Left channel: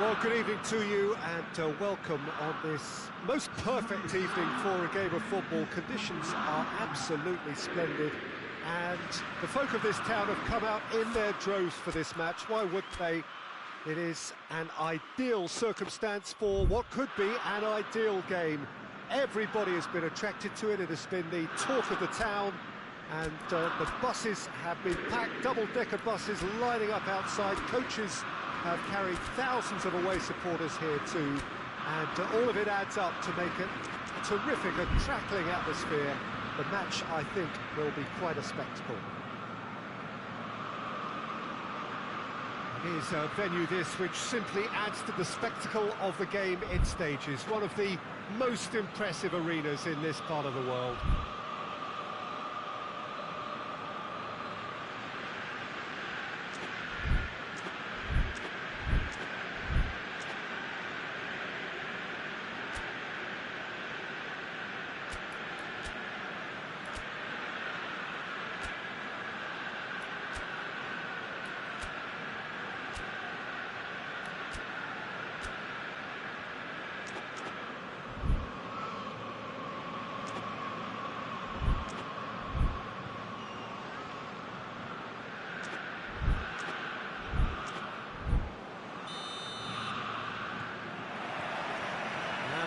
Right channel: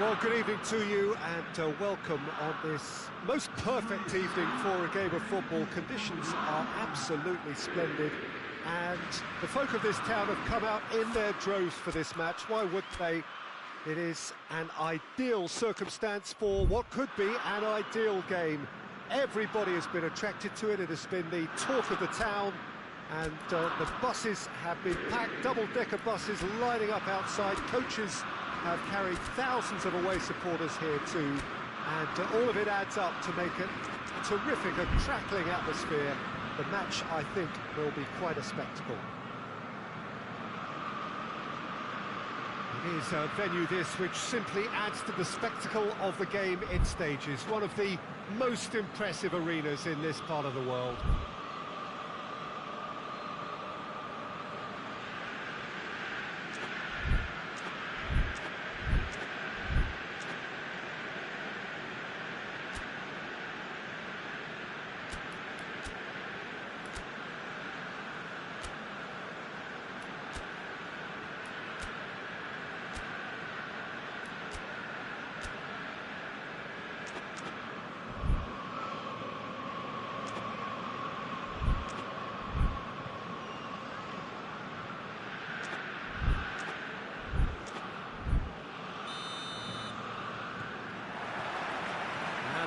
Well, good evening to you and welcome on this most perfect evening for a game of football. Conditions are absolutely splendid and the folk of this town have come out in their droves for this match. Why would they? It is an ideal circumstance for what could be an ideal game. Everybody has been attracted to it. It has been the talk of the town, and the buses have been packed, double-decker buses lining up outside. Coaches have carried thousands of away supporters here too, and all of it adds up to make it a terrific, a crackling atmosphere. The match, I think, will be quite a spectacle. It is a venue this which simply adds to the spectacle of the game in stages. One of the most impressive arenas in this part of the world.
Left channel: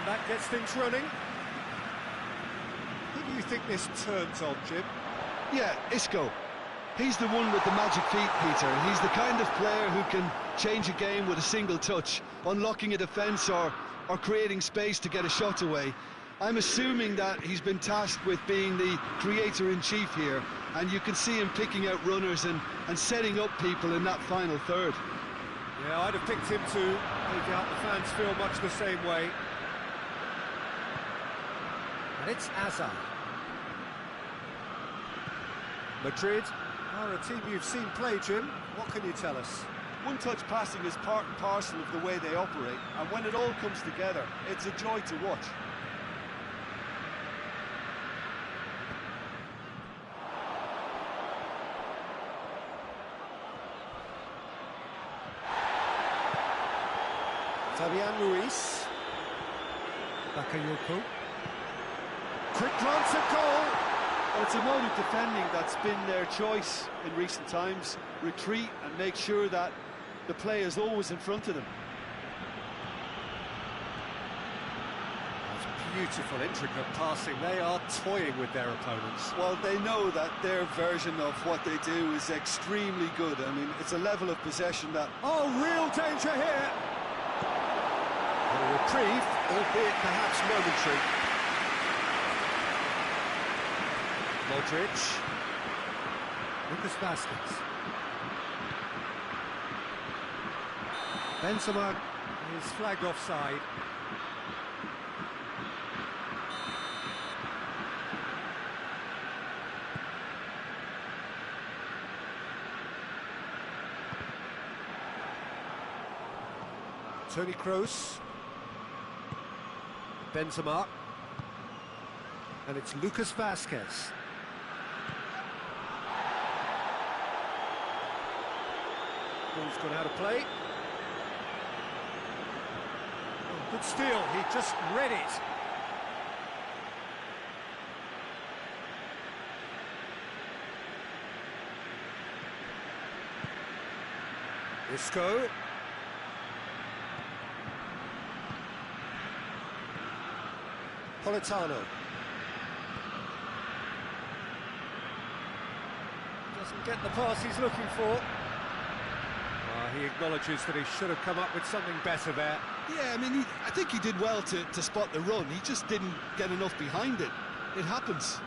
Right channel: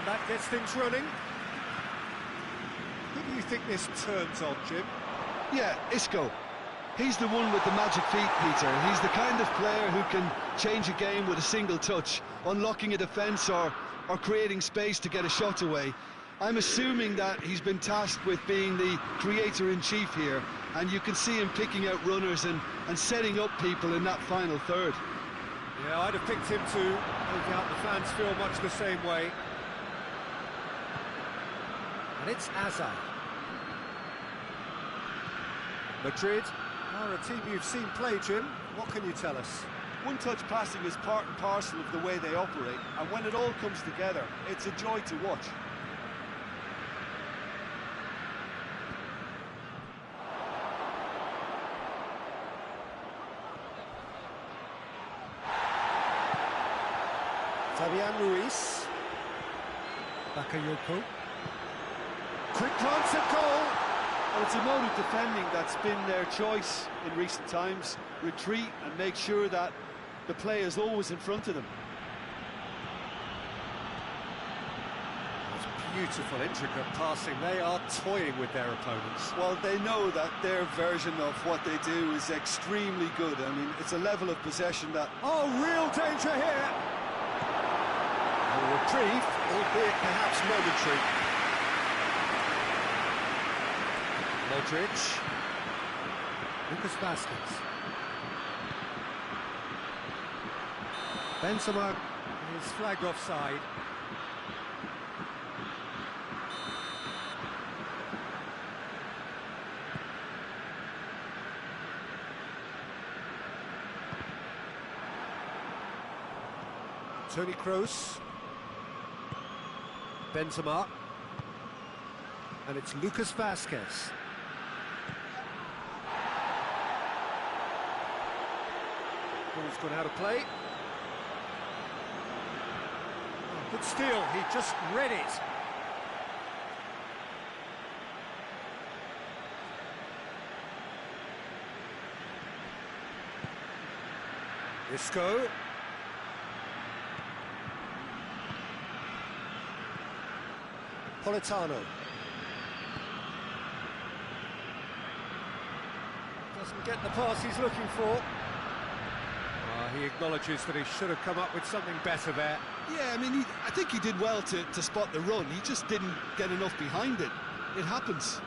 That gets things running. Who do you think this turns on, Jim? Yeah, Isco. He's the one with the magic feet, Peter. He's the kind of player who can change a game with a single touch, unlocking a defence or creating space to get a shot away. I'm assuming that he's been tasked with being the creator-in-chief here, and you can see him picking out runners and setting up people in that final third. Yeah, I'd have picked him too. No doubt the fans feel much the same way. And it's Azar. Madrid are a team you've seen play, Jim. What can you tell us? One-touch passing is part and parcel of the way they operate, and when it all comes together, it's a joy to watch. Fabian Ruiz. Bakayoko. Quick glance at goal! Well, it's a mode of defending that's been their choice in recent times. Retreat and make sure that the play is always in front of them. That's beautiful, intricate passing. They are toying with their opponents. Well, they know that their version of what they do is extremely good. I mean, it's a level of possession that... Oh, real danger here! A reprieve, albeit perhaps momentary. Modric. Lucas Vazquez. Benzema is flagged offside. Toni Kroos. Benzema. And it's Lucas Vazquez. Ball's gone out of play. Oh, good steal, he just read it. Isco. Politano. Doesn't get the pass he's looking for. He acknowledges that he should have come up with something better there. Yeah, I mean, I think he did well to spot the run. He just didn't get enough behind it. It happens.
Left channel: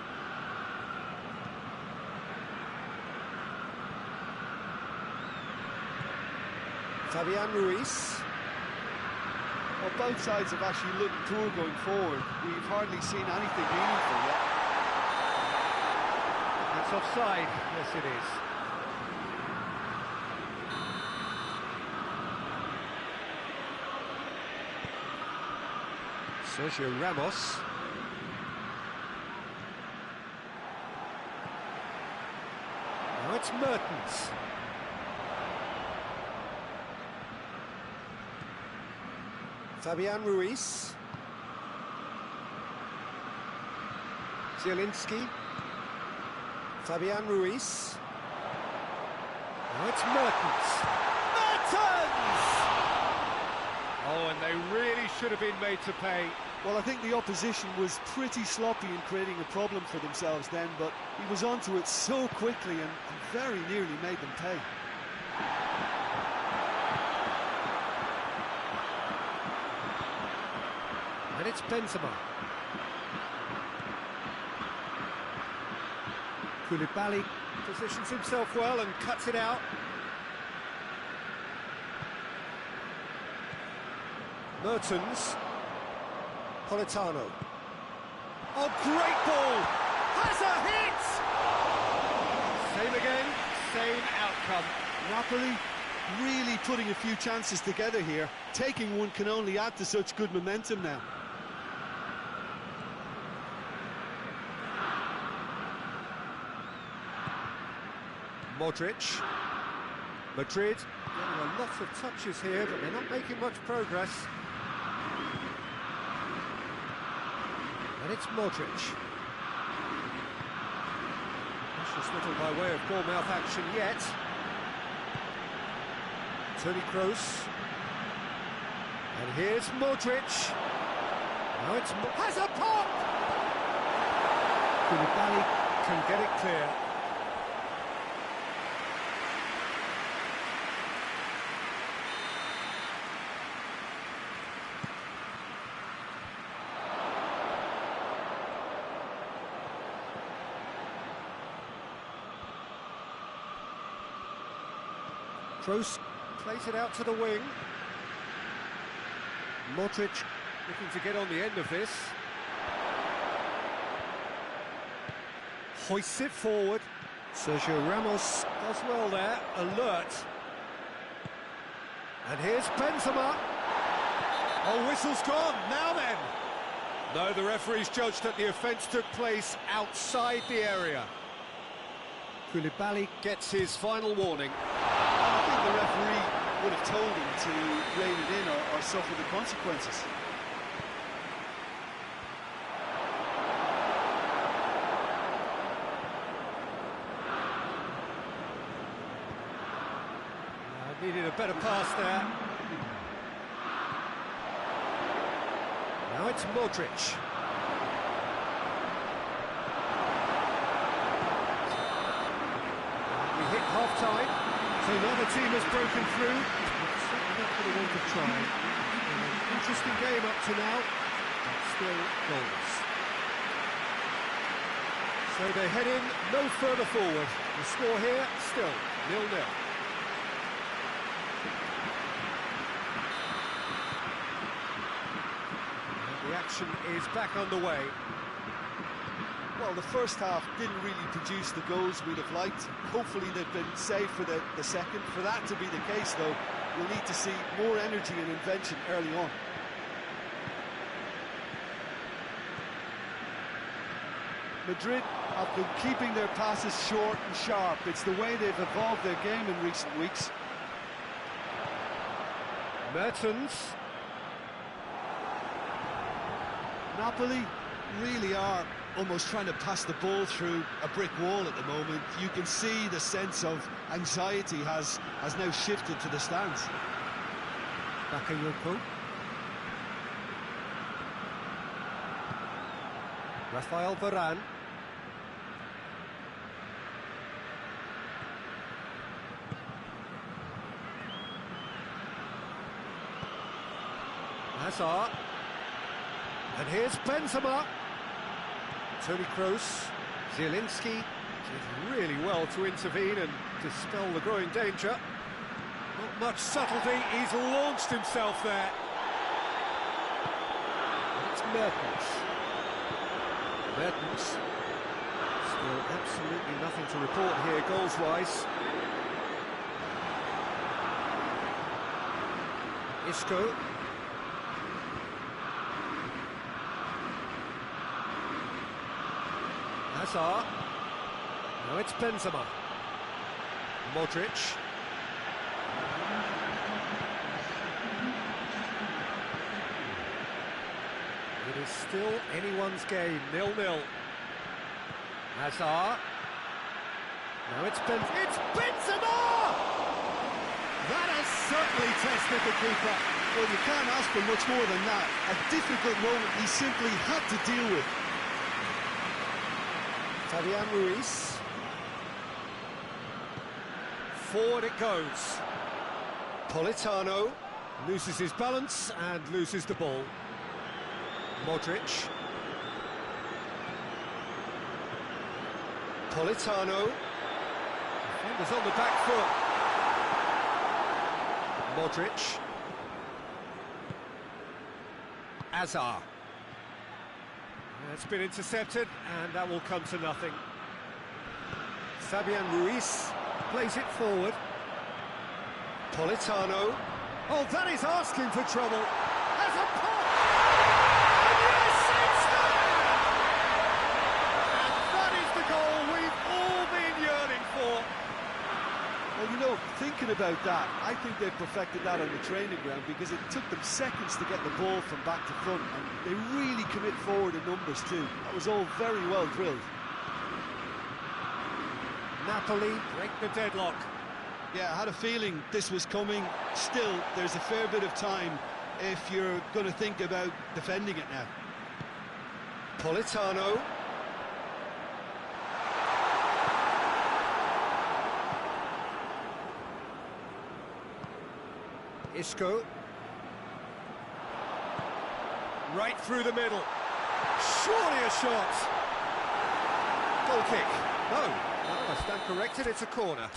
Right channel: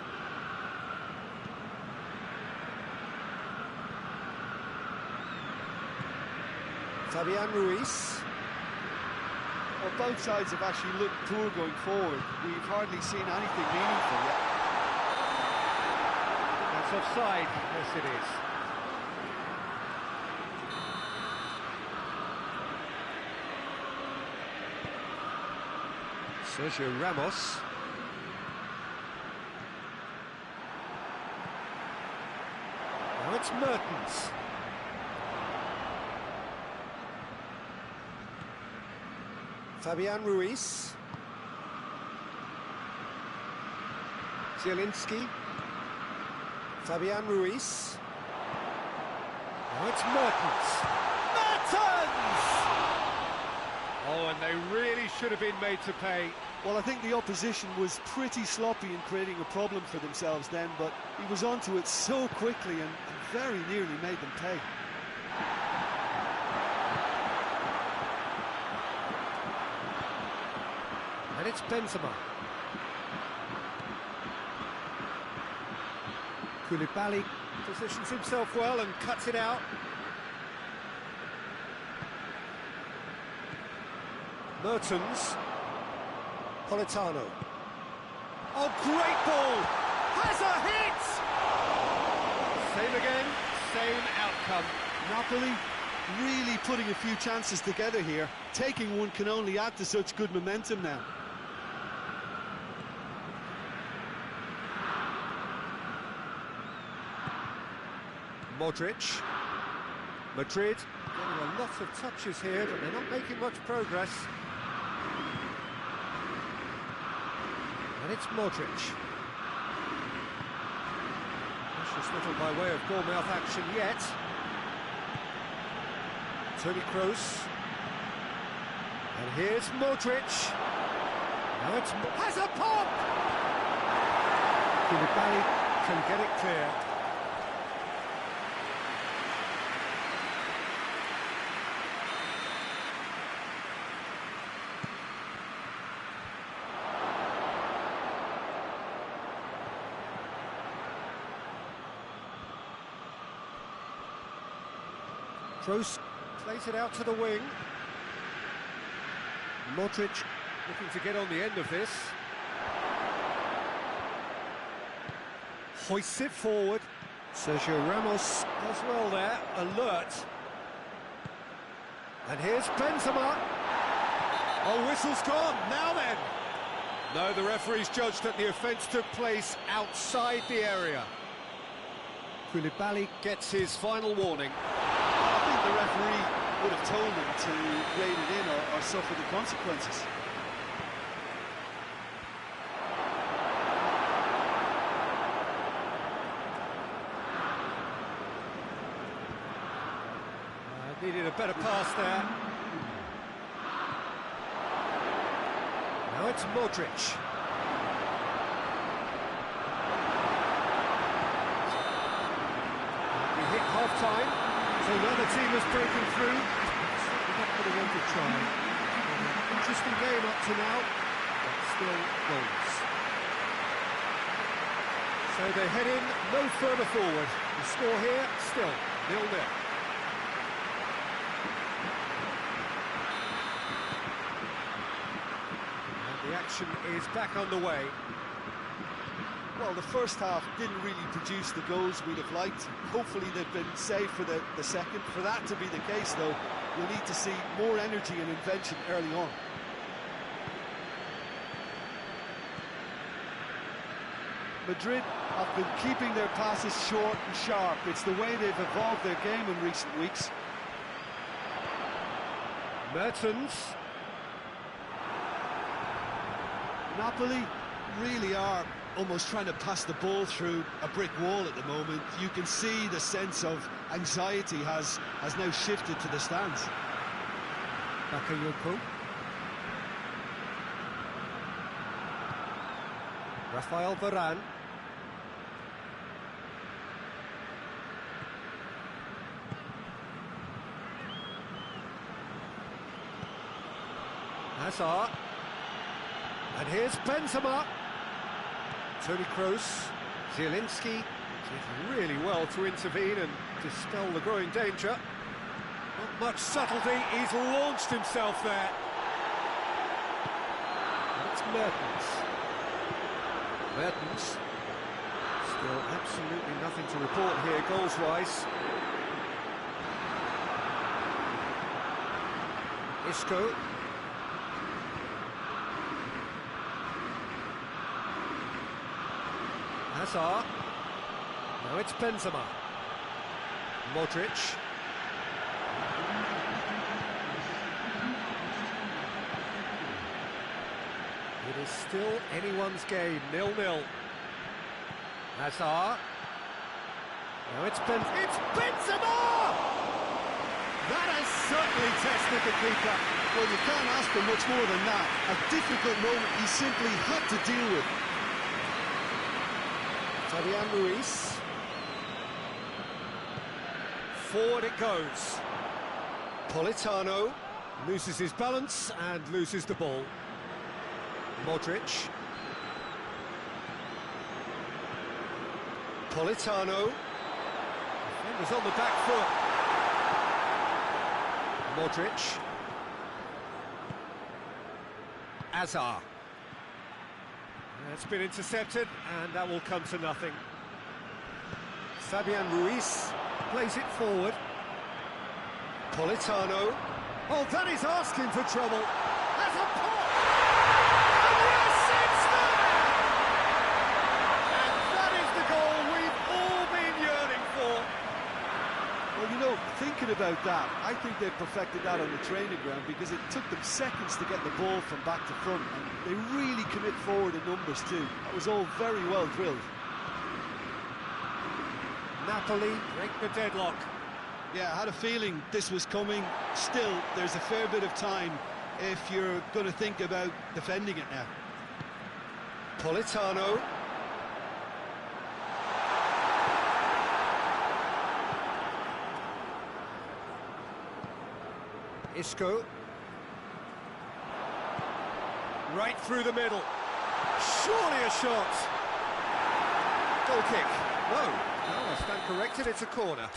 Fabian Ruiz. Well, both sides have actually looked poor going forward. We've hardly seen anything meaningful yet. That's offside. Yes, it is. Sergio Ramos. Now it's Mertens. Fabian Ruiz. Zielinski. Fabian Ruiz. Now it's Mertens. Mertens! Oh, and they really should have been made to pay. Well, I think the opposition was pretty sloppy in creating a problem for themselves then, but he was onto it so quickly and very nearly made them pay. And it's Benzema. Koulibaly positions himself well and cuts it out. Mertens. Politano. Oh, great ball! Has a hit! Same again, same outcome. Napoli really putting a few chances together here. Taking one can only add to such good momentum now. Modric. Madrid getting a lot of touches here, but they're not making much progress. And it's Modric. Precious little by way of ball-mouth action yet. Toni Kroos. And here's Modric. Now it's has a pop! Koulibaly can get it clear. Kroos plays it out to the wing. Modric looking to get on the end of this. Hoists it forward. Sergio Ramos does well there, alert. And here's Benzema. Oh, whistle's gone, now then. No, the referee's judged that the offence took place outside the area. Koulibaly gets his final warning. I think the referee would have told him to rein it in or suffer the consequences. Needed a better pass there. Now it's Modric. We hit half-time. So another team has broken through, but certainly not for the want of trying. An interesting game up to now, but still goalless. So they head in no further forward. The score here, still 0-0. And the action is back underway. Well, the first half didn't really produce the goals we'd have liked. Hopefully they've been saved for the second. For that to be the case, though, we'll need to see more energy and invention early on. Madrid have been keeping their passes short and sharp. It's the way they've evolved their game in recent weeks. Mertens. Napoli really are almost trying to pass the ball through a brick wall at the moment. You can see the sense of anxiety has now shifted to the stands. Bakayoko. Rafael Varane. Hazard. And here's Benzema. Toni Kroos. Zielinski did really well to intervene and dispel the growing danger. Not much subtlety, he's launched himself there. And it's Mertens. Mertens. Still absolutely nothing to report here, goals-wise. Isco. Hazard. Now it's Benzema. Modric. It is still anyone's game, 0-0. Hazard. Now it's Benzema! That has certainly tested the keeper. Well, you can't ask for much more than that. A difficult moment he simply had to deal with. Fabian Ruiz. Forward it goes. Politano loses his balance and loses the ball. Modric. Politano. Defenders on the back foot. Modric. Hazard. It's been intercepted, and that will come to nothing. Fabian Ruiz plays it forward. Politano. Oh, that is asking for trouble. Has a pop! And yes, it's there! And that is the goal we've all been yearning for. Well, you know, thinking about that, I think they've perfected that on the training ground because it took them seconds to get the ball from back to front, and they really commit forward in numbers too. That was all very well drilled. Napoli break the deadlock. Yeah, I had a feeling this was coming. Still, there's a fair bit of time if you're going to think about defending it now. Politano. Isco. Right through the middle. Surely a shot. Goal kick. No, I stand corrected, it's a corner.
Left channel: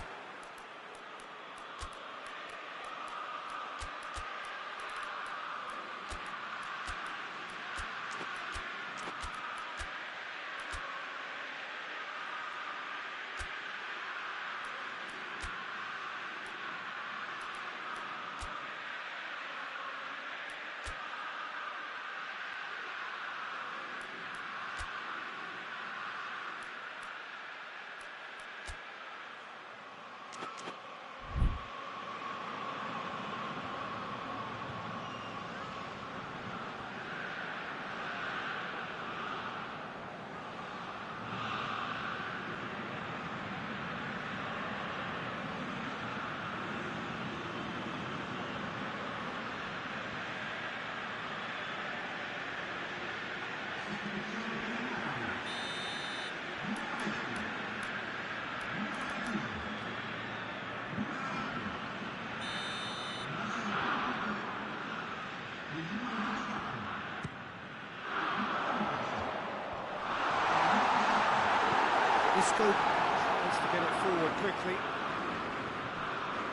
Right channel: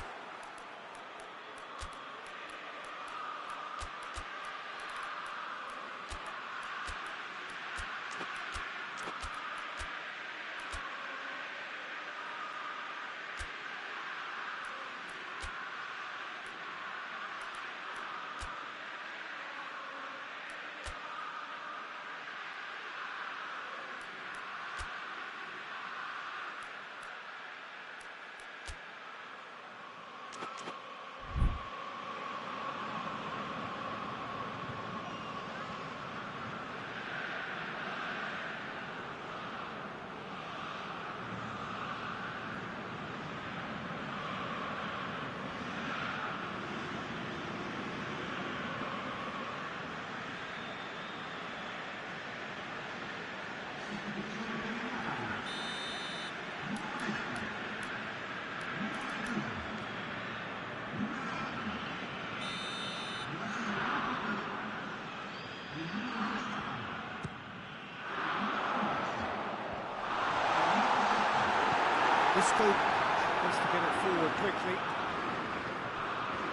Isco wants to get it forward quickly.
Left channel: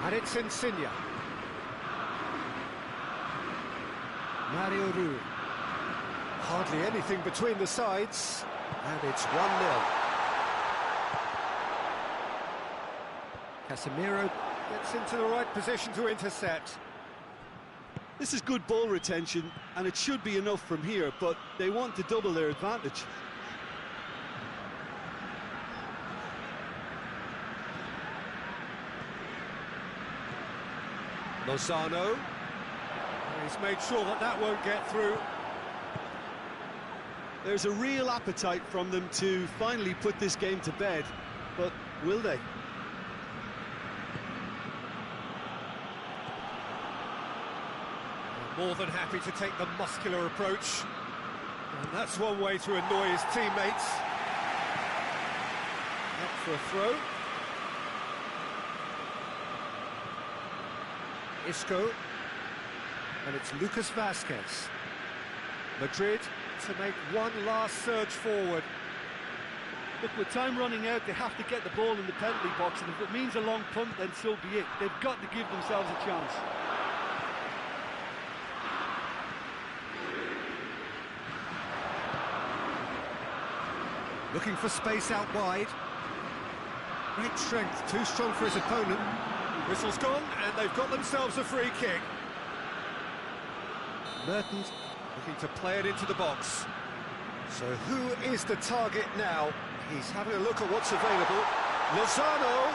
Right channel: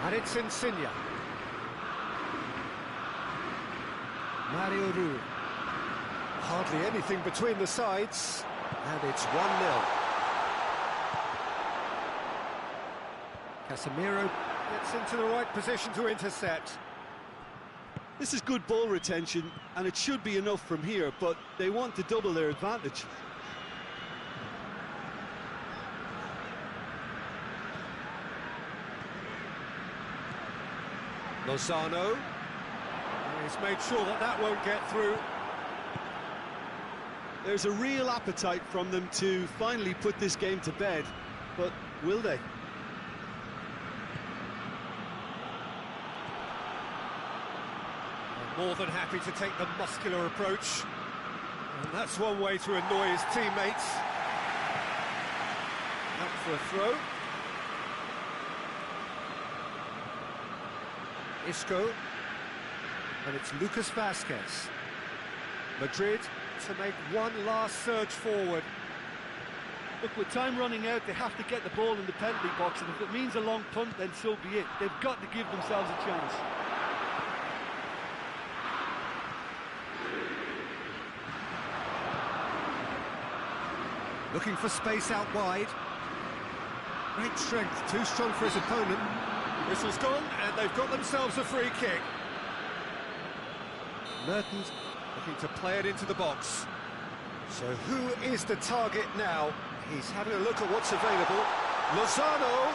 And it's Insigne. Mario Rui. Hardly anything between the sides. And it's 1-0. Casemiro gets into the right position to intercept. This is good ball retention, and it should be enough from here, but they want to double their advantage. Lozano. He's made sure that that won't get through. There's a real appetite from them to finally put this game to bed, but will they? More than happy to take the muscular approach. And that's one way to annoy his teammates. Out for a throw. Isco. And it's Lucas Vazquez. Madrid to make one last surge forward. Look, with time running out, they have to get the ball in the penalty box, and if it means a long punt, then so be it. They've got to give themselves a chance. Looking for space out wide. Great strength, too strong for his opponent. Whistle's gone, and they've got themselves a free kick. Mertens looking to play it into the box. So who is the target now? He's having a look at what's available. Lozano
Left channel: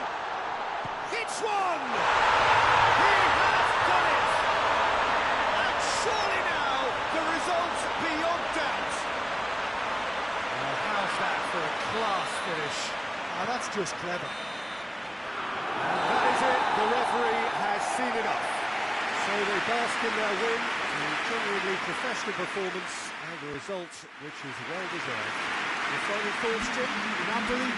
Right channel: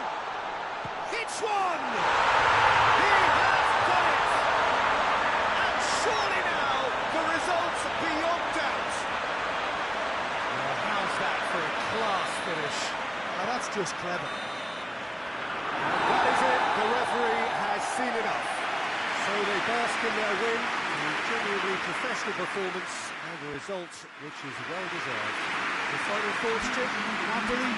hits one! He has done it! And surely now the result beyond doubt. How's that for a class finish? That's just clever. And that is it. The referee has seen enough. So they bask in their win, a genuinely professional performance, and a result which is well deserved. Your final thoughts, Jim? Napoli,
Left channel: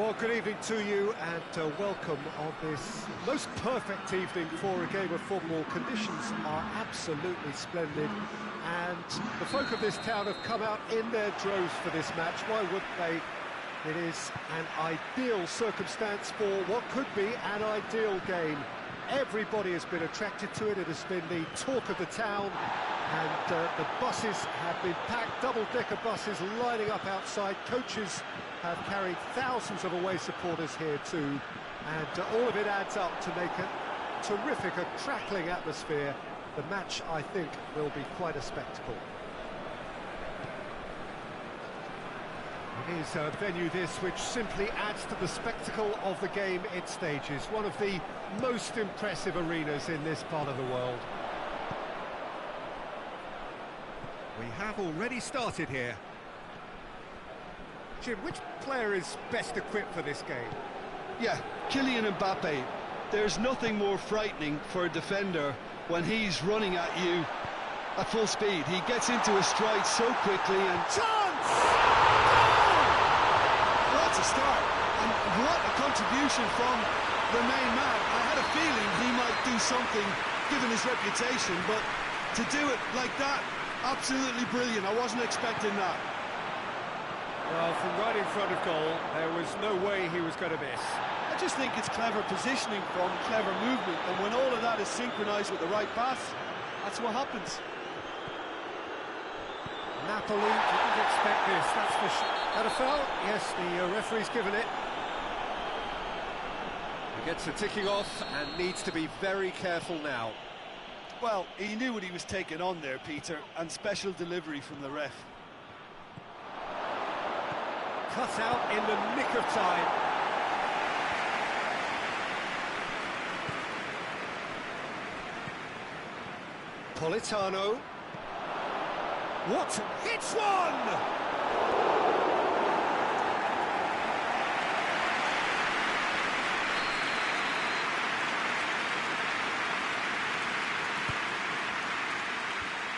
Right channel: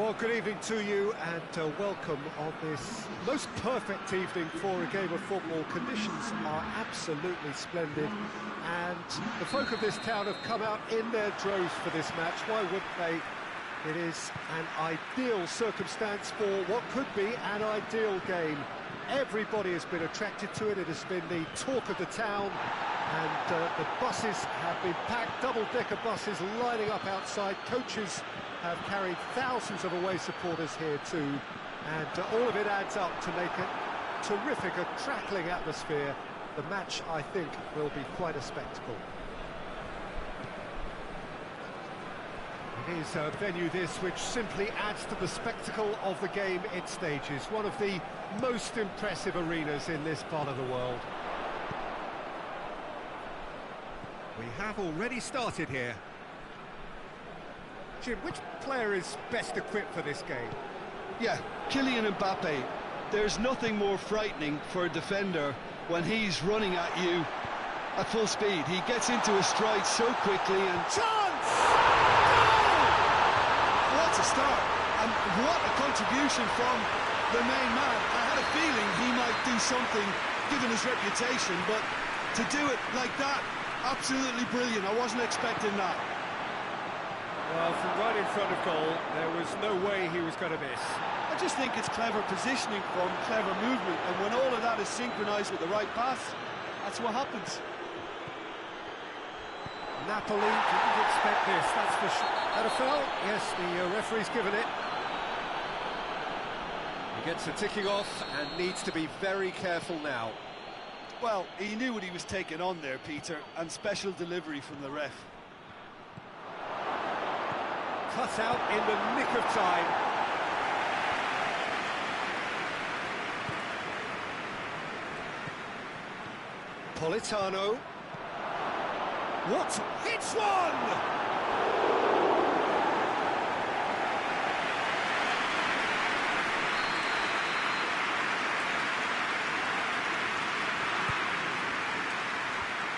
Well, good evening to you and welcome on this most perfect evening for a game of football. Conditions are absolutely splendid and the folk of this town have come out in their droves for this match. Why wouldn't they? It is an ideal circumstance for what could be an ideal game. Everybody has been attracted to it. It has been the talk of the town and the buses have been packed, double-decker buses lining up outside. Coaches have carried thousands of away supporters here too, and all of it adds up to make a terrific, a crackling atmosphere. The match, I think, will be quite a spectacle. It is a venue this which simply adds to the spectacle of the game it stages. One of the most impressive arenas in this part of the world. We have already started here. Jim, which player is best equipped for this game? yeah, Kylian Mbappe. There's nothing more frightening for a defender when he's running at you at full speed. He gets into a stride so quickly and... Chance! Goal! What a start, and what a contribution from the main man. I had a feeling he might do something given his reputation, but to do it like that, absolutely brilliant. I wasn't expecting that. Well, from right in front of goal, there was no way he was going to miss. I just think it's clever positioning from clever movement, and when all of that is synchronised with the right pass, that's what happens. Napoli didn't expect this, that's for sure. Had a foul? Yes, the referee's given it. He gets a ticking off and needs to be very careful now. Well, he knew what he was taking on there, Peter, and special delivery from the ref. Cut out in the nick of time. Politano. What? Hits one!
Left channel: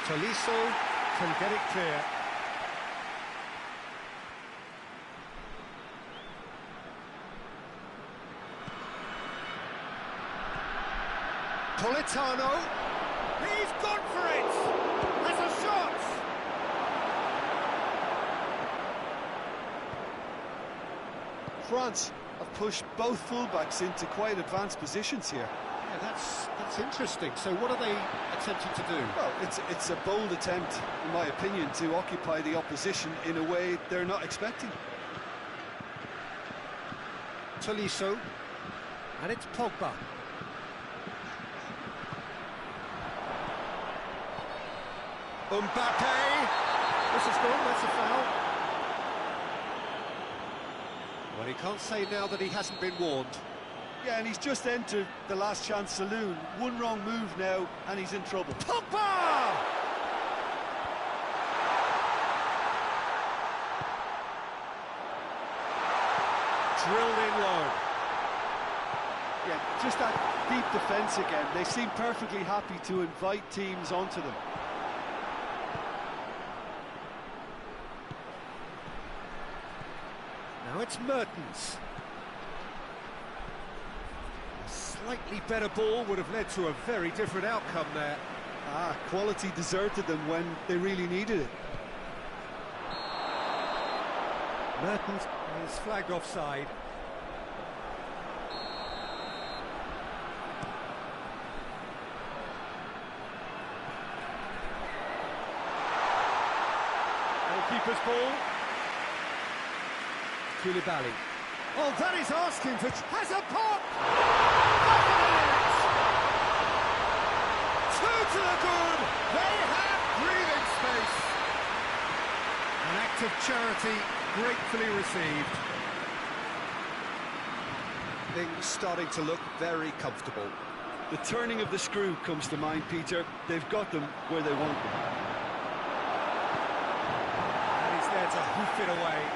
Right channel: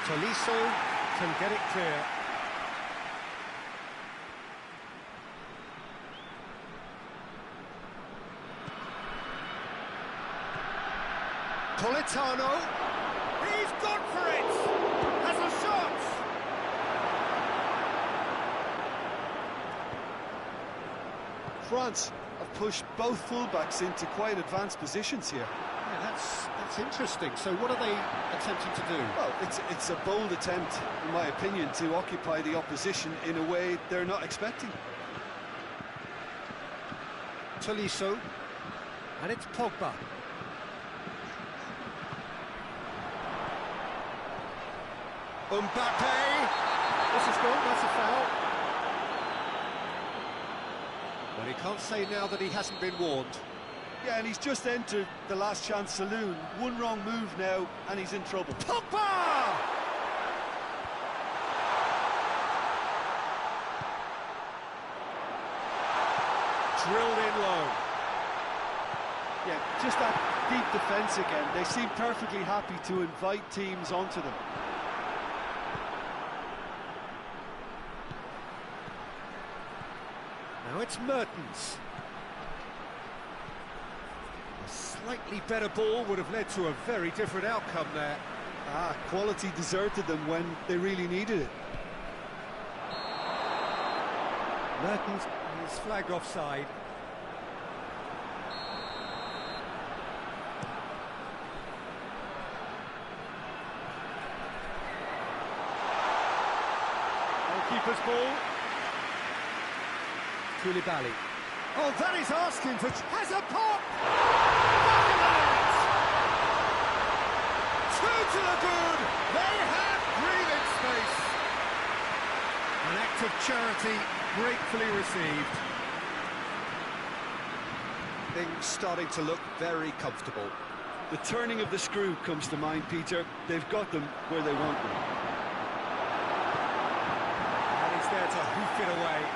Tolisso can get it clear. Politano. He's gone for it! Has a shot! France have pushed both fullbacks into quite advanced positions here. Yeah, that's interesting. So what are they attempting to do? Well, it's a bold attempt, in my opinion, to occupy the opposition in a way they're not expecting. Tolisso. And it's Pogba. Mbappe! This is gone, that's a foul. Well, he can't say now that he hasn't been warned. Yeah, and he's just entered the last chance saloon. One wrong move now, and he's in trouble. Pogba! Drilled in low. Yeah, just that deep defence again. They seem perfectly happy to invite teams onto them. Now it's Mertens. A slightly better ball would have led to a very different outcome there. Quality deserted them when they really needed it. Mertens is flagged offside. Goalkeeper's ball. Koulibaly. Oh, that is asking for... Has a pop! Back of the net! Two to the good! They have breathing space! An act of charity gratefully received. Things starting to look very comfortable. The turning of the screw comes to mind, Peter. They've got them where they want them. And he's there to hoof it away.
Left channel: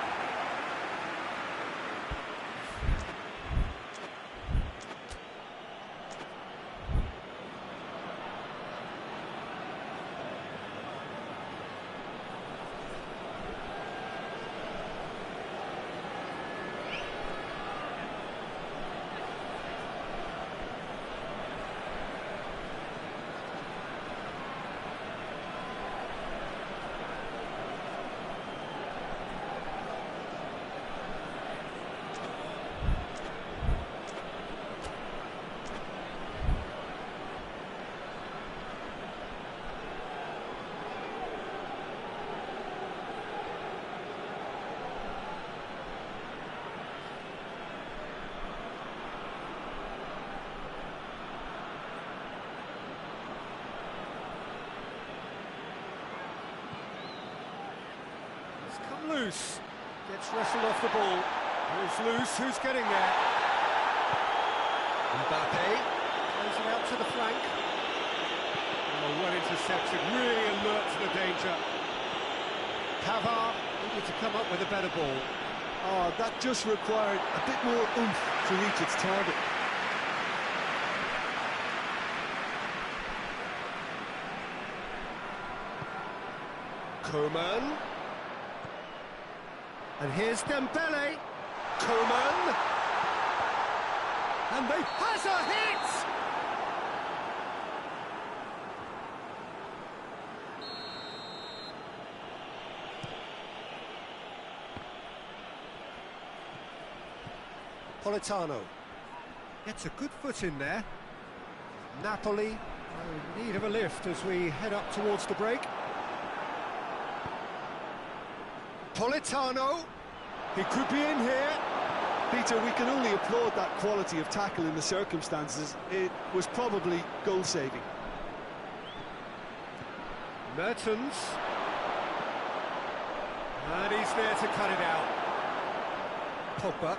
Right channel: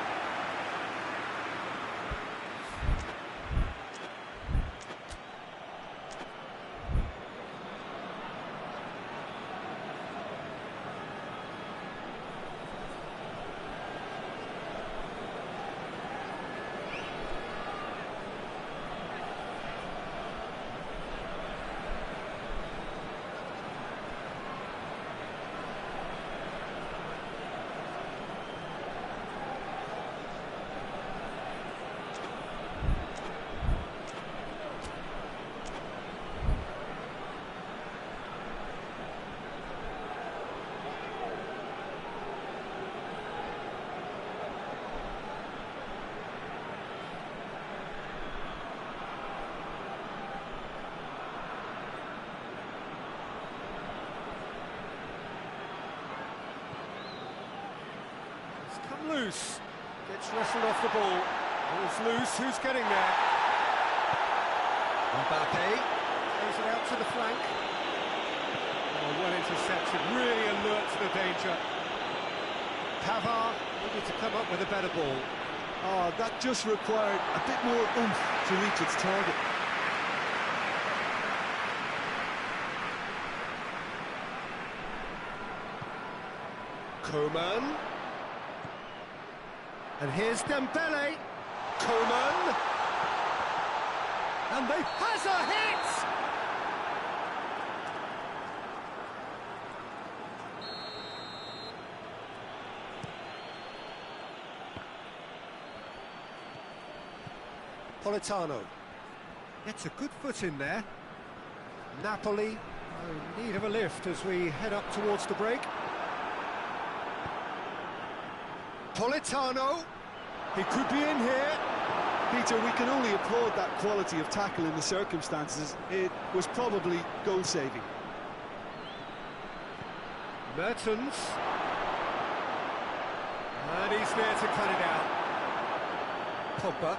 Come loose, gets wrestled off the ball, ball's loose, who's getting there? Mbappe, plays it out to the flank. Oh, well intercepted, really alert to the danger. Pavard needed to come up with a better ball. Oh, that just required a bit more oomph to reach its target. Coman. And here's Dembele. Coman. And they has a hit! Politano. Gets a good foot in there. Napoli are in need of a lift as we head up towards the break. Politano, he could be in here. Peter, we can only applaud that quality of tackle in the circumstances. It was probably goal-saving. Mertens. And he's there to cut it out. Pogba.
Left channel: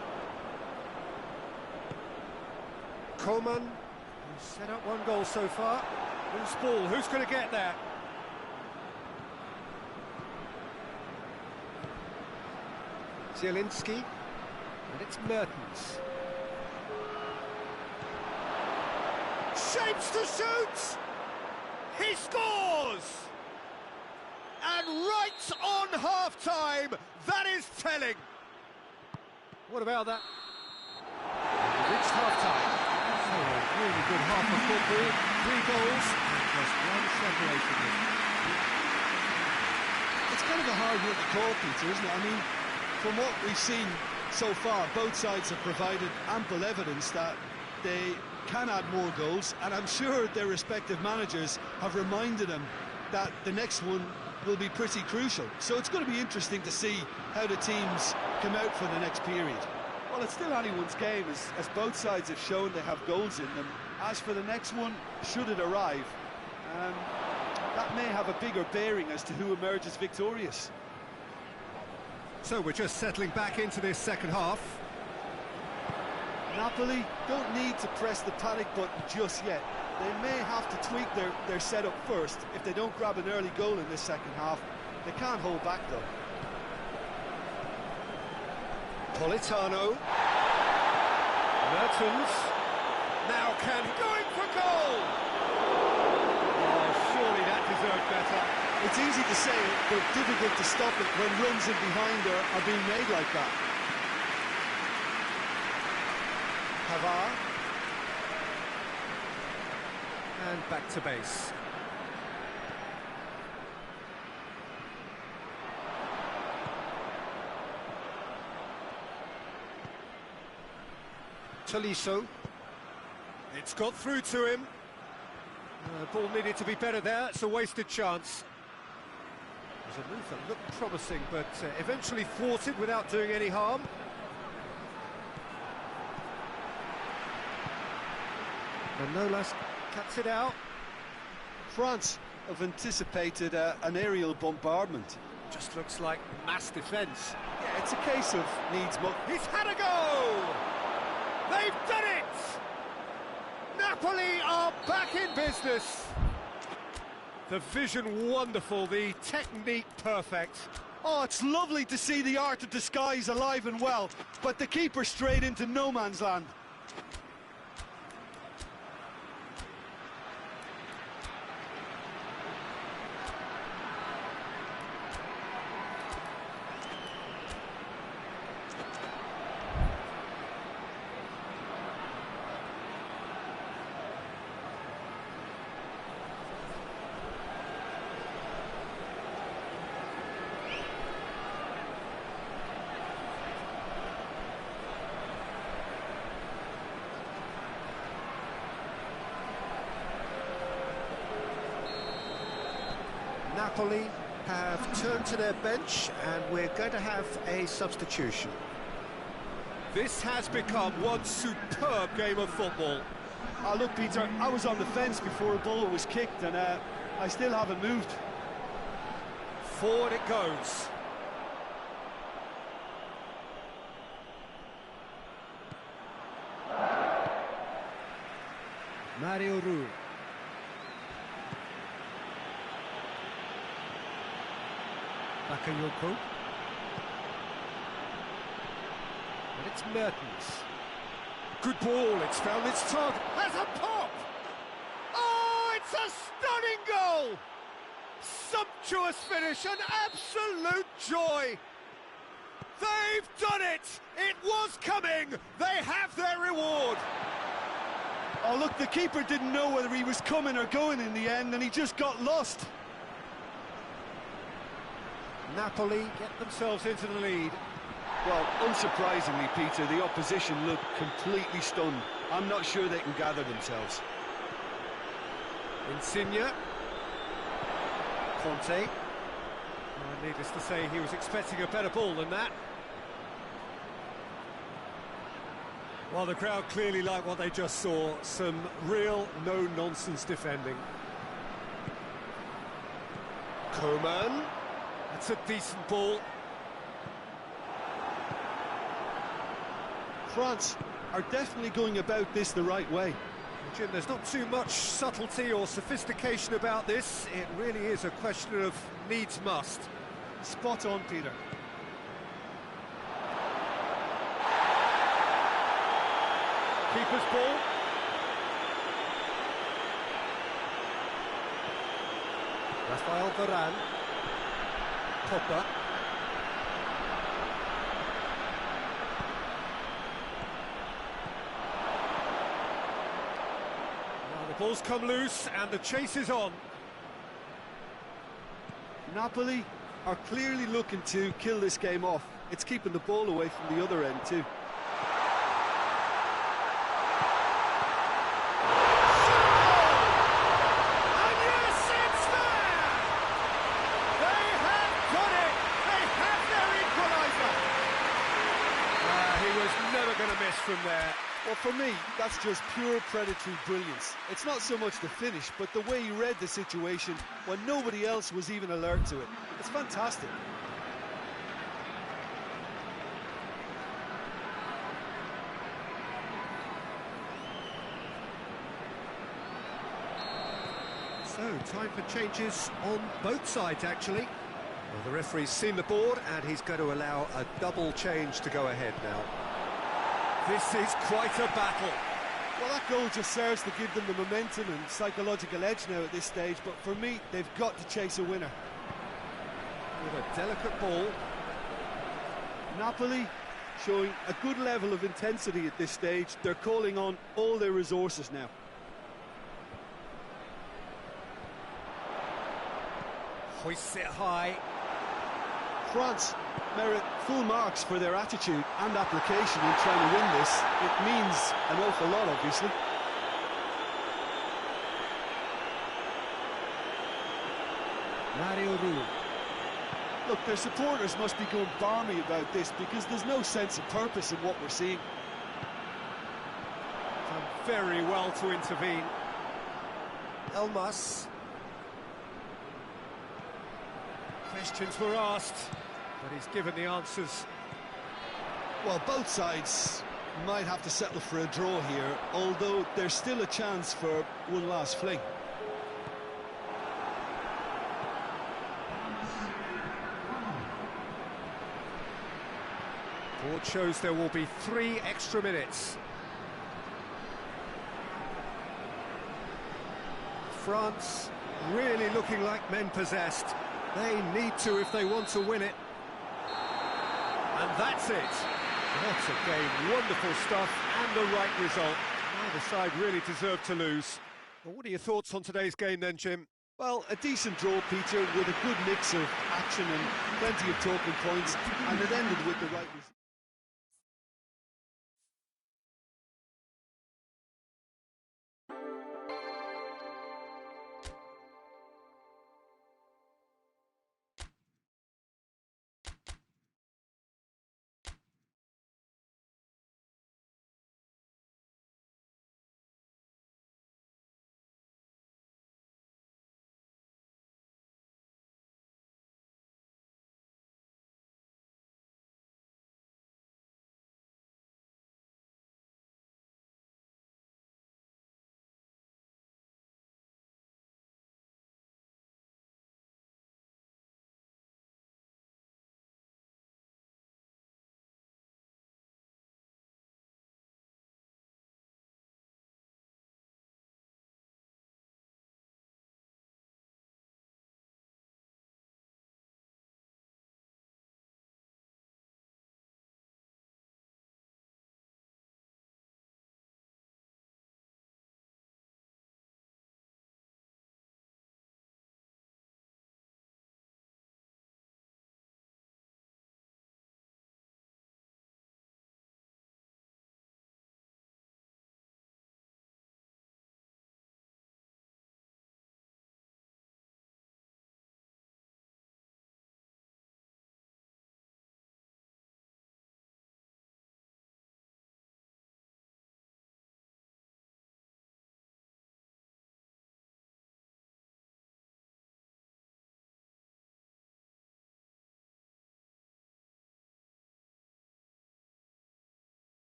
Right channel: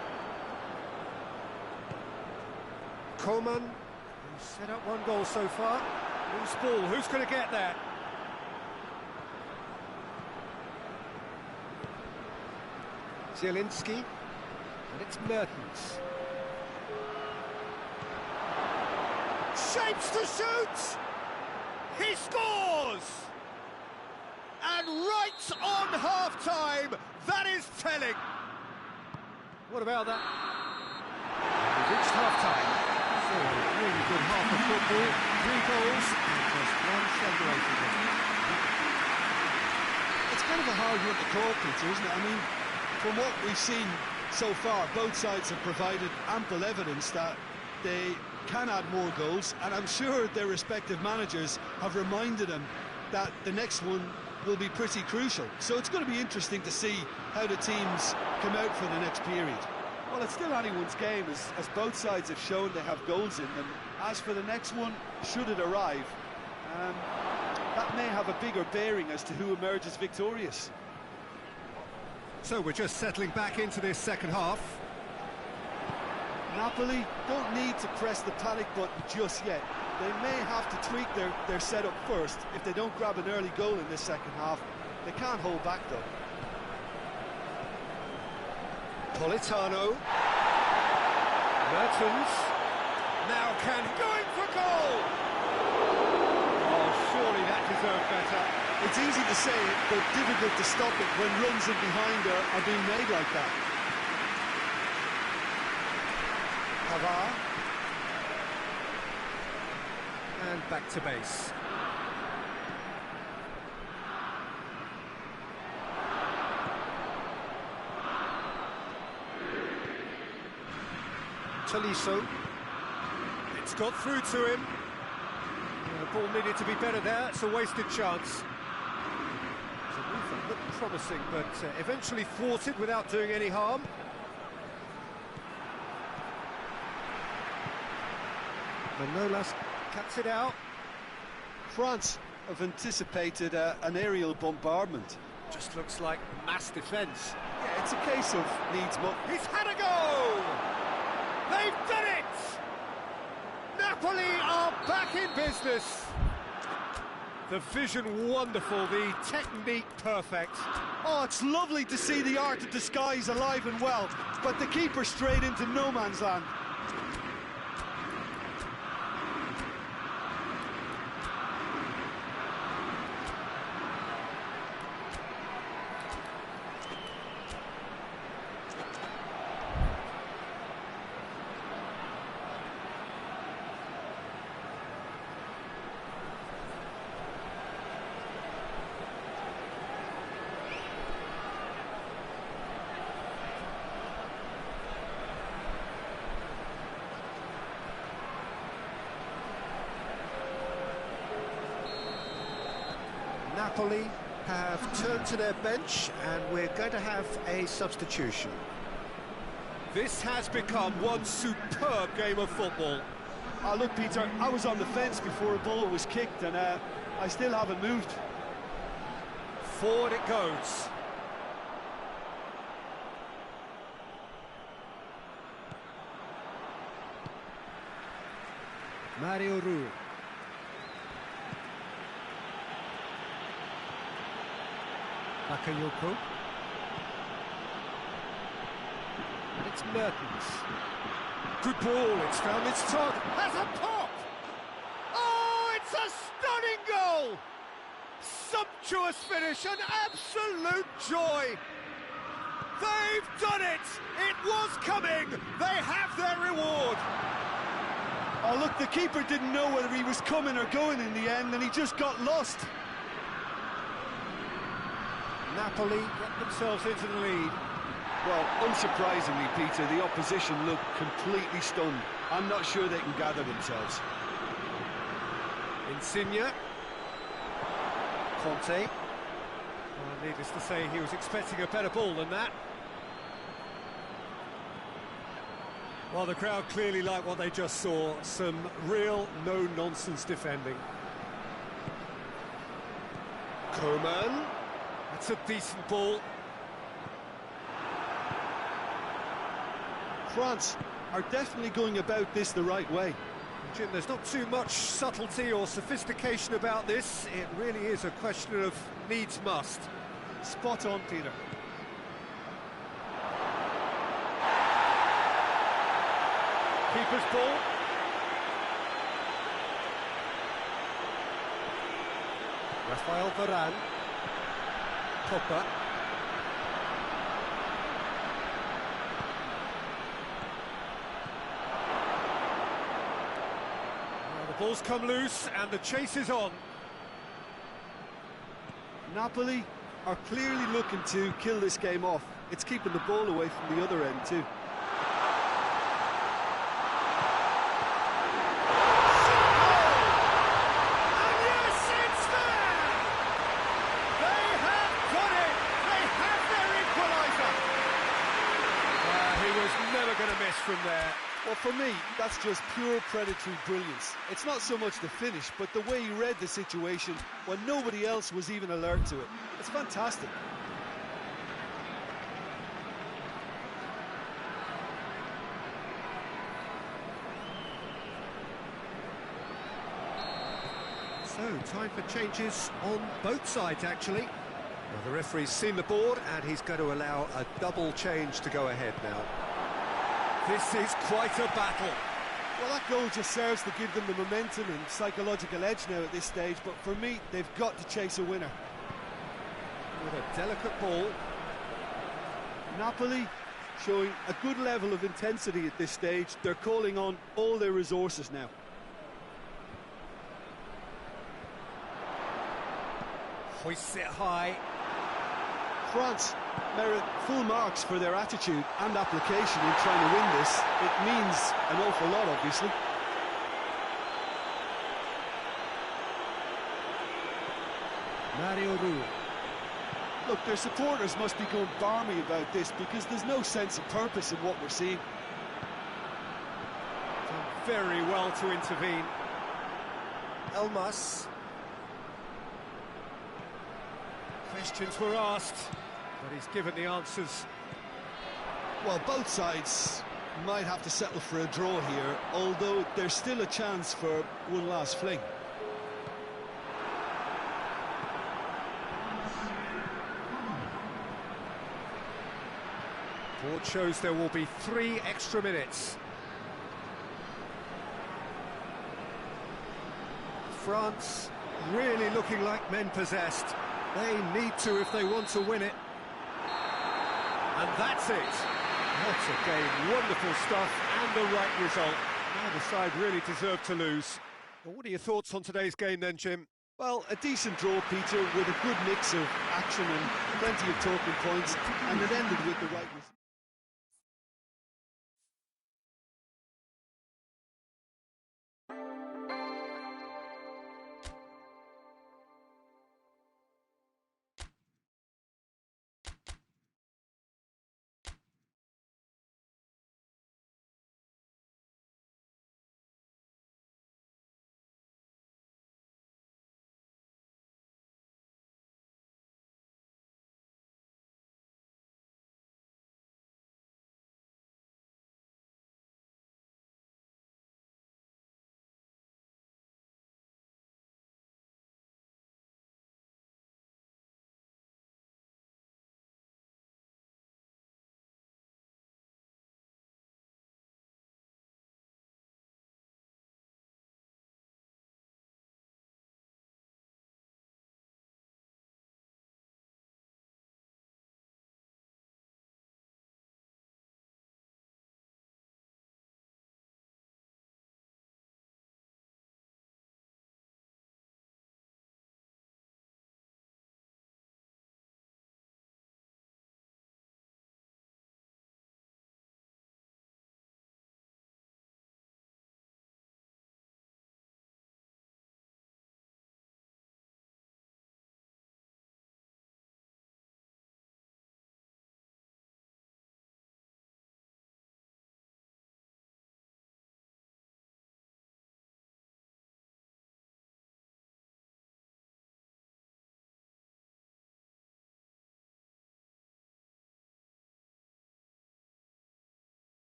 Coman, who's set up one goal so far. Who's ball? Who's going to get there? Zielinski, and it's Mertens. Shapes to shoot! He scores! And right on half-time, that is telling. What about that? We've reached half-time. So a really good half of football, 3 goals, and just one separating them. It's kind of a hard one to call, Peter, isn't it? I mean, from what we've seen so far, both sides have provided ample evidence that they can add more goals, and I'm sure their respective managers have reminded them that the next one will be pretty crucial. So it's going to be interesting to see how the teams come out for the next period. Well, it's still anyone's game, as both sides have shown they have goals in them. As for the next one, should it arrive, that may have a bigger bearing as to who emerges victorious. So we're just settling back into this second half. Napoli don't need to press the panic button just yet. They may have to tweak their setup first. If they don't grab an early goal in this second half, they can't hold back though. Politano. Mertens. Now going for goal! Oh, surely that deserved better. It's easy to say it, but difficult to stop it when runs in behind are being made like that. Pavard. And back to base. Tolisso. It's got through to him. The ball needed to be better there. It's a wasted chance. It was a move that looked promising, but eventually thwarted without doing any harm. Manolas cuts it out. France have anticipated an aerial bombardment. Just looks like mass defence. Yeah, it's a case of needs more. He's had a go! They've done it! Napoli are back in business. The vision wonderful, the technique perfect. Oh, it's lovely to see the art of disguise alive and well, but the keeper straight into no man's land. Napoli have turned to their bench and we're going to have a substitution. This has become one superb game of football. Look, Peter, I was on the fence before a ball was kicked and I still haven't moved. Forward it goes. Mario Rui. Bakayoko. And it's Mertens. Good ball, it's found its target. Has a pop! Oh, it's a stunning goal! Sumptuous finish, an absolute joy! They've done it! It was coming! They have their reward! Oh, look, the keeper didn't know whether he was coming or going in the end, and he just got lost. Napoli get themselves into the lead. Well, unsurprisingly, Peter, the opposition look completely stunned. I'm not sure they can gather themselves. Insigne. Conte. Needless to say, he was expecting a better ball than that. Well, the crowd clearly like what they just saw. Some real no-nonsense defending. Coman. That's a decent ball. France are definitely going about this the right way. Jim, there's not too much subtlety or sophistication about this. It really is a question of needs must. Spot on, Peter. Keeper's ball. Rafael Varane. Pogba. Well, the ball's come loose and the chase is on. Napoli are clearly looking to kill this game off. It's keeping the ball away from the other end too. Never going to miss from there. Well, for me, that's just pure predatory brilliance. It's not so much the finish, but the way he read the situation when nobody else was even alert to it. It's fantastic. So, time for changes on both sides, actually. Well, the referee's seen the board, and he's going to allow a double change to go ahead now. This is quite a battle. Well, that goal just serves to give them the momentum and psychological edge now at this stage, but for me, they've got to chase a winner. With a delicate ball. Napoli showing a good level of intensity at this stage. They're calling on all their resources now. Hoists it high. France merit full marks for their attitude and application in trying to win this. It means an awful lot, obviously. Mario Rui. Look, their supporters must be going barmy about this because there's no sense of purpose in what we're seeing. Done very well to intervene. Elmas. Questions were asked, but he's given the answers. Well, both sides might have to settle for a draw here, although there's still a chance for one last fling. Board shows there will be 3 extra minutes. France really looking like men possessed. They need to if they want to win it. And that's it. What a game. Wonderful stuff and the right result. Neither side really deserved to lose. Well, what are your thoughts on today's game then, Jim? Well, a decent draw, Peter, with a good mix of action and plenty of talking points, and it ended with the right result.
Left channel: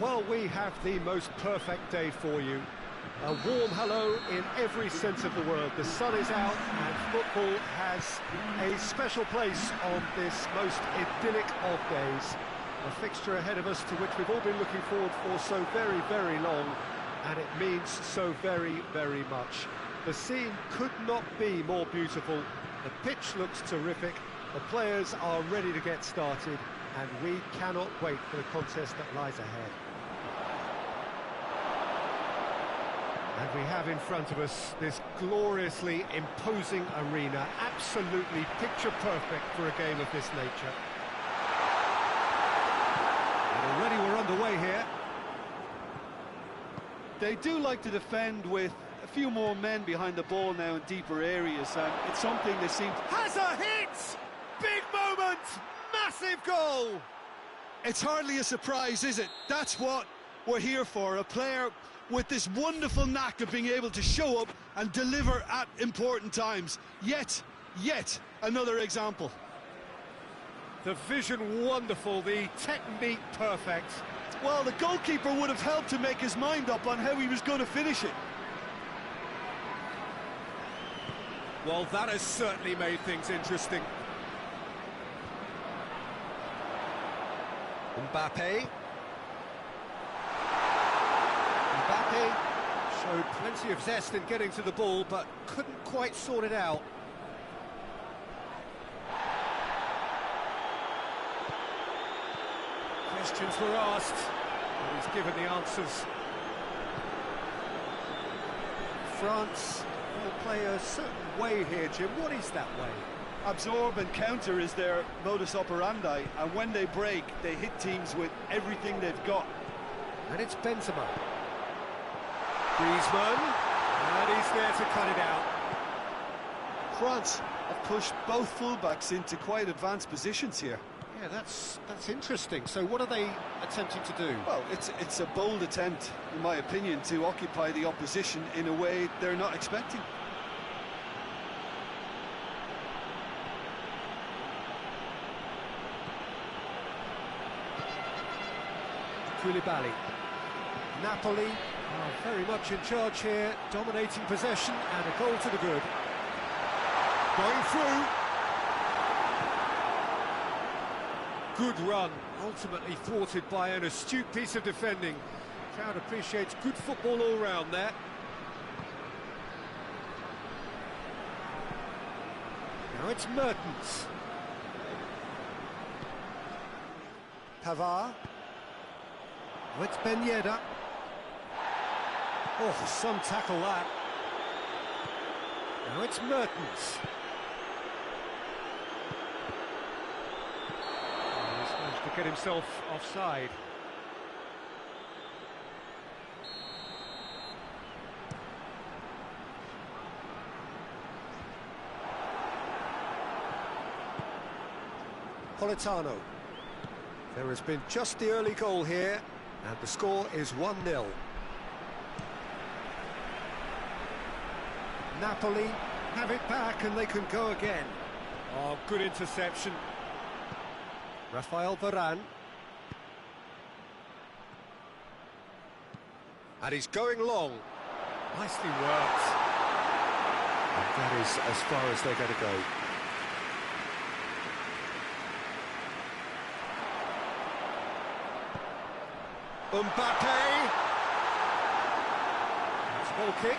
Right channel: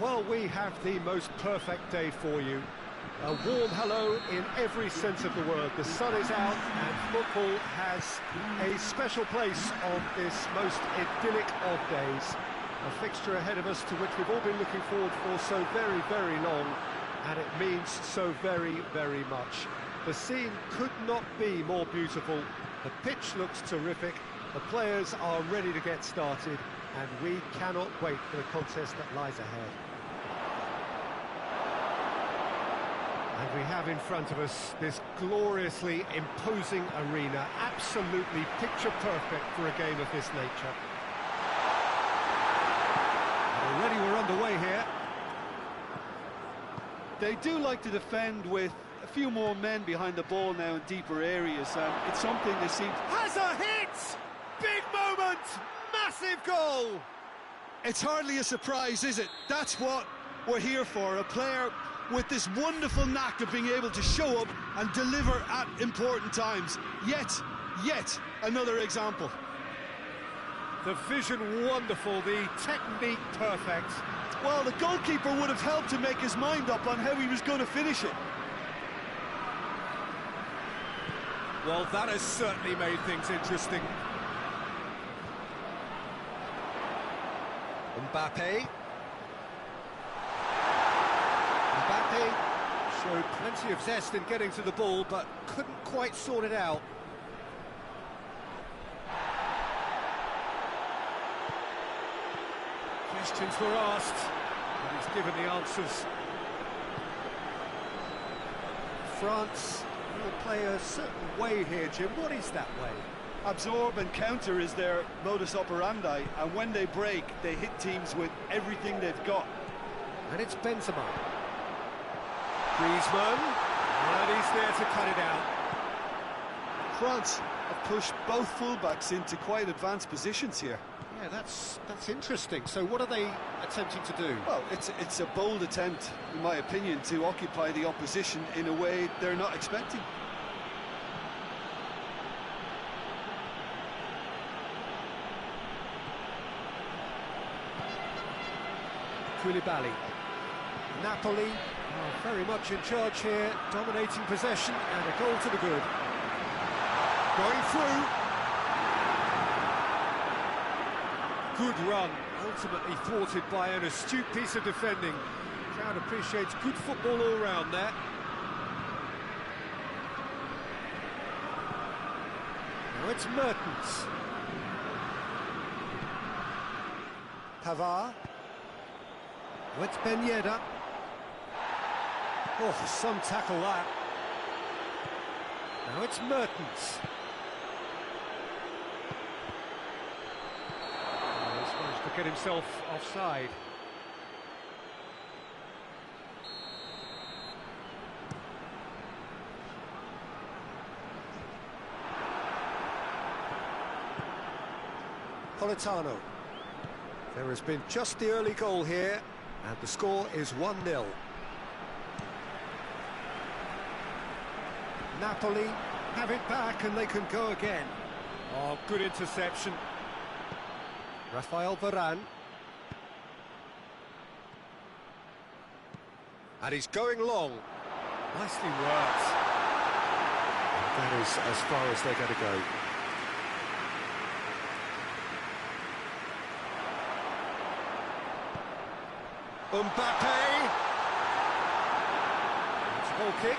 Well, we have the most perfect day for you. A warm hello in every sense of the word. The sun is out and football has a special place on this most idyllic of days. A fixture ahead of us to which we've all been looking forward for so very, very long, and it means so very, very much. The scene could not be more beautiful. The pitch looks terrific, the players are ready to get started, and we cannot wait for the contest that lies ahead. And we have in front of us this gloriously imposing arena, absolutely picture perfect for a game of this nature. And already we're underway here. They do like to defend with a few more men behind the ball now in deeper areas, and it's something they seem... Has a hit! Big moment! Massive goal! It's hardly a surprise, is it? That's what we're here for, a player with this wonderful knack of being able to show up and deliver at important times. Yet another example. The vision wonderful, the technique perfect. Well, the goalkeeper would have helped to make his mind up on how he was going to finish it. Well, that has certainly made things interesting. Mbappe showed plenty of zest in getting to the ball, but couldn't quite sort it out. Questions were asked, but he's given the answers. France will play a certain way here, Jim. What is that way? Absorb and counter is their modus operandi, and when they break, they hit teams with everything they've got. And it's Benzema. Griezmann, and he's there to cut it out. France have pushed both fullbacks into quite advanced positions here. Yeah, that's interesting. So what are they attempting to do? Well, it's a bold attempt, in my opinion, to occupy the opposition in a way they're not expecting. Koulibaly. Napoli are very much in charge here, dominating possession, and a goal to the good. Going through. Good run, ultimately thwarted by an astute piece of defending. Crowd appreciates good football all round there. Now it's Mertens. Pavard. Now it's Ben Yedder. Oh, some tackle that. Now it's Mertens. Oh, he's managed to get himself offside. Politano. There has been just the early goal here, and the score is 1-0. Napoli have it back and they can go again. Oh, good interception. Rafael Varane. And he's going long. Nicely worked. And that is as far as they're going to go. Mbappe. It's a goal kick.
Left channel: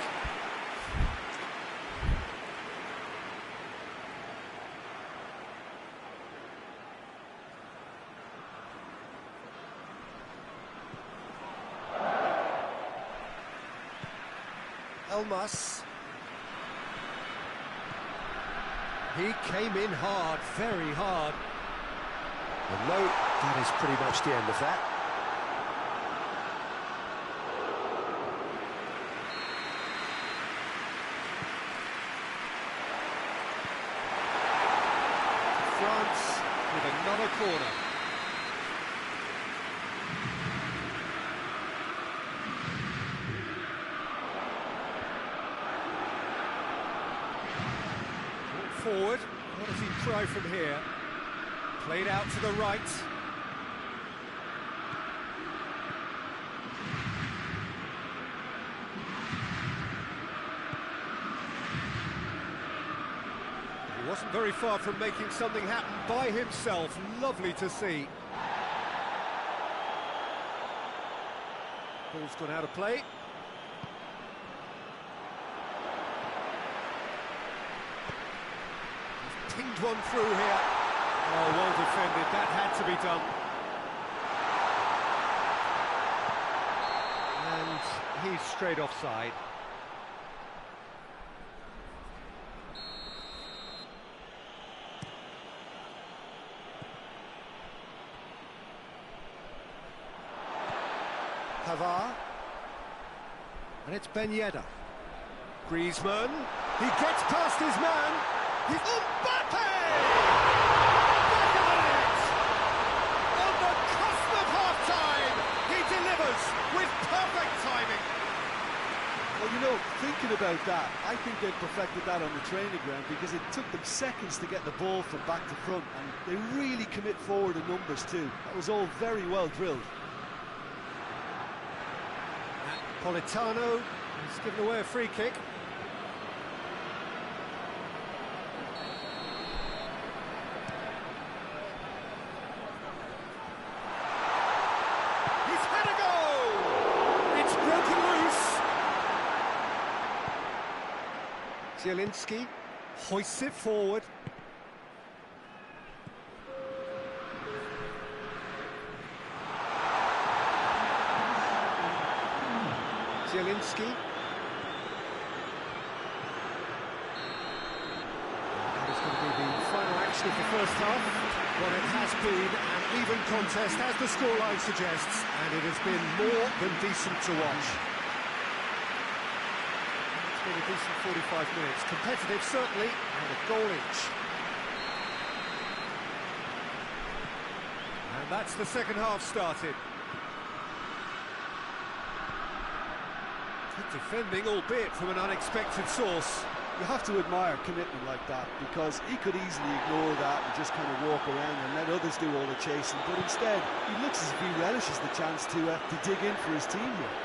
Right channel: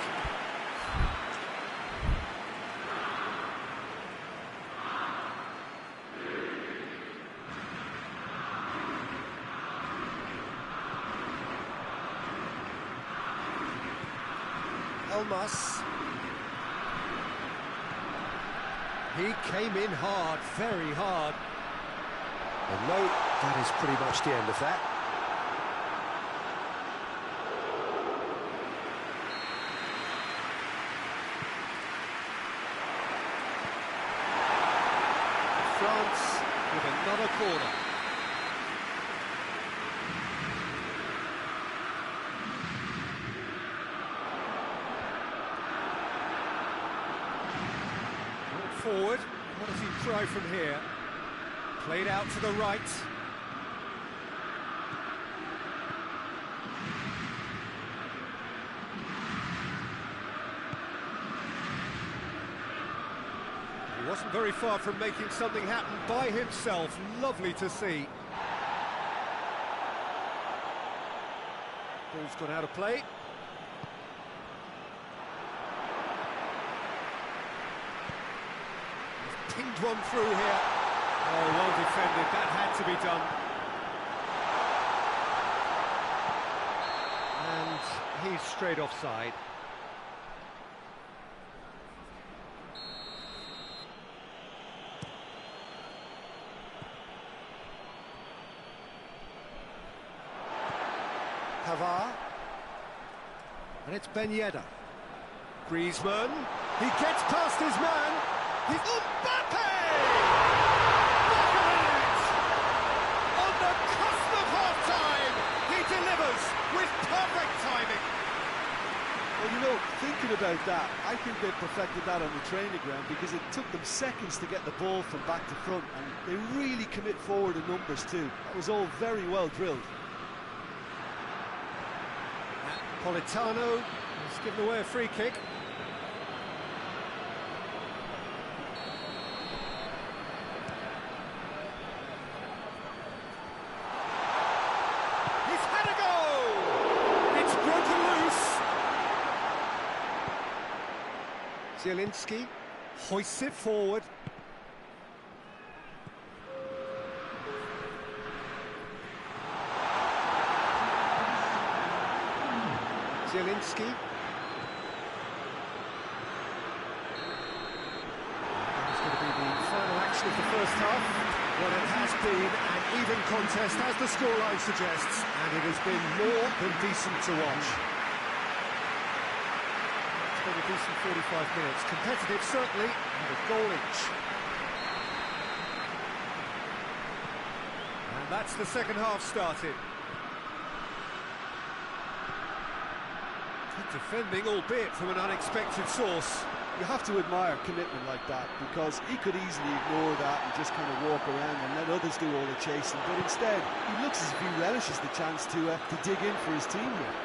Elmas. He came in hard, very hard. And no, that is pretty much the end of that. France with another corner. Forward, what does he try from here? Played out to the right. wasn't very far from making something happen by himself. Lovely to see. Ball's gone out of play. He's pinged one through here. Oh, well defended. That had to be done. And he's straight offside. Pavard. And it's Ben Yedder. Griezmann. He gets past his man. He's Mbappe! Back of the net! On the cusp of half-time, he delivers with perfect timing. Well, you know, thinking about that, I think they perfected that on the training ground because it took them seconds to get the ball from back to front, and they really commit forward in numbers too. That was all very well drilled. Politano has given away a free kick. He's had a go! It's broken loose. Zielinski hoists it forward. Zielinski. That is going to be the final action of the first half. Well, it has been an even contest, as the scoreline suggests, and it has been more than decent to watch. It's been a decent 45 minutes. Competitive, certainly, and a goal each. And that's the second half started. Defending, albeit from an unexpected source. You have to admire commitment like that, because he could easily ignore that and just kind of walk around and let others do all the chasing, but instead he looks as if he relishes the chance to dig in for his team here.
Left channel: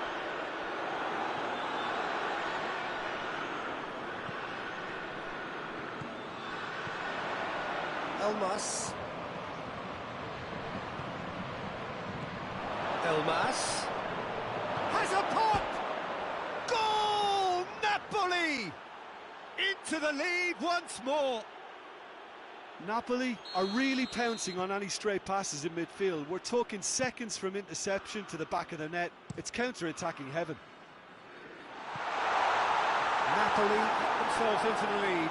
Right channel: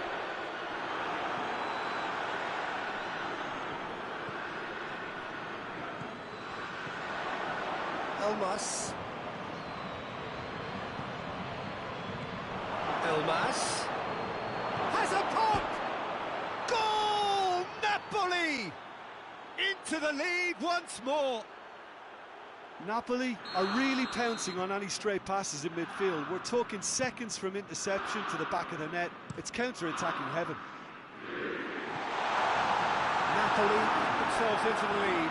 Elmas. Elmas has a pop! Goal! Napoli! Into the lead once more. Napoli are really pouncing on any stray passes in midfield. We're talking seconds from interception to the back of the net. It's counter-attacking heaven. Napoli get themselves into the lead.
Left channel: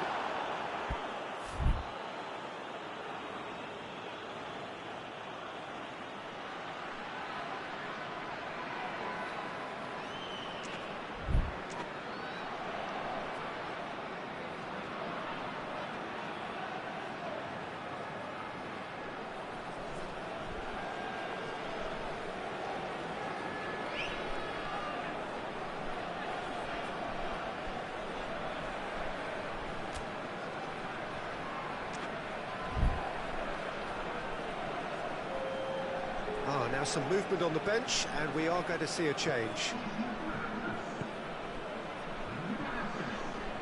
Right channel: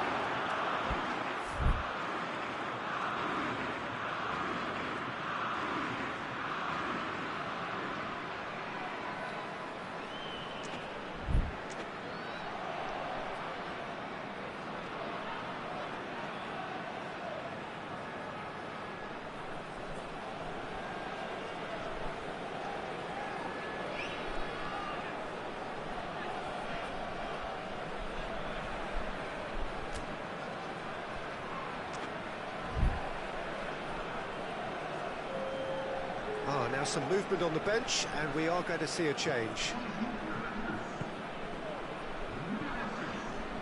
Now some movement on the bench, and we are going to see a change.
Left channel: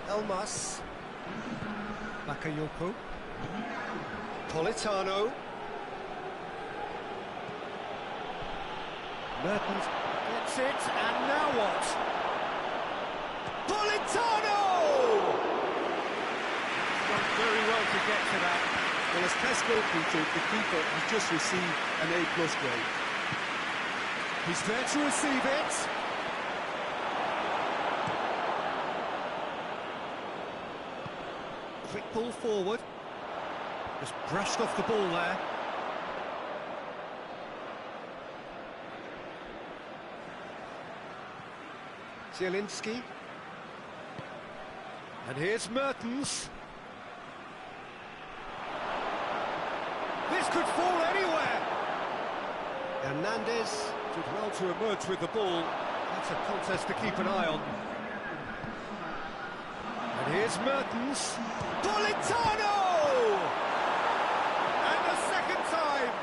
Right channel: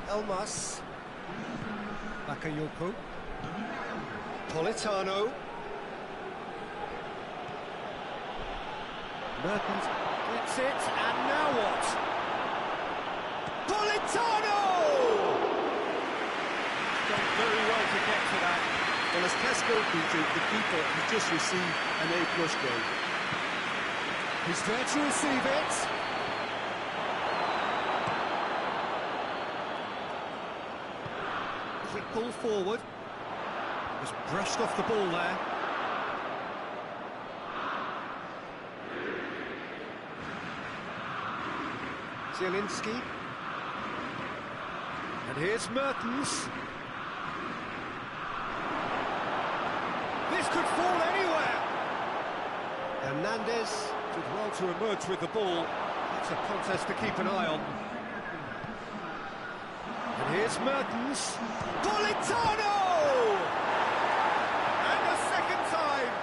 Elmas. Bakayoko. Politano. Mertens gets it, and now what? Politano! He's done very well to get to that. Well, as test goalkeeper, the keeper has just received an A+ grade. He's there to receive it. Quick ball forward. Just brushed off the ball there. Zielinski. And here's Mertens. This could fall anywhere. Hernandez did well to emerge with the ball. That's a contest to keep an eye on. And here's Mertens. Politano! And a second time.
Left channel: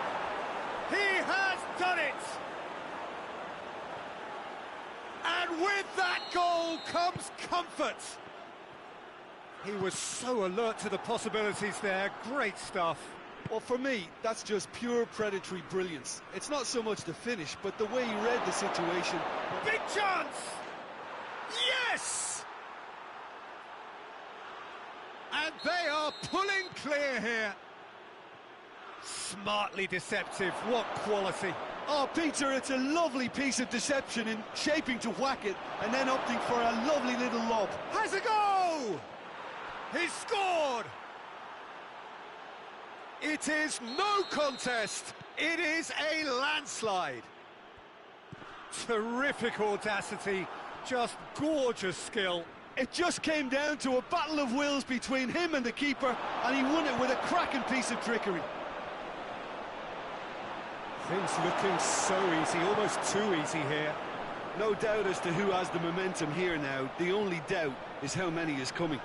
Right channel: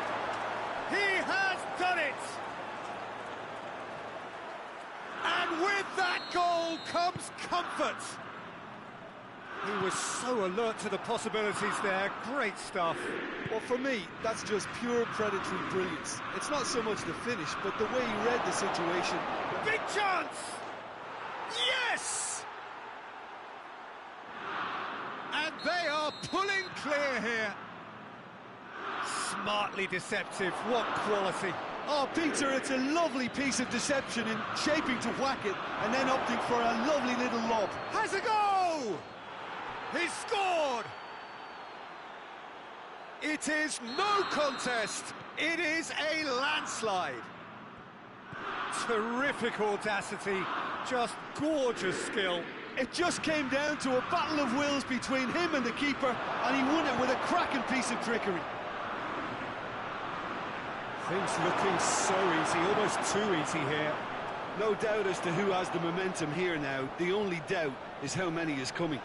He has done it. And with that goal comes comfort. He was so alert to the possibilities there. Great stuff. Well, for me, that's just pure predatory brilliance. It's not so much the finish, but the way he read the situation. Big chance! Yes! And they are pulling clear here. Smartly deceptive, what quality. Oh, Peter, it's a lovely piece of deception in shaping to whack it and then opting for a lovely little lob. Has a go! He's scored! It is no contest. It is a landslide. Terrific audacity, just gorgeous skill. It just came down to a battle of wills between him and the keeper, and he won it with a cracking piece of trickery. Things looking so easy, almost too easy here. No doubt as to who has the momentum here now. The only doubt is how many is coming.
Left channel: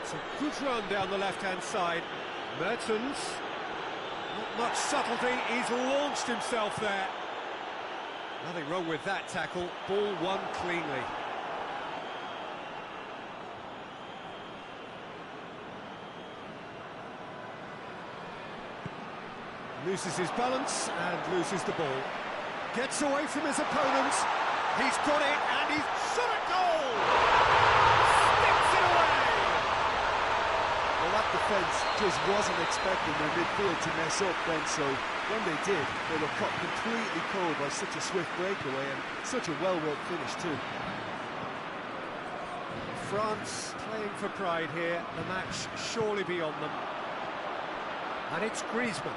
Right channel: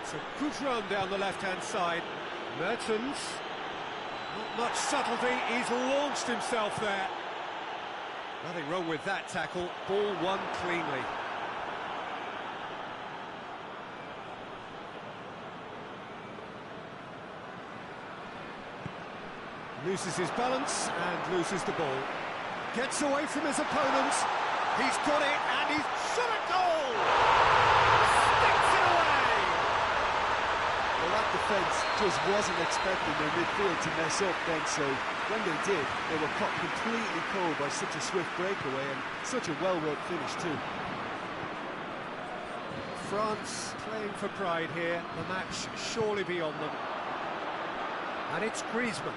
It's a good run down the left-hand side. Mertens, not much subtlety, he's launched himself there. Nothing wrong with that tackle, ball won cleanly. Loses his balance and loses the ball. Gets away from his opponents, he's got it and he's shot a goal! Sticks it away! Well, that defence just wasn't expecting their midfield to mess up then, so when they did, they were caught completely cold by such a swift breakaway and such a well-worked finish too. France playing for pride here, the match surely beyond them. And it's Griezmann.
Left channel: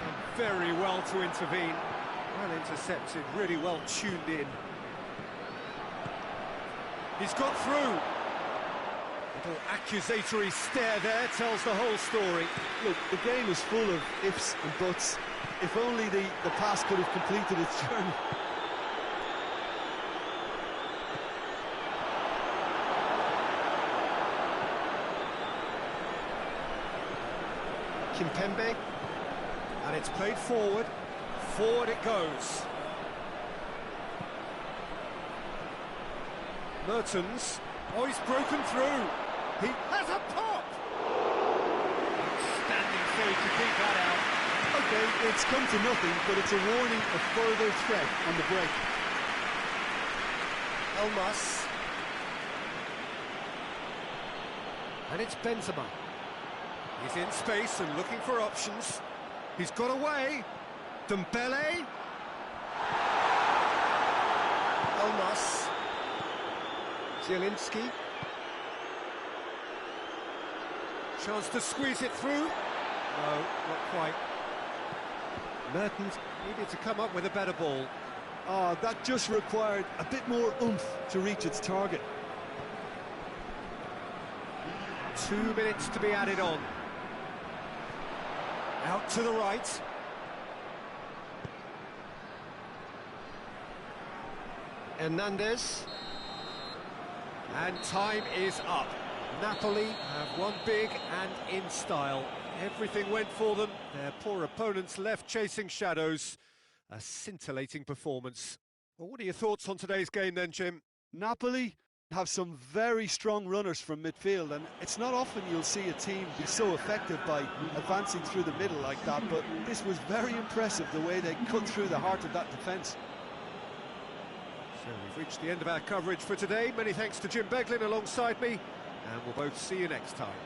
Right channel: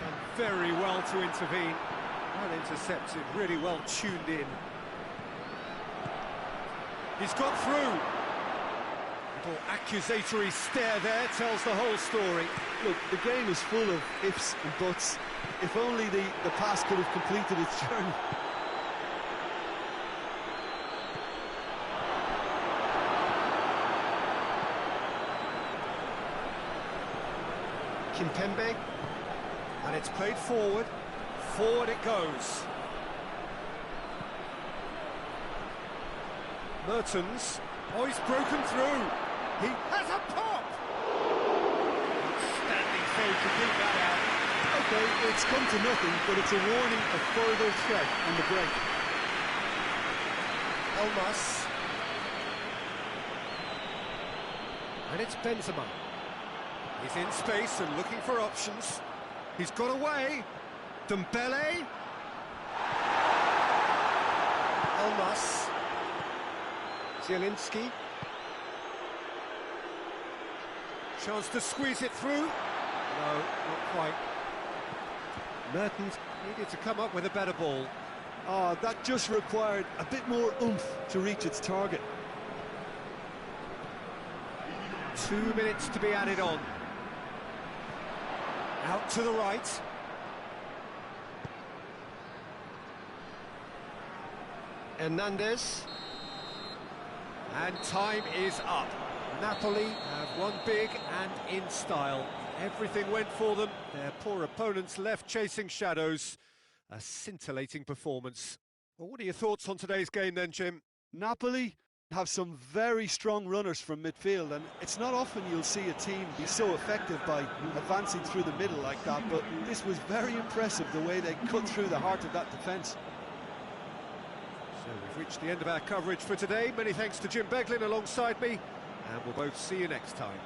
Done very well to intervene. Well intercepted, really well tuned in. He's got through. Little accusatory stare there tells the whole story. Look, the game is full of ifs and buts. If only the pass could have completed its journey. Kimpembe. And it's played forward. Forward it goes. Mertens. Oh, he's broken through. He has a pop! Outstanding save to keep that out. Okay, it's come to nothing, but it's a warning of further threat on the break. Elmas. And it's Benzema. He's in space and looking for options. He's got away. Dembele. Elmas. Zielinski. Chance to squeeze it through. No, not quite. Mertens needed to come up with a better ball. Oh, that just required a bit more oomph to reach its target. 2 minutes to be added on. Out to the right. Hernandez. And time is up. Napoli have won big and in style. Everything went for them. Their poor opponents left chasing shadows. A scintillating performance. Well, what are your thoughts on today's game then, Jim? Napoli have some very strong runners from midfield, and it's not often you'll see a team be so effective by advancing through the middle like that, but this was very impressive the way they cut through the heart of that defence. So we've reached the end of our coverage for today. Many thanks to Jim Beglin alongside me, and we'll both see you next time.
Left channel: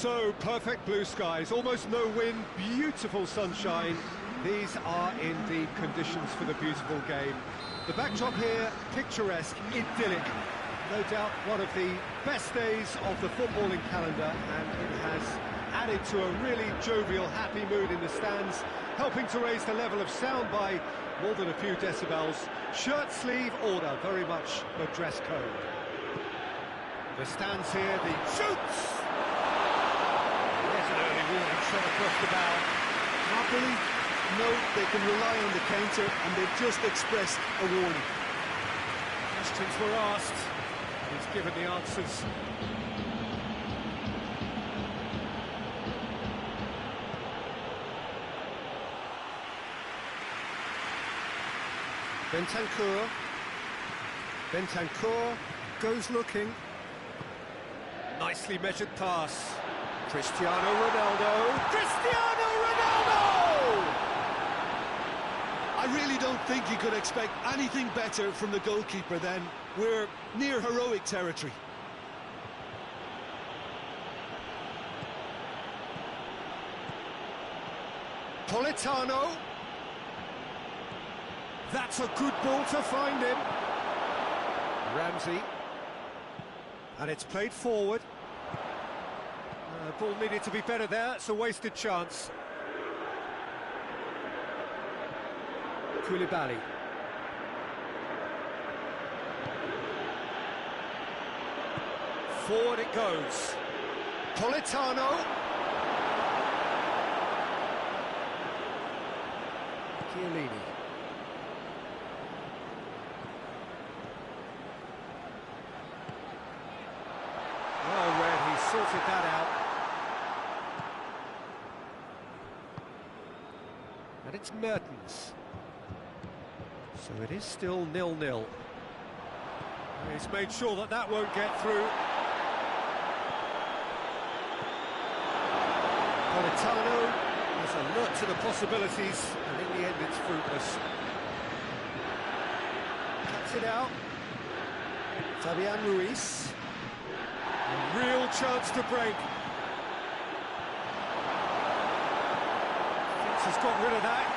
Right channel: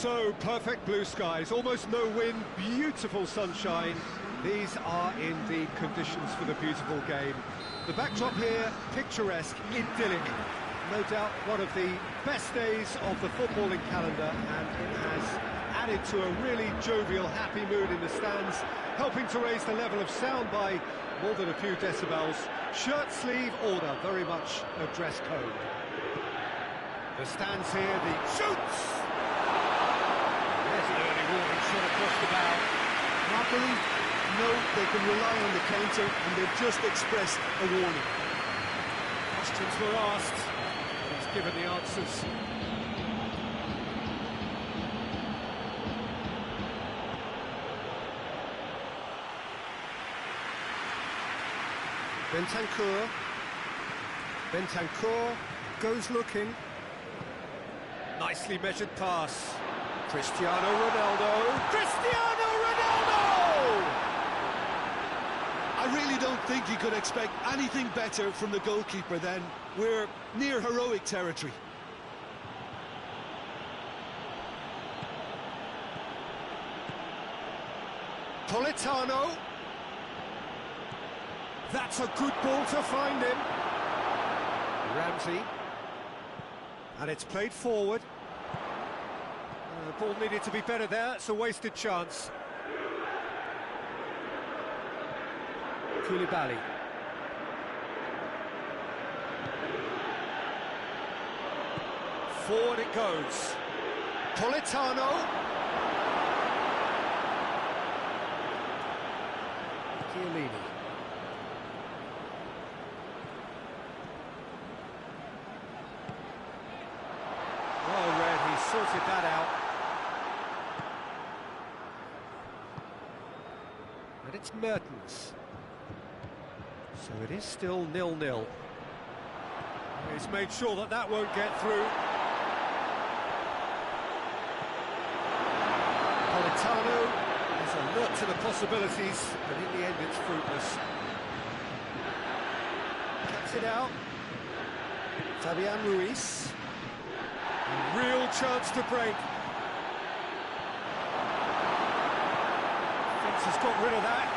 So, perfect blue skies, almost no wind, beautiful sunshine. These are indeed conditions for the beautiful game. The backdrop here, picturesque, idyllic. No doubt one of the best days of the footballing calendar, and it has added to a really jovial, happy mood in the stands, helping to raise the level of sound by more than a few decibels. Shirt sleeve order, very much the dress code. The stands here, the shoots! There's an early warning shot across the bow. Napoli, no, they can rely on the counter, and they've just expressed a warning. Questions were asked, and he's given the answers. Bentancur goes looking. Nicely measured pass. Cristiano Ronaldo! Cristiano Ronaldo! I really don't think you could expect anything better from the goalkeeper then. We're near heroic territory. Politano. That's a good ball to find him. Ramsey. And it's played forward. Ball needed to be better there, it's a wasted chance. Koulibaly. Forward it goes. Politano. Chiellini. Well read, he sorted that out. And it's Mertens. So it is still 0-0. He's made sure that that won't get through. Politano is alert to the possibilities, and in the end it's fruitless. Cuts it out. Fabian Ruiz. A real chance to break. Has got rid of that.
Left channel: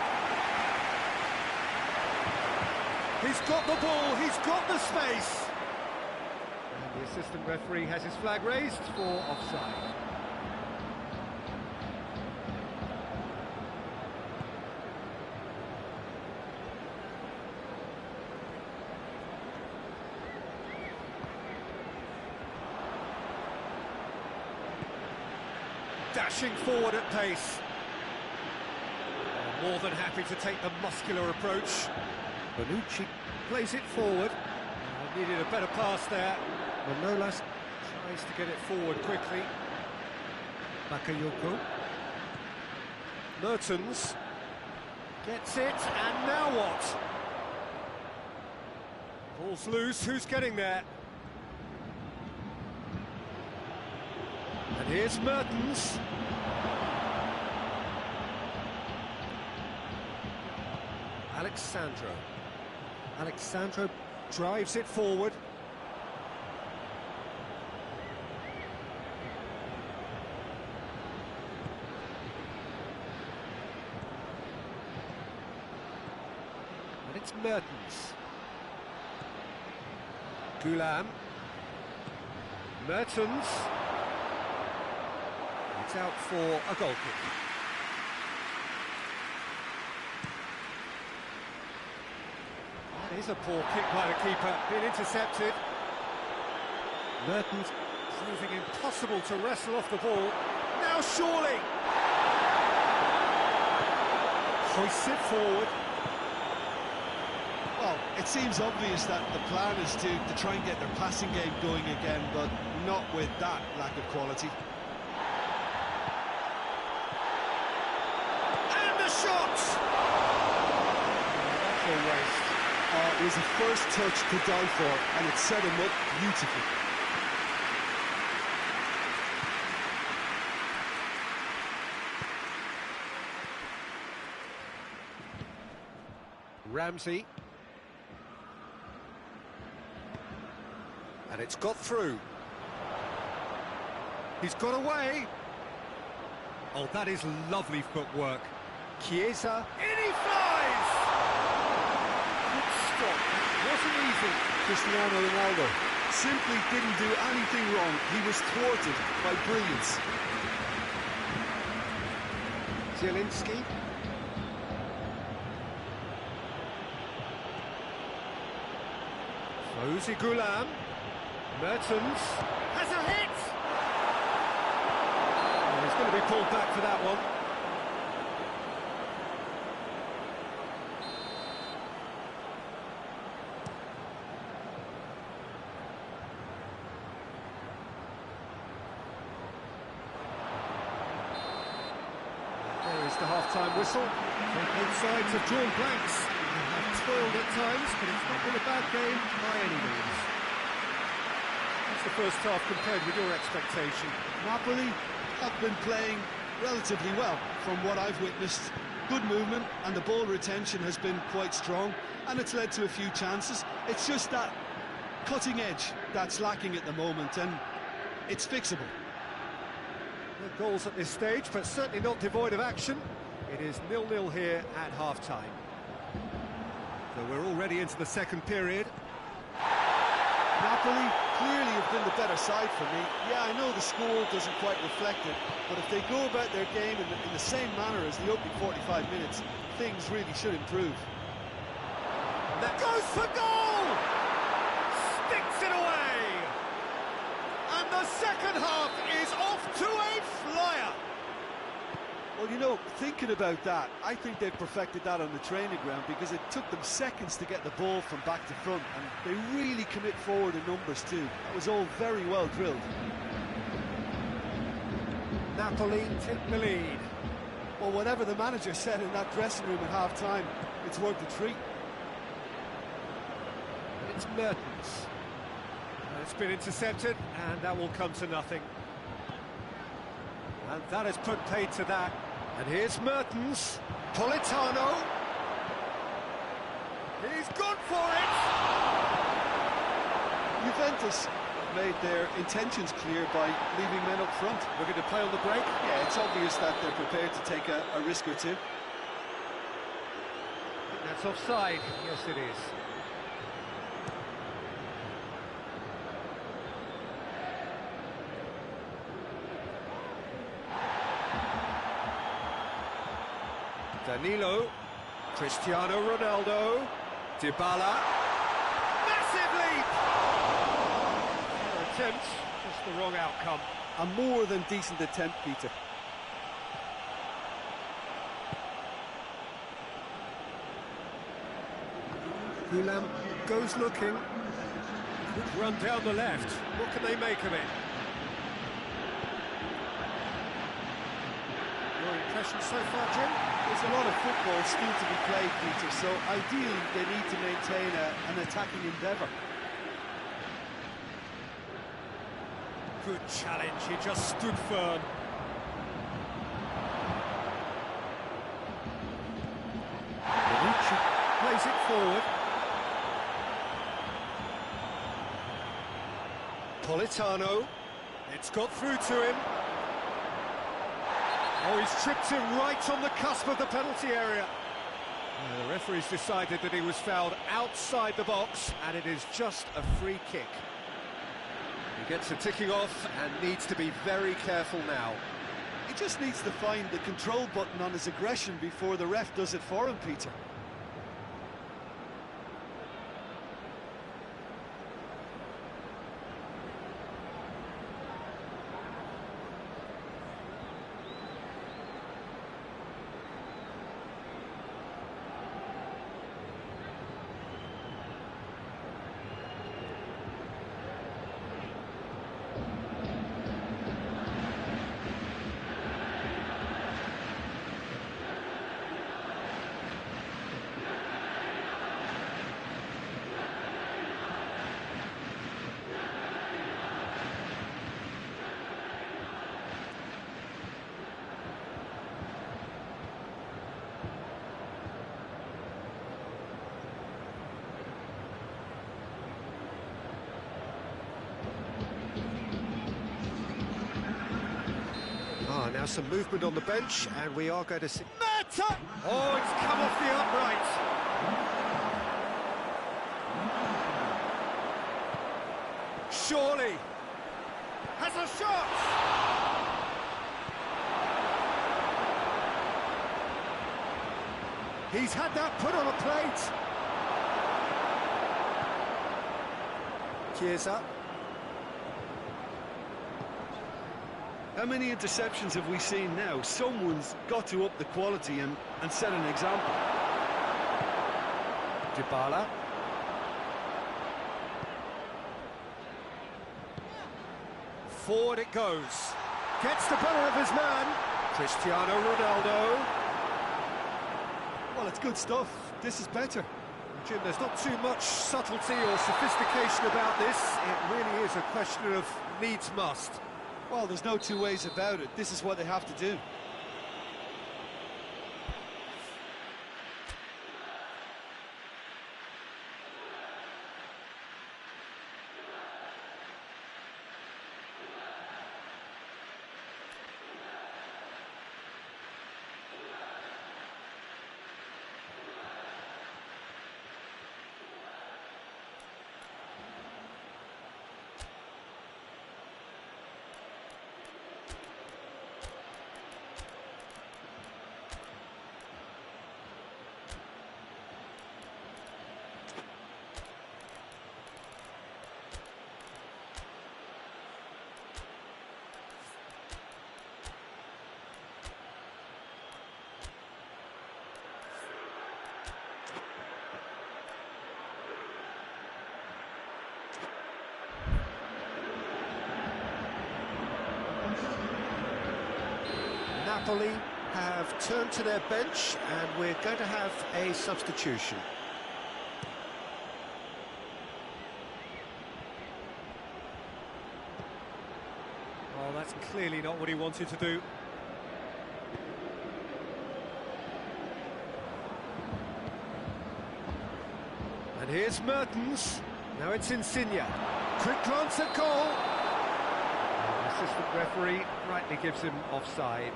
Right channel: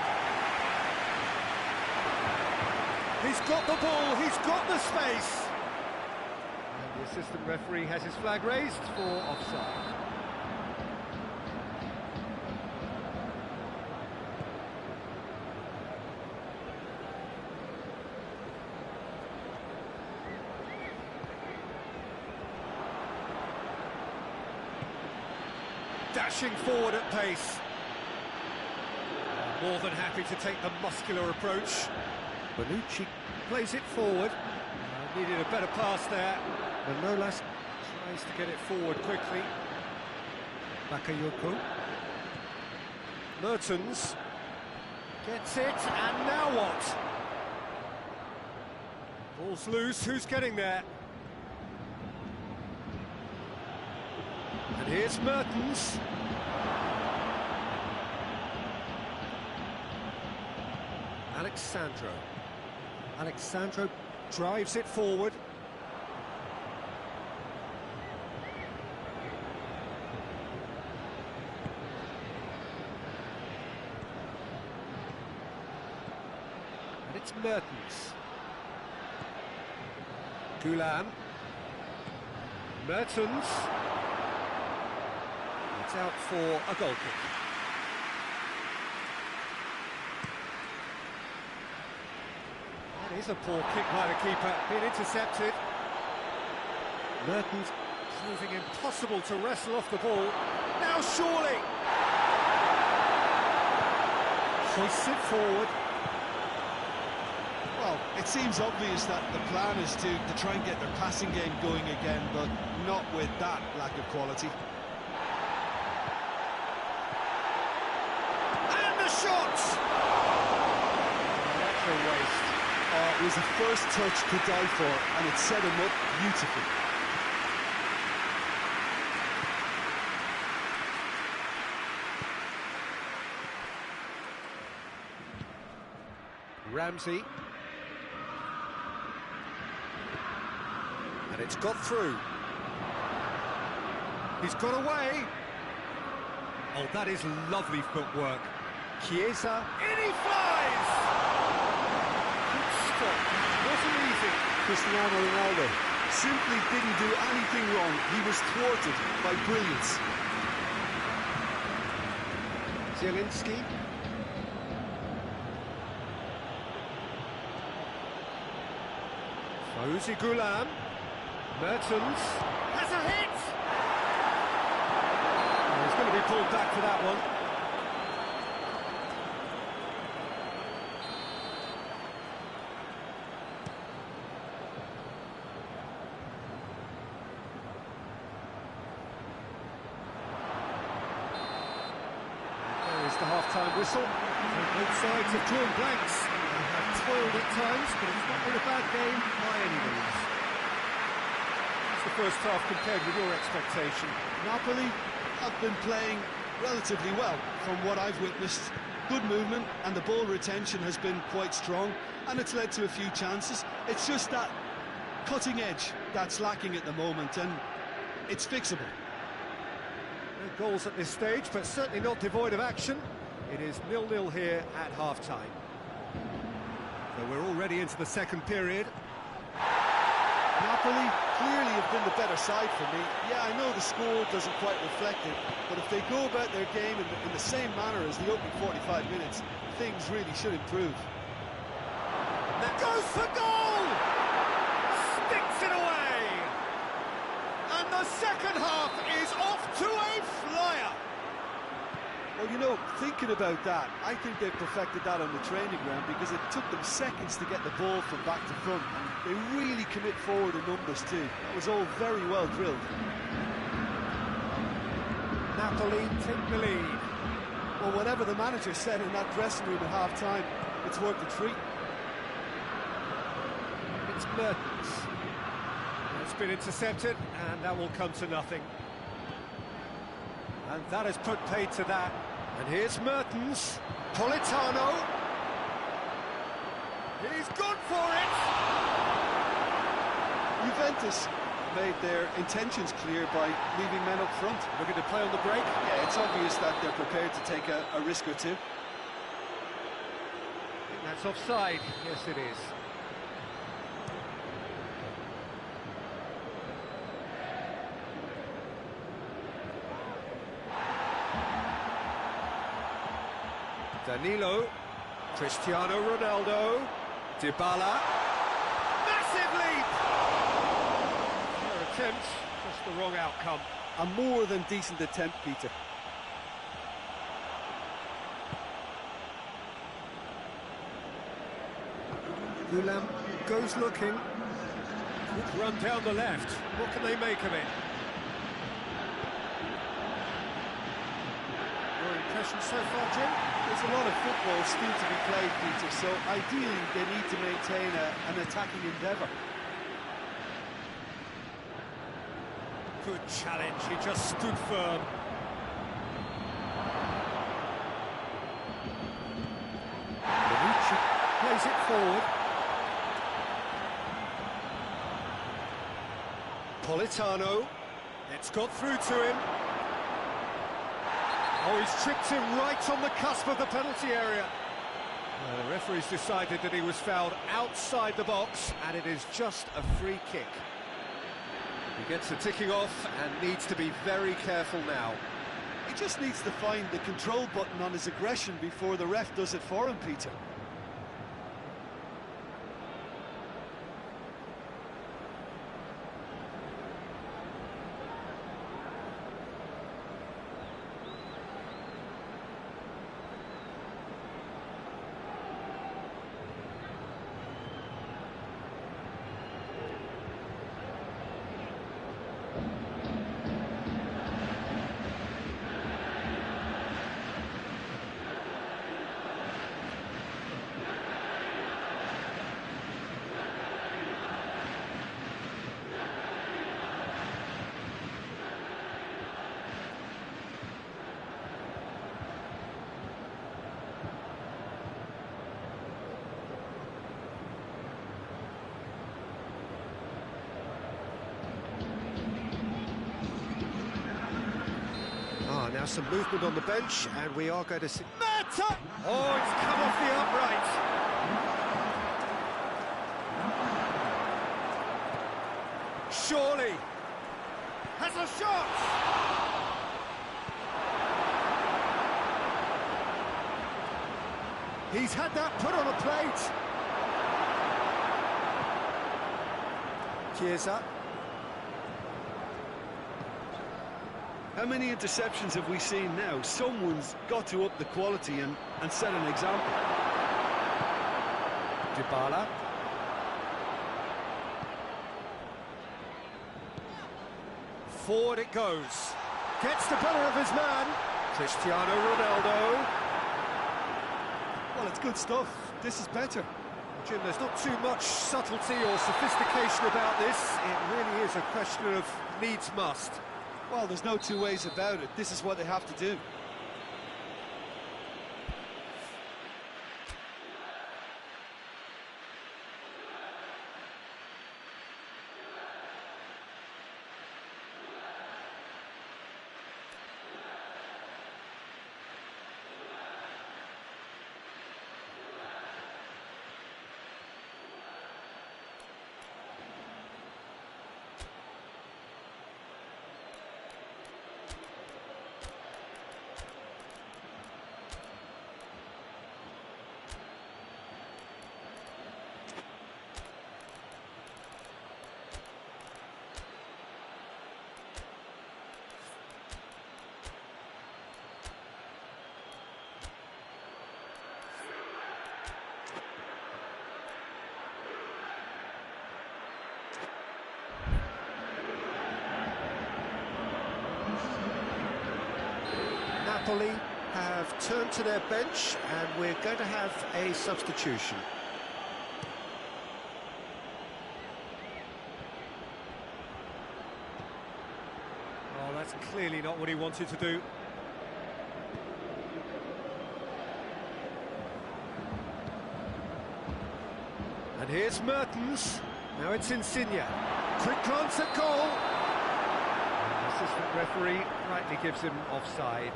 He's got the ball, he's got the space. And the assistant referee has his flag raised for offside. Dashing forward at pace. More than happy to take the muscular approach. Bonucci plays it forward. Needed a better pass there. Manolas tries to get it forward quickly. Bakayoko. Mertens gets it, and now what? Ball's loose, who's getting there? And here's Mertens. Alexandro drives it forward. And it's Mertens. Gulam. Mertens. It's out for a goal kick. That is a poor kick by the keeper, being intercepted. Mertens proving impossible to wrestle off the ball. Now surely! Hoists it forward. Well, it seems obvious that the plan is to try and get their passing game going again, but not with that lack of quality. And the shot! Oh, that's a waste. It was the first touch to die for, and it set him up beautifully. Ramsey. And it's got through. He's got away. Oh, that is lovely footwork. Chiesa, in he flies! Good stop, that wasn't easy. Cristiano Ronaldo simply didn't do anything wrong. He was thwarted by brilliance. Zielinski. Fawzi Gulam. Mertens. Has a hit! Oh, he's going to be pulled back for that one. There is the half-time whistle. So both sides have drawn blanks. They have toiled at times, but it's not been a bad game by any means. How's the first half compared with your expectation? Napoli have been playing relatively well from what I've witnessed. Good movement and the ball retention has been quite strong, and it's led to a few chances. It's just that cutting edge that's lacking at the moment, and it's fixable. No goals at this stage, but certainly not devoid of action. It is 0-0 here at half-time. So we're already into the second period. Napoli clearly have been the better side for me. Yeah, I know the score doesn't quite reflect it, but if they go about their game in the same manner as the opening 45 minutes, things really should improve. That goes for goal! Sticks it away! And the second half is off to a flyer! Well, you know, thinking about that, I think they've perfected that on the training ground, because it took them seconds to get the ball from back to front, and they really commit forward in numbers too. That was all very well drilled. Napoli take the lead. Well, whatever the manager said in that dressing room at half-time, it's worth the treat. It's Mertens. It's been intercepted, and that will come to nothing. And that has put paid to that. And here's Mertens. Politano. He's gone for it! Juventus have made their intentions clear by leaving men up front. Looking to play on the break? Yeah, it's obvious that they're prepared to take a risk or two. I think that's offside. Yes, it is. Danilo, Cristiano Ronaldo, Dybala, massive leap! Their attempt, just the wrong outcome. A more than decent attempt, Peter. Gulam goes looking. Good run down the left. What can they make of it? Your impression so far, Jim? There's a lot of football still to be played, Peter, so ideally they need to maintain an attacking endeavour. Good challenge, he just stood firm. Bonucci plays it forward. Politano, it's got through to him. Oh, he's tripped him right on the cusp of the penalty area. The referee's decided that he was fouled outside the box, and it is just a free kick. He gets a ticking off and needs to be very careful now. He just needs to find the control button on his aggression before the ref does it for him, Peter. Ah, now some movement on the bench, and we are going to see... Mata! Oh, it's come off the upright. Surely has a shot! He's had that put on a plate. Chiesa. How many interceptions have we seen now? Someone's got to up the quality and set an example. Dybala. Forward it goes. Gets the better of his man. Cristiano Ronaldo. Well, it's good stuff. This is better. Jim, there's not too much subtlety or sophistication about this. It really is a question of needs must. Well, there's no two ways about it. This is what they have to do. Napoli have turned to their bench, and we're going to have a substitution. Oh, that's clearly not what he wanted to do. And here's Mertens. Now it's Insigne. Quick glance at goal. And the assistant referee rightly gives him offside.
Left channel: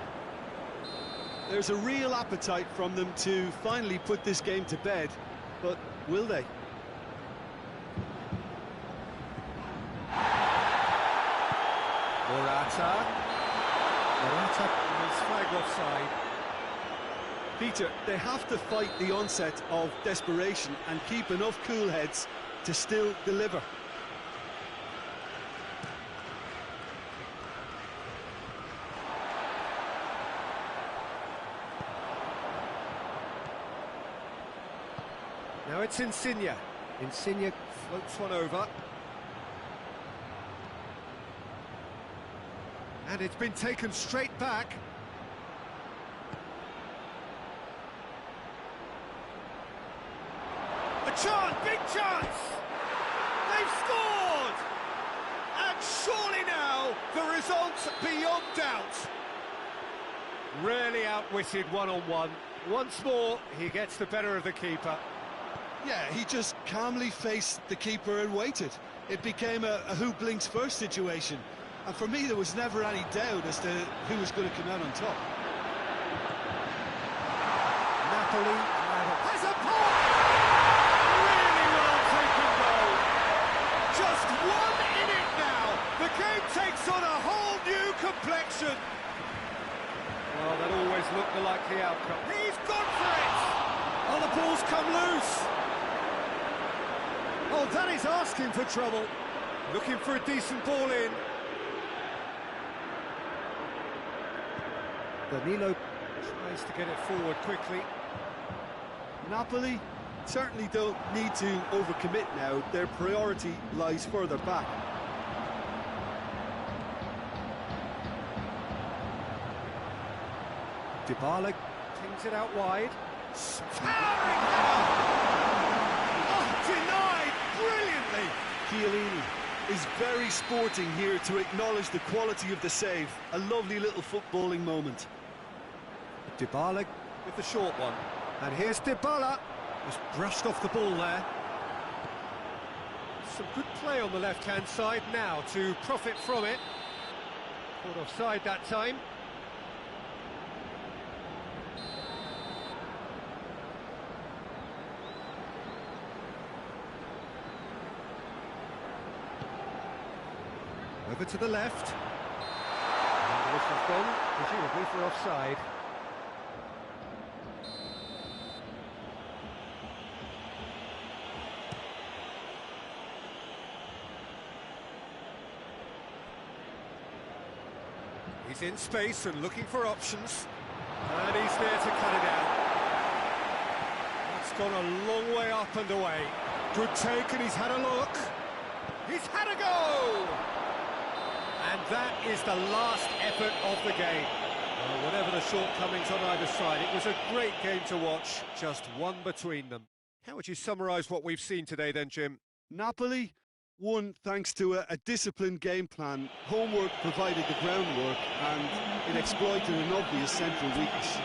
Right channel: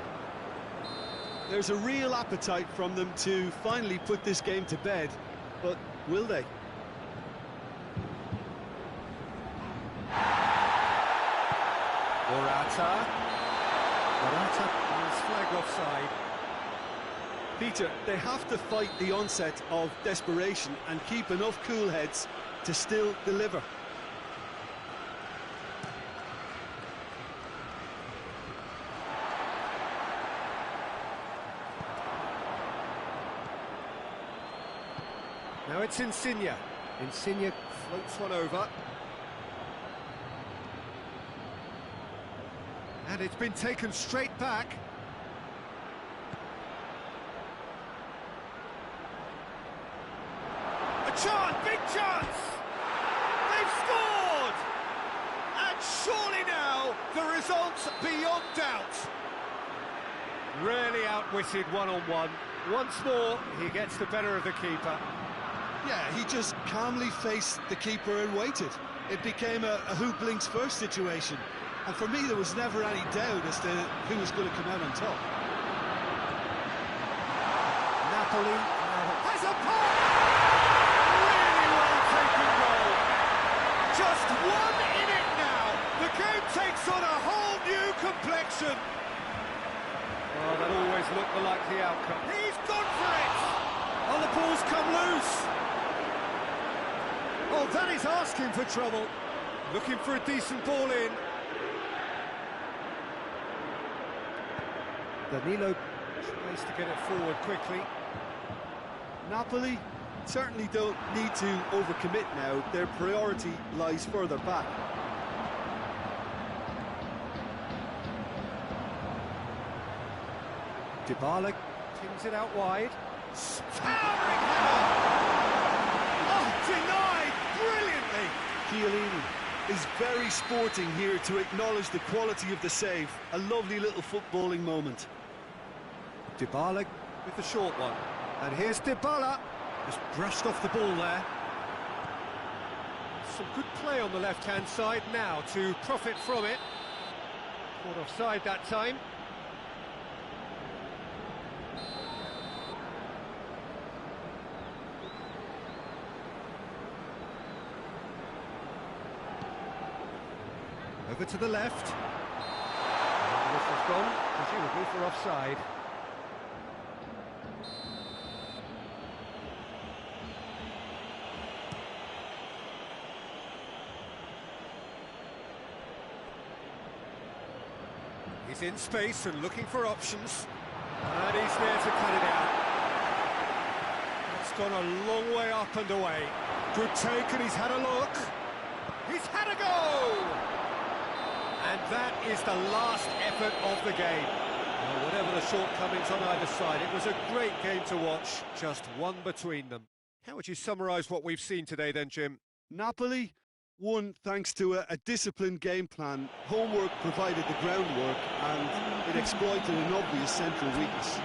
There's a real appetite from them to finally put this game to bed, but will they? Morata is flagged offside. Peter, they have to fight the onset of desperation and keep enough cool heads to still deliver. Now it's Insigne. Insigne floats one over. And it's been taken straight back. A chance, big chance! They've scored! And surely now, the result's beyond doubt. Really outwitted one-on-one. Once more, he gets the better of the keeper. Yeah, he just calmly faced the keeper and waited. It became a who blinks first situation. And for me, there was never any doubt as to who was going to come out on top. Napoli has a pop! Really well taken goal. Just one in it now. The game takes on a whole new complexion. Well, that always looked the likely outcome. He's gone for it! Oh, the ball's come loose. Oh, that is asking for trouble. Looking for a decent ball in. Danilo tries to get it forward quickly. Napoli certainly don't need to overcommit now. Their priority lies further back. Dybala pings it out wide. Towering header! Oh, denied brilliantly! Chiellini is very sporting here to acknowledge the quality of the save. A lovely little footballing moment. Dybala with the short one. And here's Dybala. Just brushed off the ball there. Some good play on the left-hand side now to profit from it. Caught offside that time. Over to the left. And the whistle's gone, presumably for offside. He's in space and looking for options. And he's there to cut it out. That's gone a long way up and away. Good take, and he's had a look. He's had a go! And that is the last effort of the game. Well, whatever the shortcomings on either side, it was a great game to watch, just one between them. How would you summarise what we've seen today then, Jim? Napoli won thanks to a disciplined game plan. Homework provided the groundwork and it exploited an obvious central weakness.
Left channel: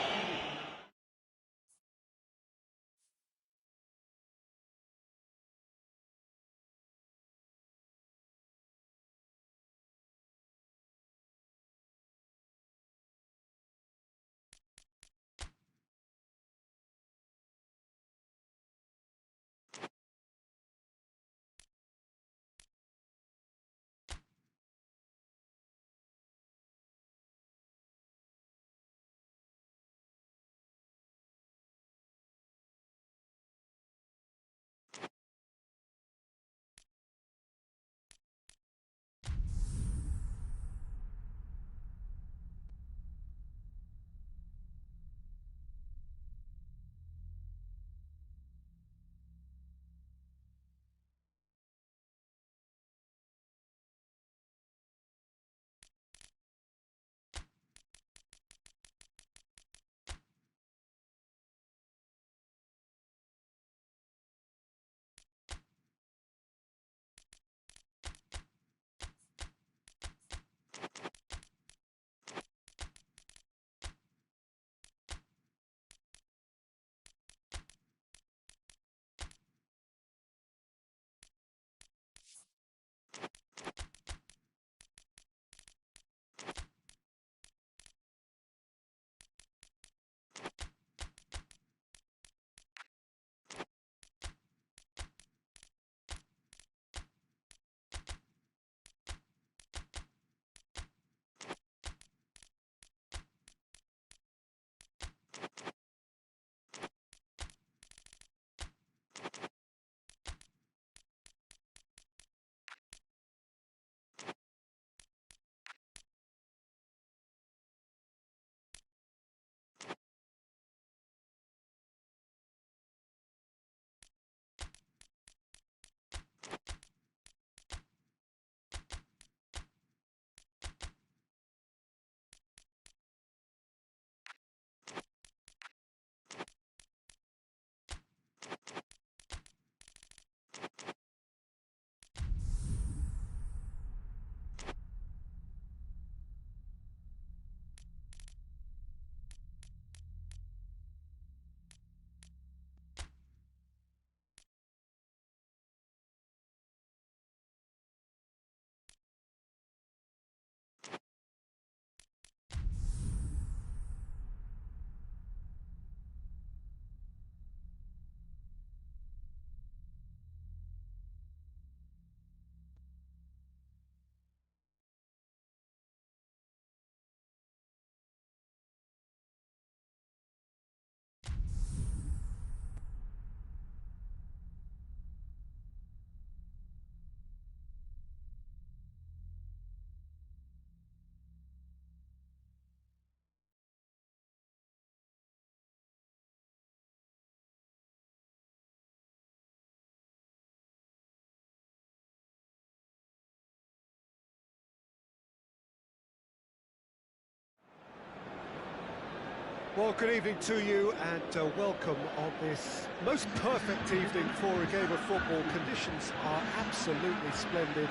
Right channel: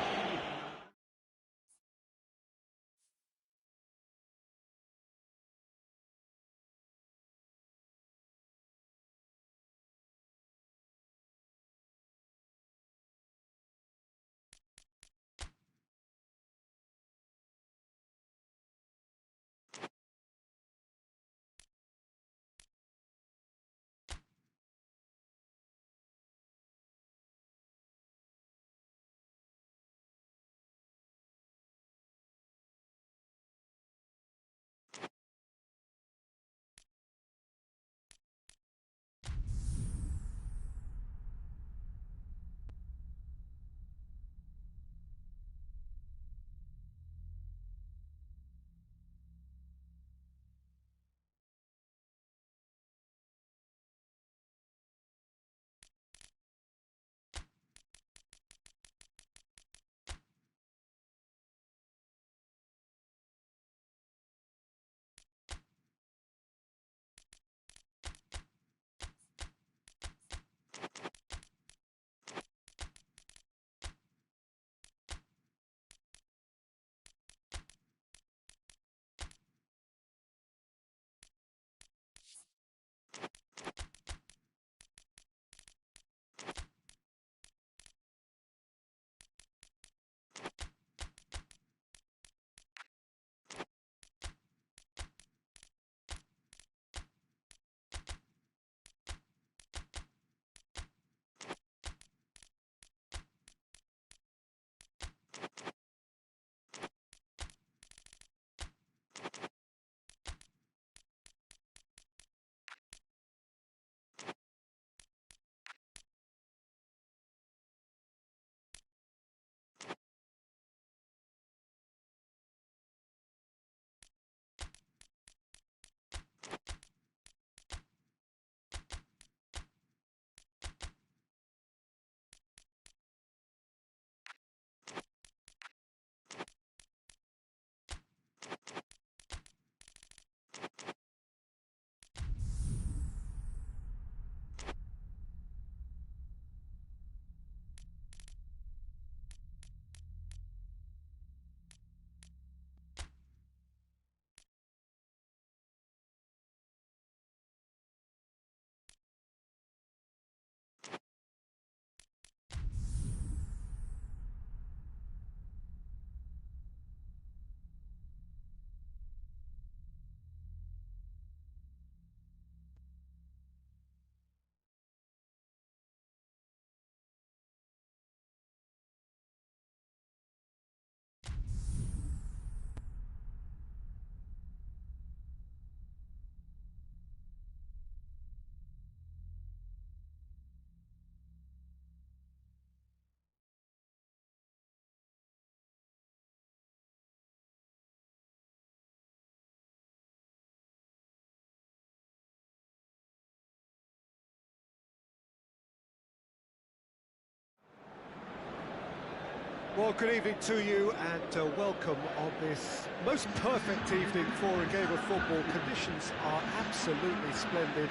Well, good evening to you and welcome on this most perfect evening for a game of football. Conditions are absolutely splendid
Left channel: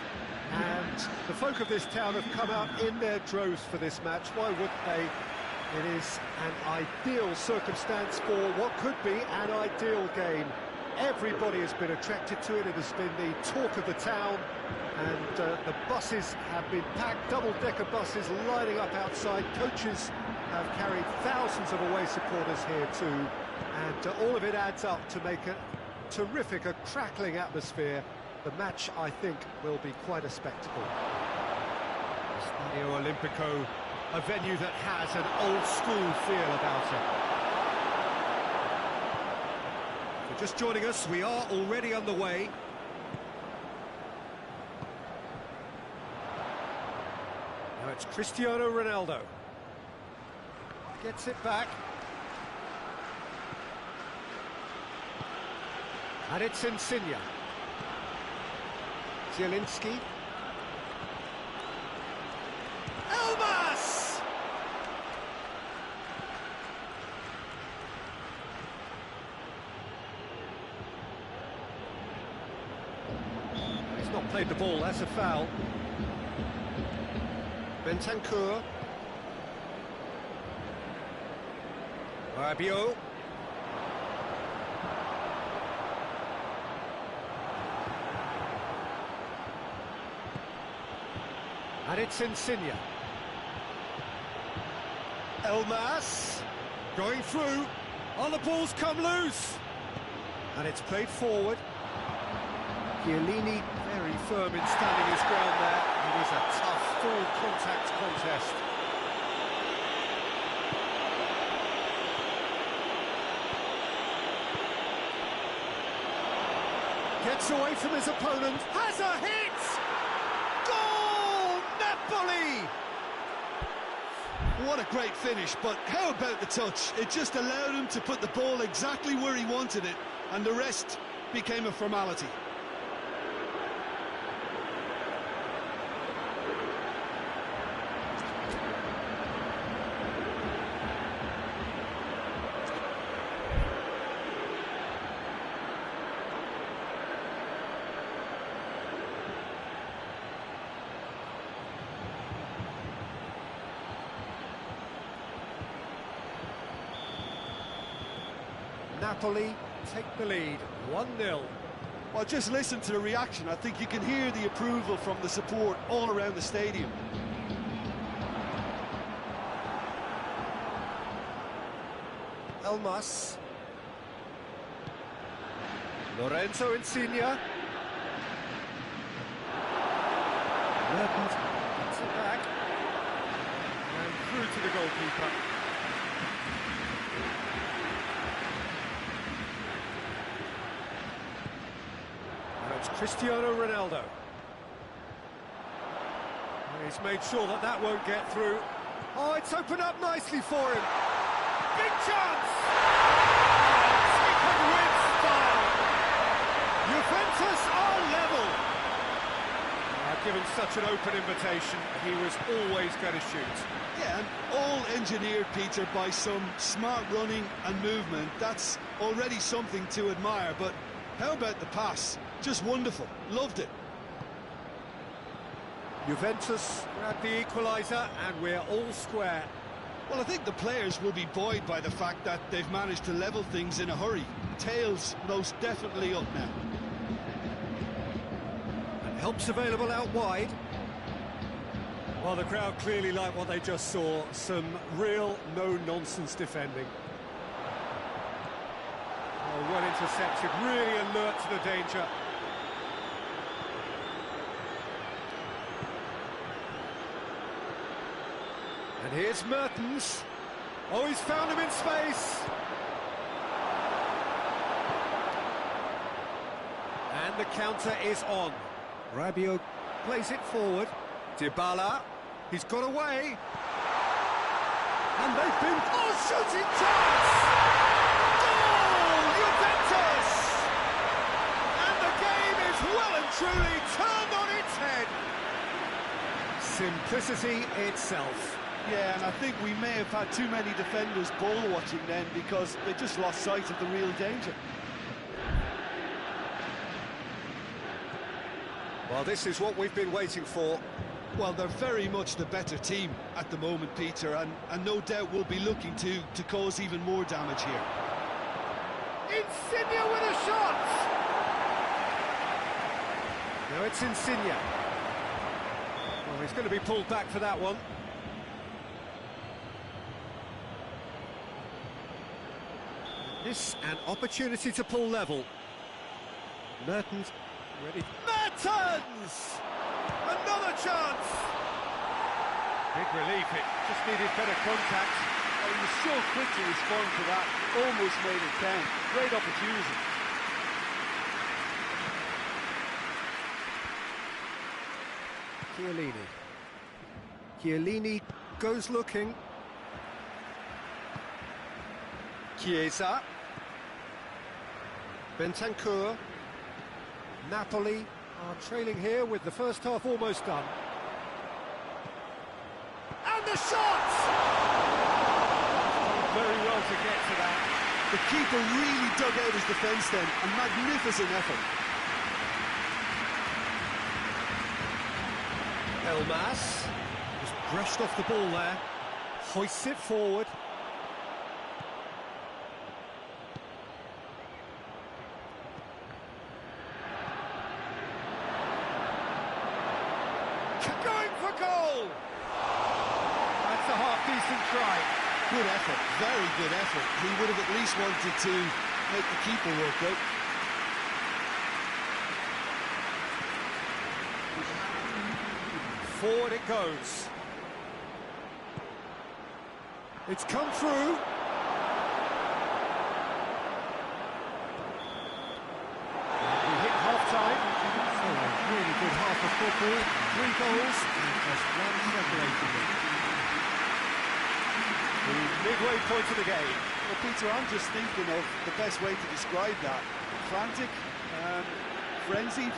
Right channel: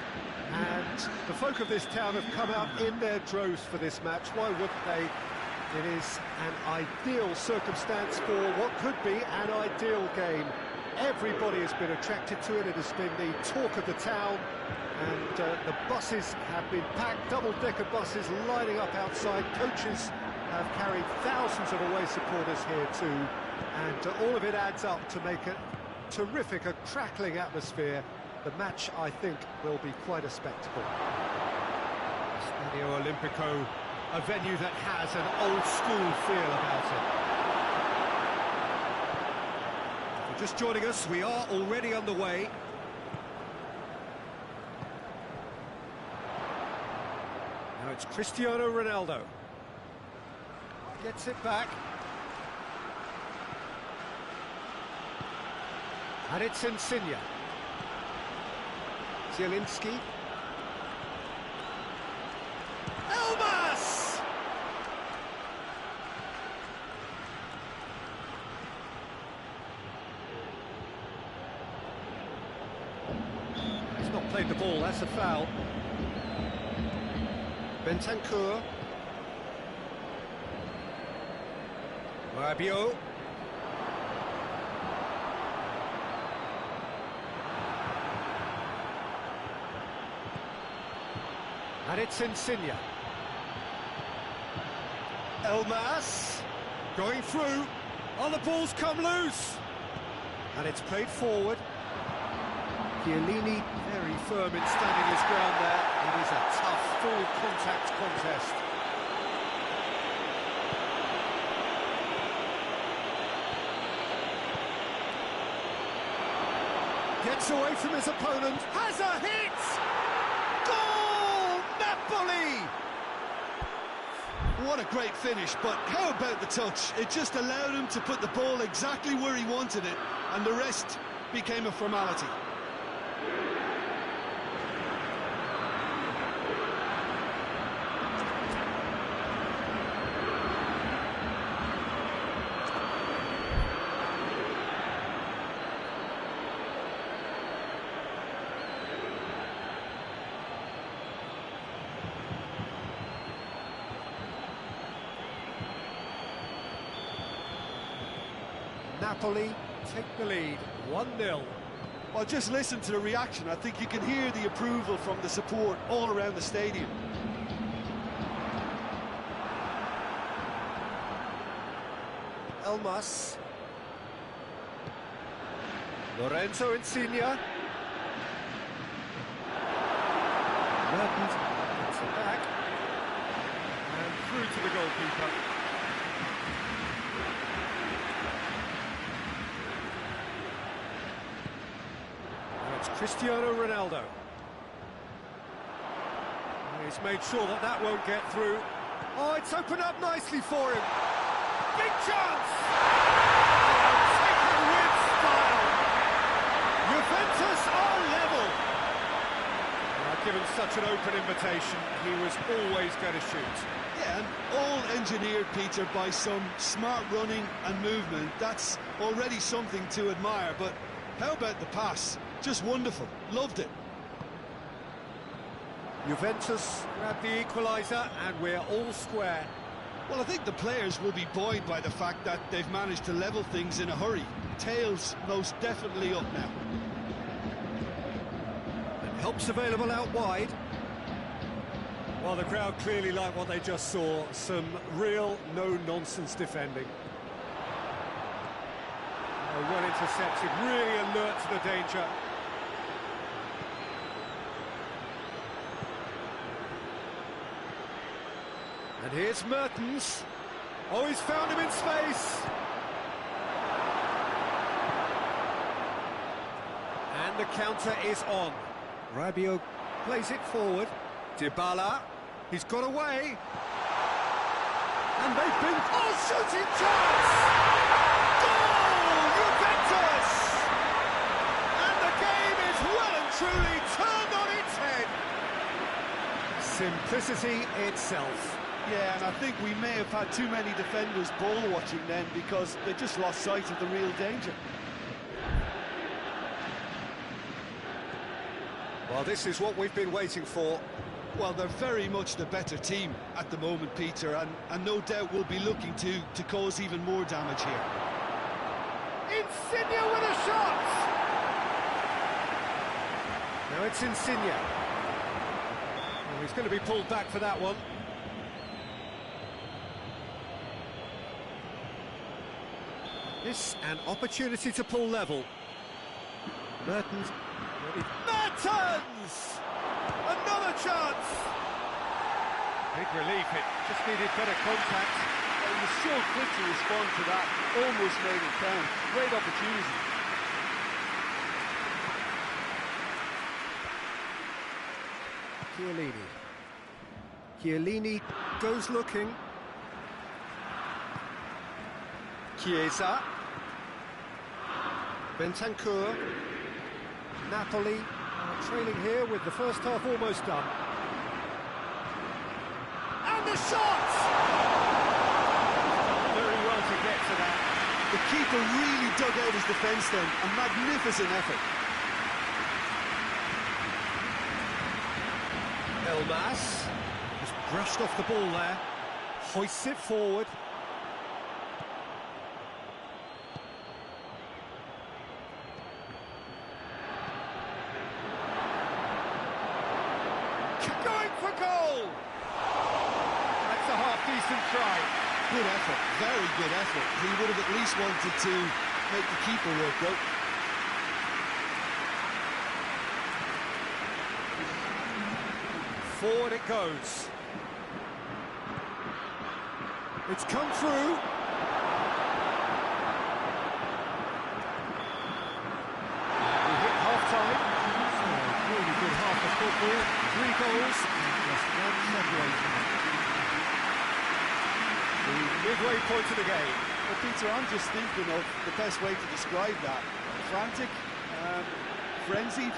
and the folk of this town have come out in their droves for this match. Why wouldn't they? It is an ideal circumstance for what could be an ideal game. Everybody has been attracted to it. It has been the talk of the town. And the buses have been packed, double-decker buses lining up outside. Coaches have carried thousands of away supporters here too. And all of it adds up to make a terrific, a crackling atmosphere. The match, I think, will be quite a spectacle. Stadio Olimpico, a venue that has an old-school feel about it. If you're just joining us, we are already underway. Now it's Cristiano Ronaldo. Gets it back. And it's Insigne. Zielinski. Elmas! He's not played the ball, that's a foul. Bentancur. Rabiot. And it's Insigne. Elmas. Going through. Oh, the ball's come loose. And it's played forward. Chiellini very firm in standing his ground there. It is a tough, full contact contest. Gets away from his opponent. Has a hit! Goal! Napoli! What a great finish, but how about the touch? It just allowed him to put the ball exactly where he wanted it, and the rest became a formality. Napoli take the lead, 1-0. Well, just listen to the reaction. I think you can hear the approval from the support all around the stadium. Elmas. Lorenzo Insigne. Mertens gets it back. And through to the goalkeeper. It's Cristiano Ronaldo. He's made sure that that won't get through. Oh, it's opened up nicely for him. Big chance! Oh, taken with style. Juventus are level. Given such an open invitation, he was always going to shoot. Yeah, and all engineered, Peter, by some smart running and movement. That's already something to admire, but how about the pass? Just wonderful. Loved it. Juventus grab the equaliser and we're all square. Well, I think the players will be buoyed by the fact that they've managed to level things in a hurry. Tails most definitely up now. And help's available out wide. Well, the crowd clearly like what they just saw. Some real no-nonsense defending. Oh, well intercepted, really alert to the danger. And here's Mertens. Oh, he's found him in space. And the counter is on. Rabiot plays it forward. Dybala, he's got away. And they've been... Oh, shooting chance! Goal, Juventus! And the game is well and truly turned on its head. Simplicity itself. Yeah, and I think we may have had too many defenders ball watching then because they just lost sight of the real danger. Well, this is what we've been waiting for. Well, they're very much the better team at the moment, Peter, and no doubt will be looking to cause even more damage here. Insigne with a shot! Now it's Insigne. Oh, he's going to be pulled back for that one. This an opportunity to pull level. Mertens ready. Mertens! Another chance! Big relief, it just needed better contact. Oh, he was so quick to respond to that, almost made it count. Great opportunity. Chiellini goes looking. Chiesa. Bentancur. Napoli are trailing here with the first half almost done. And the shot! Done very well to get to that. The keeper really dug out his defence then. A magnificent effort. Elmas just brushed off the ball there. Hoists it forward. Going for goal! That's a half-decent try. Good effort, very good effort. He would have at least wanted to make the keeper work though. Forward it goes. It's come through. We hit half-time. So a really good half of football. 3 goals and just one separating them. The midway point of the game. Well, Peter, I'm just thinking of the best way to describe that. Frantic, frenzied.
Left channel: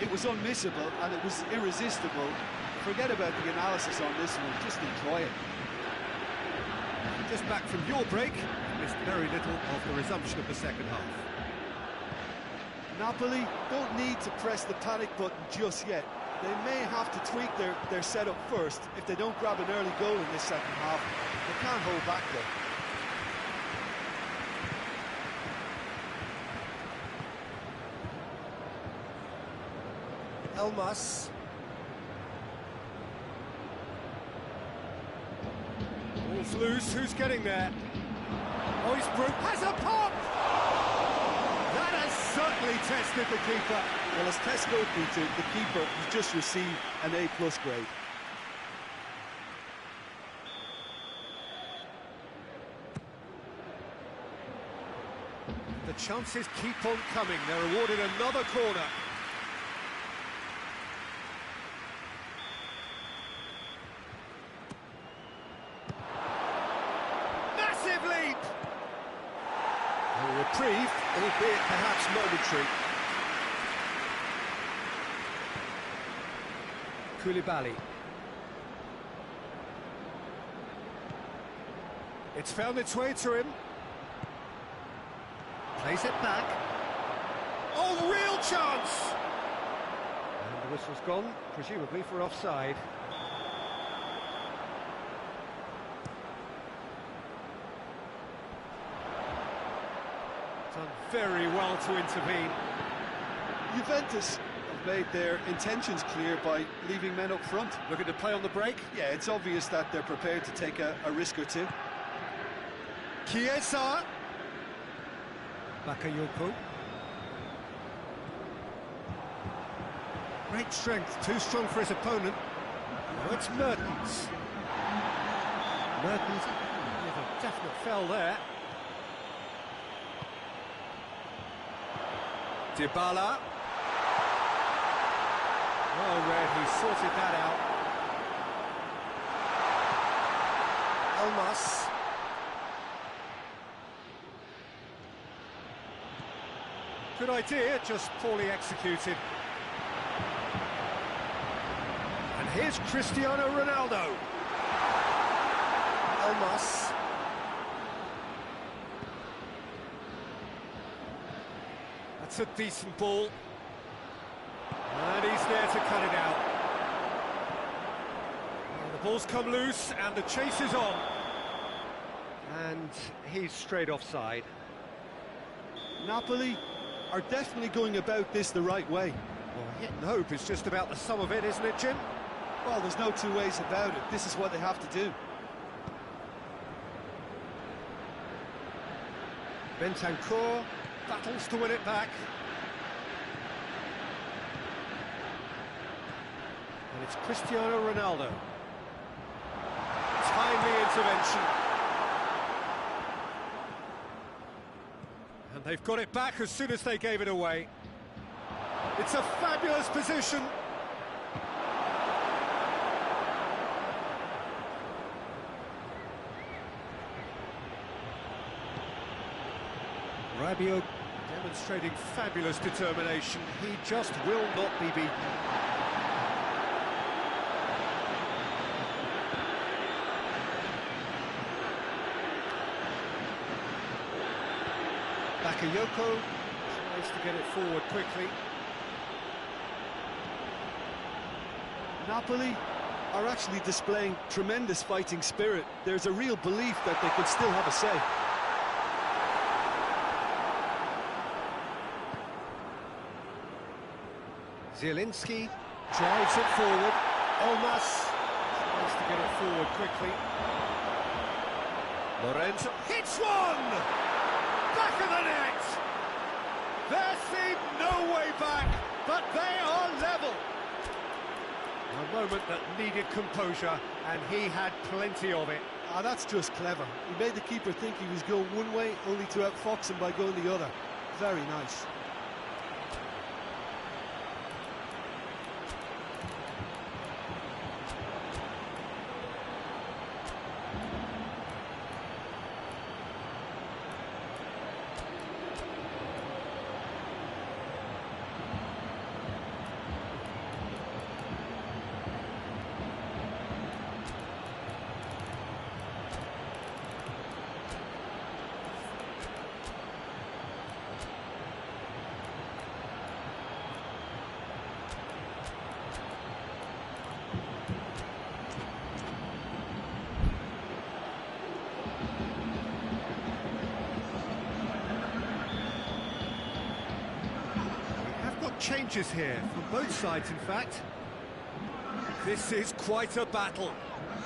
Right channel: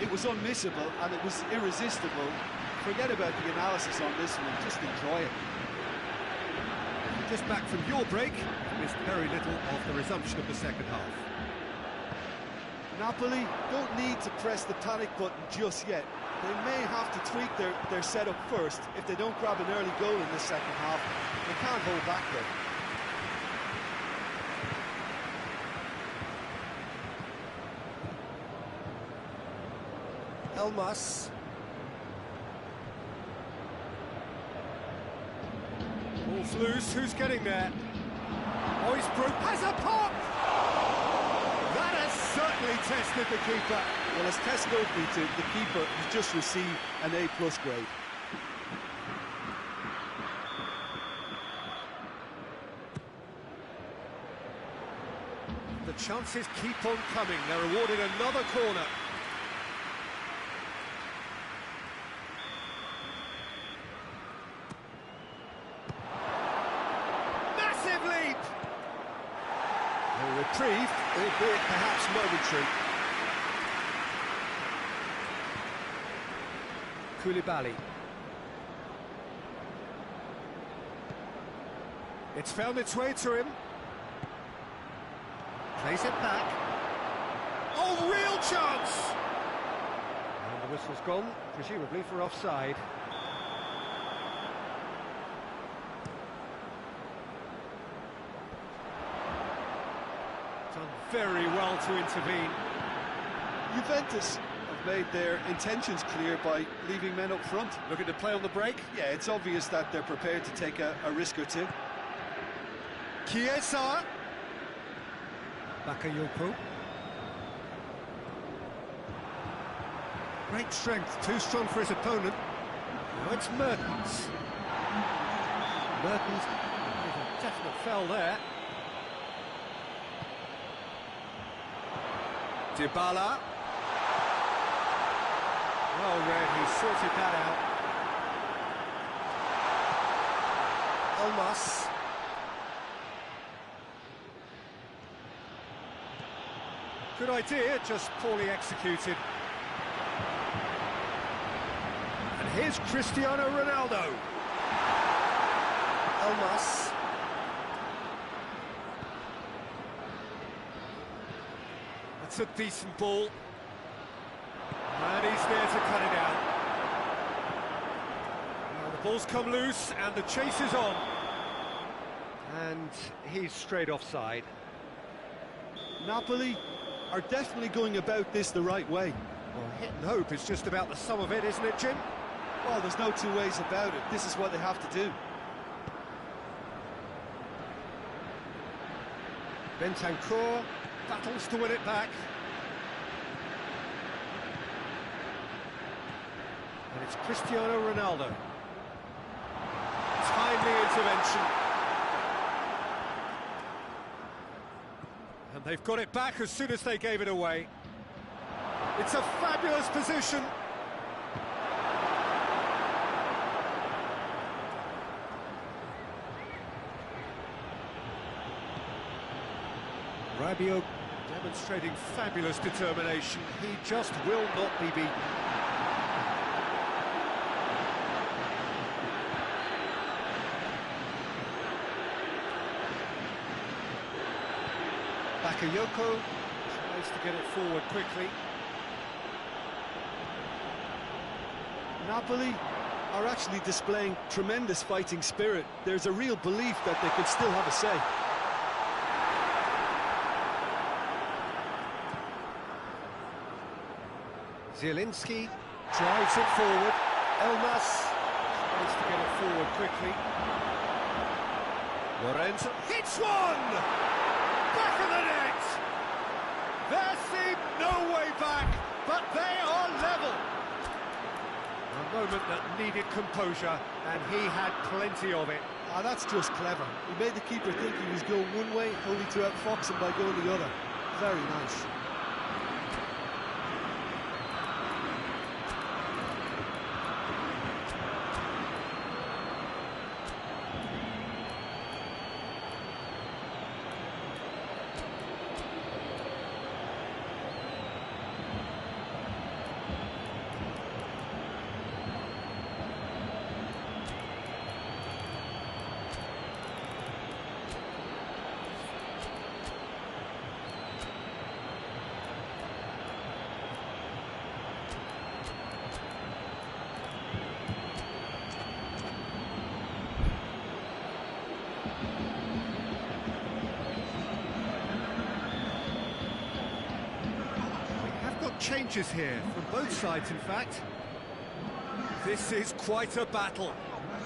It was unmissable and it was irresistible. Forget about the analysis on this one, just enjoy it. Just back from your break, missed very little of the resumption of the second half. Napoli don't need to press the panic button just yet. They may have to tweak their setup first. If they don't grab an early goal in this second half, they can't hold back though. Elmas. Ball's loose, who's getting there? Oisbrook has a pop! That has certainly tested the keeper. Well, as tests go, Peter, the keeper has just received an A+ grade. The chances keep on coming. They're awarded another corner. Massive leap! A reprieve, albeit perhaps momentary. Koulibaly. It's found its way to him. Plays it back. Oh, real chance! And the whistle's gone, presumably for offside. Done very well to intervene. Juventus have made their intentions clear by leaving men up front. Looking to play on the break? Yeah, it's obvious that they're prepared to take a risk or two. Chiesa. Bakayoko. Great strength, too strong for his opponent. Now it's Mertens. Mertens with a definite foul there. Dybala. Well read, he sorted that out. Elmas. Good idea, just poorly executed. And here's Cristiano Ronaldo. Elmas. That's a decent ball. And he's there to cut it out. Well, the ball's come loose and the chase is on. And he's straight offside. Napoli are definitely going about this the right way. Well, hit and hope is just about the sum of it, isn't it, Jim? Well, there's no two ways about it. This is what they have to do. Bentancur battles to win it back. And it's Cristiano Ronaldo. timely intervention. And they've got it back as soon as they gave it away. It's a fabulous position. Rabiot demonstrating fabulous determination. He just will not be beaten. Bakayoko tries to get it forward quickly. Napoli are actually displaying tremendous fighting spirit. There's a real belief that they could still have a say. Zielinski drives it forward. Elmas tries to get it forward quickly. Lorenzo hits one! Back of the net! There seemed no way back, but they are level. A moment that needed composure, and he had plenty of it. That's just clever. He made the keeper think he was going one way, only to outfox him by going the other. Very nice. Changes here from both sides, in fact. This is quite a battle.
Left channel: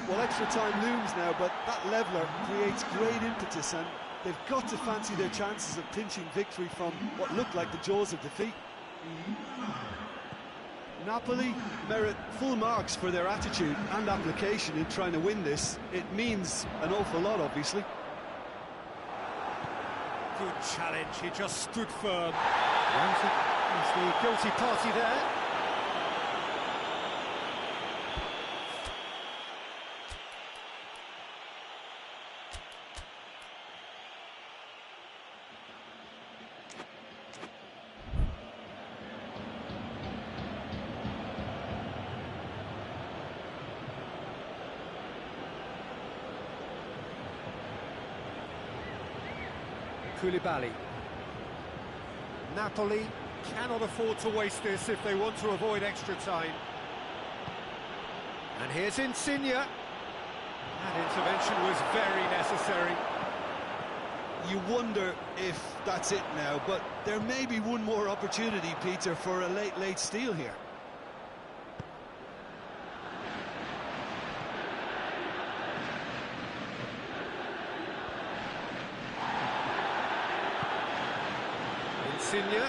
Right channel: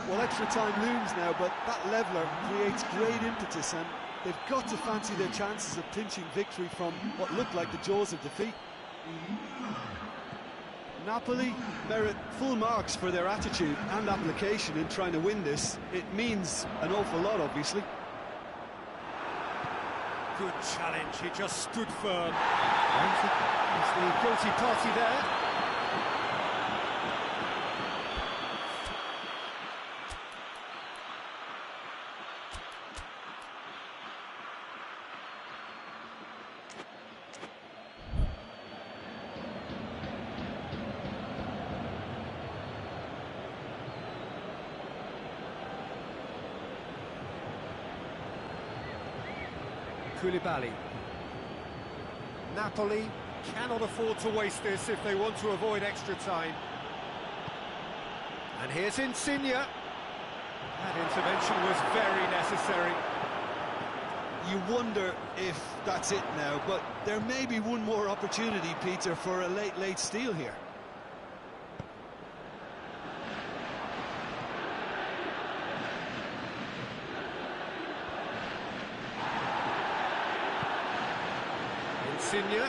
Well, extra time looms now, but that leveller creates great impetus, and they've got to fancy their chances of pinching victory from what looked like the jaws of defeat. Napoli merit full marks for their attitude and application in trying to win this. It means an awful lot, obviously. Good challenge, he just stood firm. Ramsey is the guilty party there. Koulibaly. Napoli cannot afford to waste this if they want to avoid extra time. And here's Insigne. That intervention was very necessary. You wonder if that's it now, but there may be one more opportunity, Peter, for a late steal here. Insigne.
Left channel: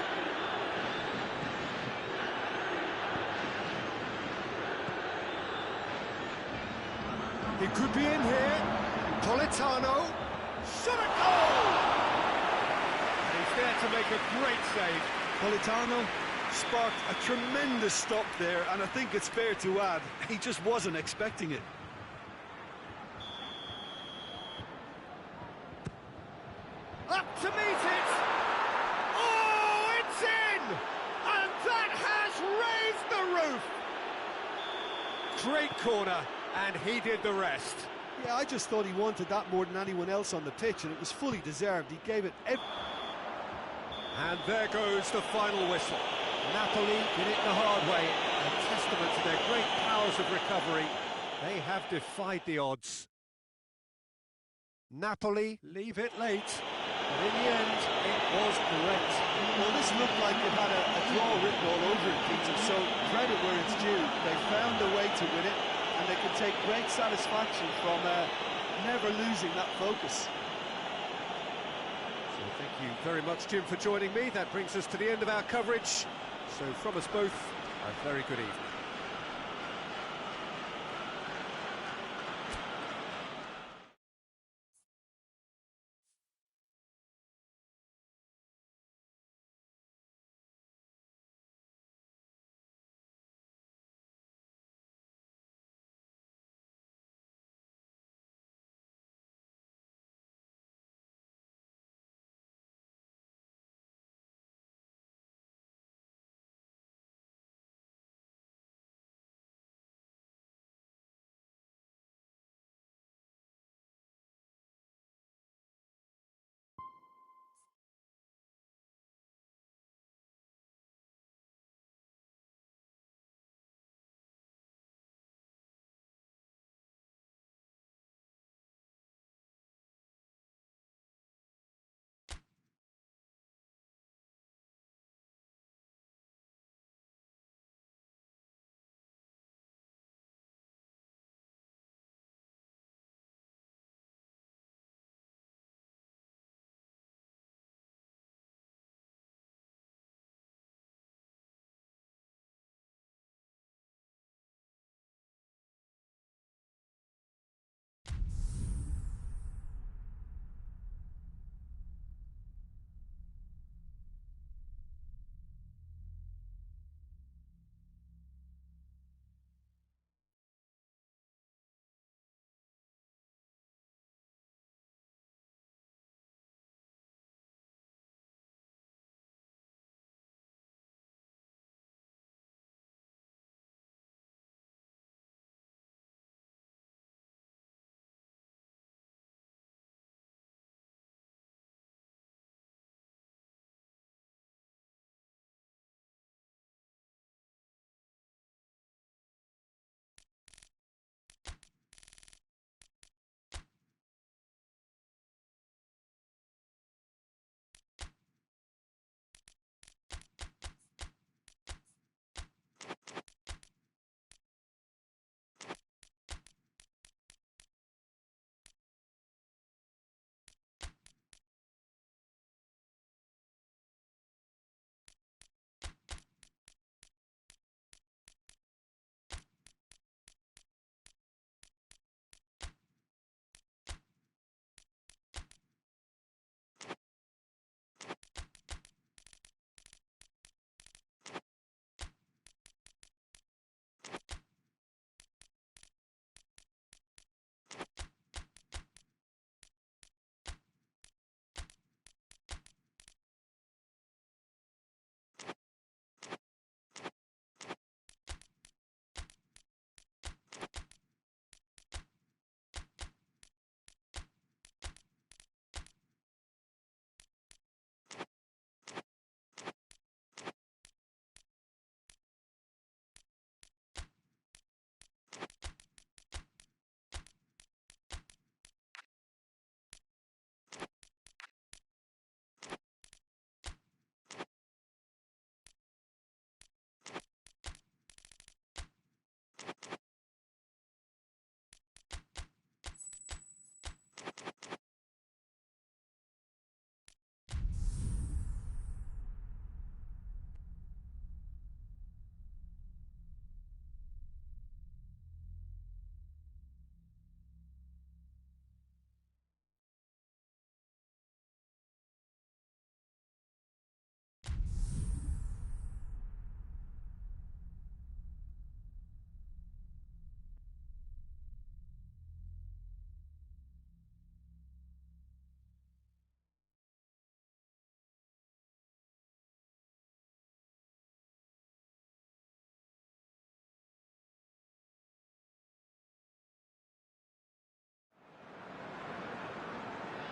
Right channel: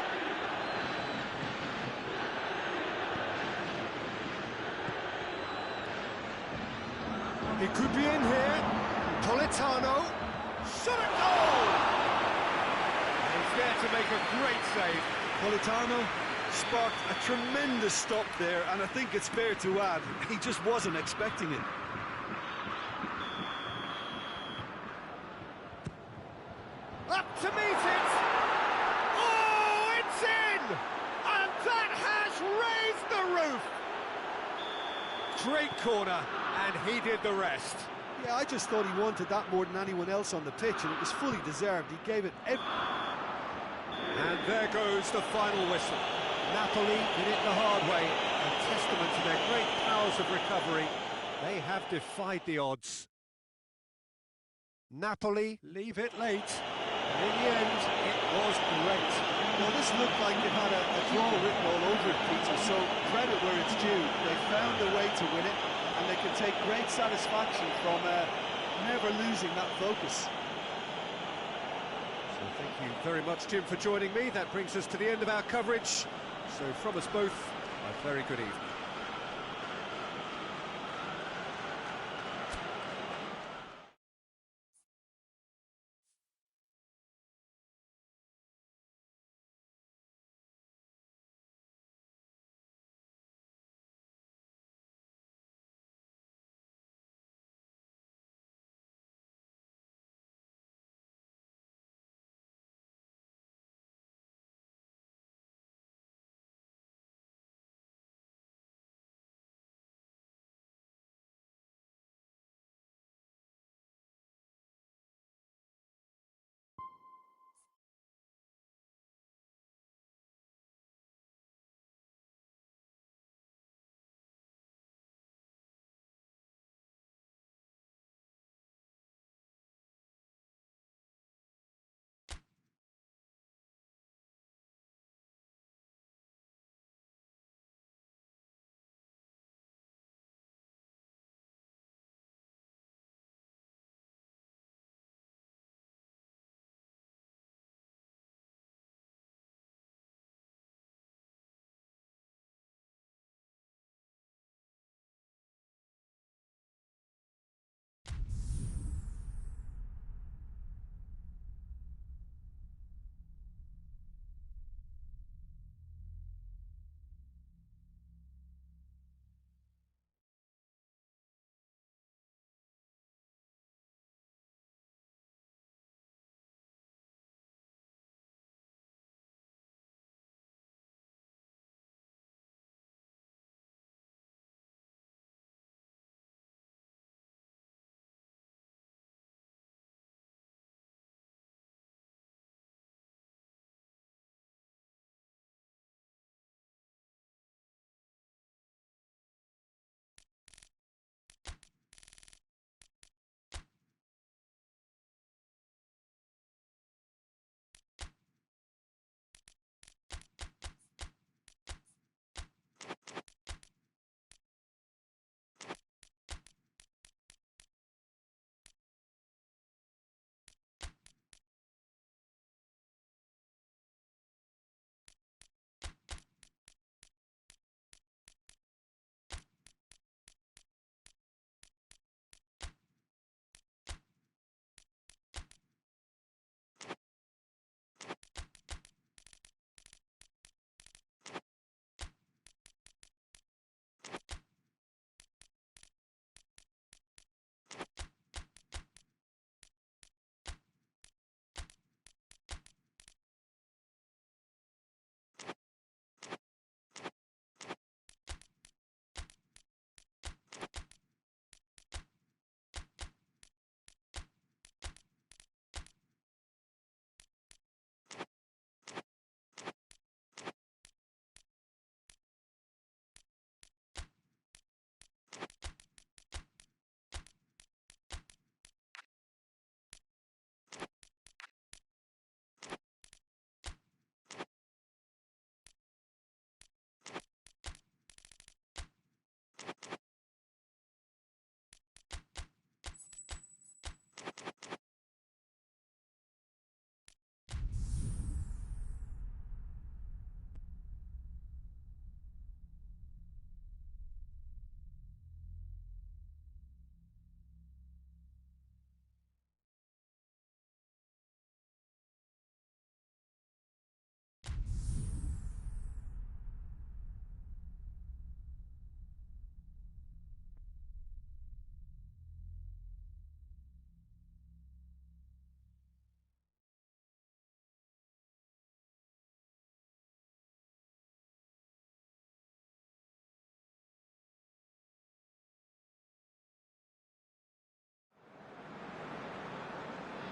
He could be in here. Politano. Shot at goal! And he's there to make a great save. Politano sparked a tremendous stop there, and I think it's fair to add, he just wasn't expecting it. Up to meet it! Oh, it's in! And that has raised the roof! Great corner, and he did the rest. Yeah, I just thought he wanted that more than anyone else on the pitch, and it was fully deserved. He gave it every... And there goes the final whistle. Napoli did it the hard way, a testament to their great powers of recovery. They have defied the odds. Napoli leave it late, but in the end, it was great. Well, this looked like it had a draw written all over it, Peter, so credit where it's due. They found a way to win it, and they can take great satisfaction from never losing that focus. So thank you very much, Jim, for joining me. That brings us to the end of our coverage. So from us both, a very good evening.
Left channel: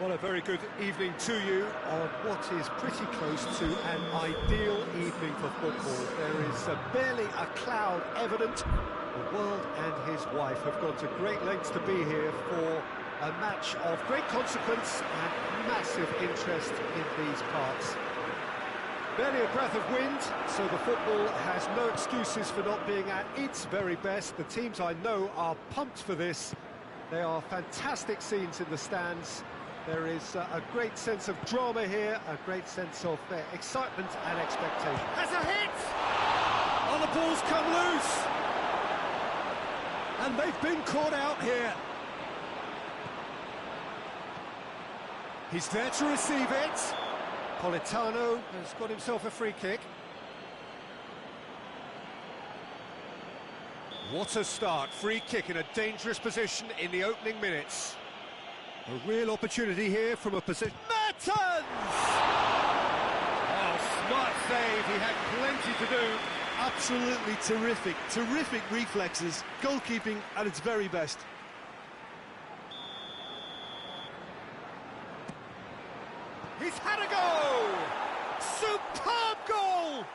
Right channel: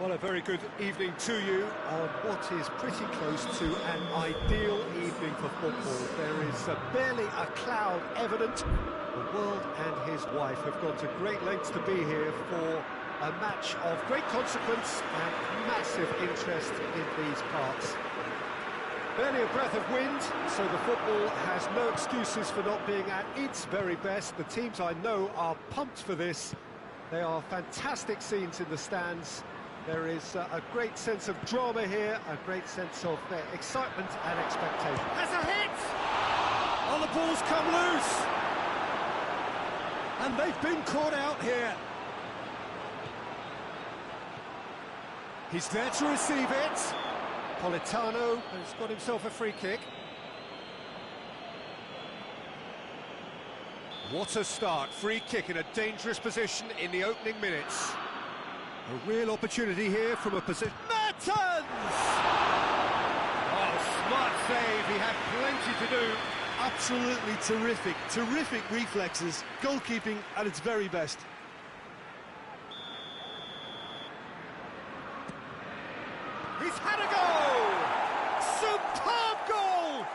Well, a very good evening to you on what is pretty close to an ideal evening for football. There is barely a cloud evident. The world and his wife have gone to great lengths to be here for a match of great consequence and massive interest in these parts. Barely a breath of wind, so the football has no excuses for not being at its very best. The teams I know are pumped for this. They are fantastic scenes in the stands. There is a great sense of drama here, a great sense of excitement and expectation. Has a hit! Oh, the ball's come loose! And they've been caught out here. He's there to receive it. Politano has got himself a free kick. What a start. Free kick in a dangerous position in the opening minutes. A real opportunity here from a position... Mertens! Oh, smart save. He had plenty to do. Absolutely terrific, terrific reflexes, goalkeeping at its very best. He's had a goal! Superb goal!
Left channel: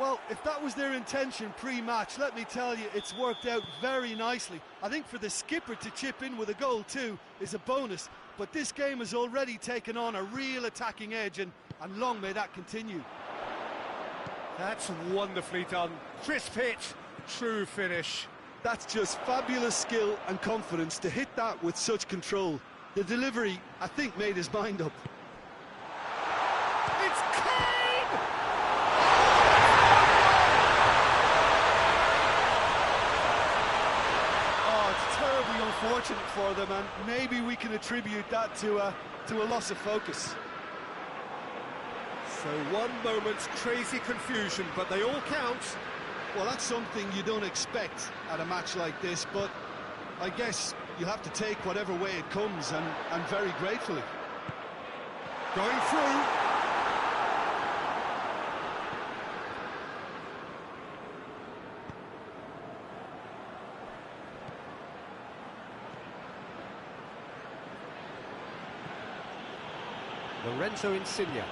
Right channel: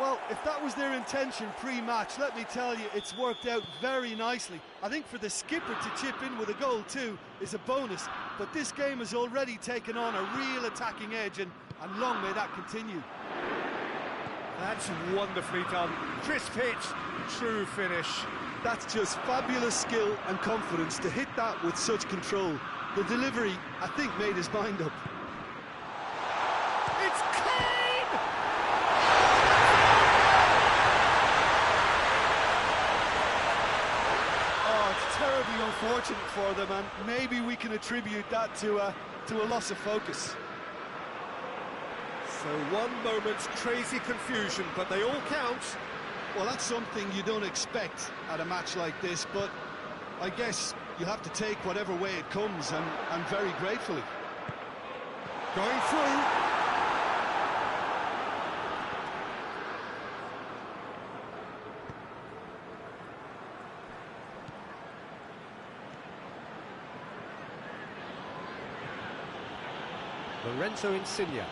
Well, if that was their intention pre-match, let me tell you, it's worked out very nicely. I think for the skipper to chip in with a goal too is a bonus, but this game has already taken on a real attacking edge, and long may that continue. That's wonderfully done. Crisp hit, true finish. That's just fabulous skill and confidence to hit that with such control. The delivery, I think, made his mind up. It's Kane! Oh, it's terribly unfortunate for them, and maybe we can attribute that to a loss of focus. So one moment's crazy confusion, but they all count. Well, that's something you don't expect at a match like this, but I guess you have to take whatever way it comes, and very gratefully. Going through. Lorenzo Insigne.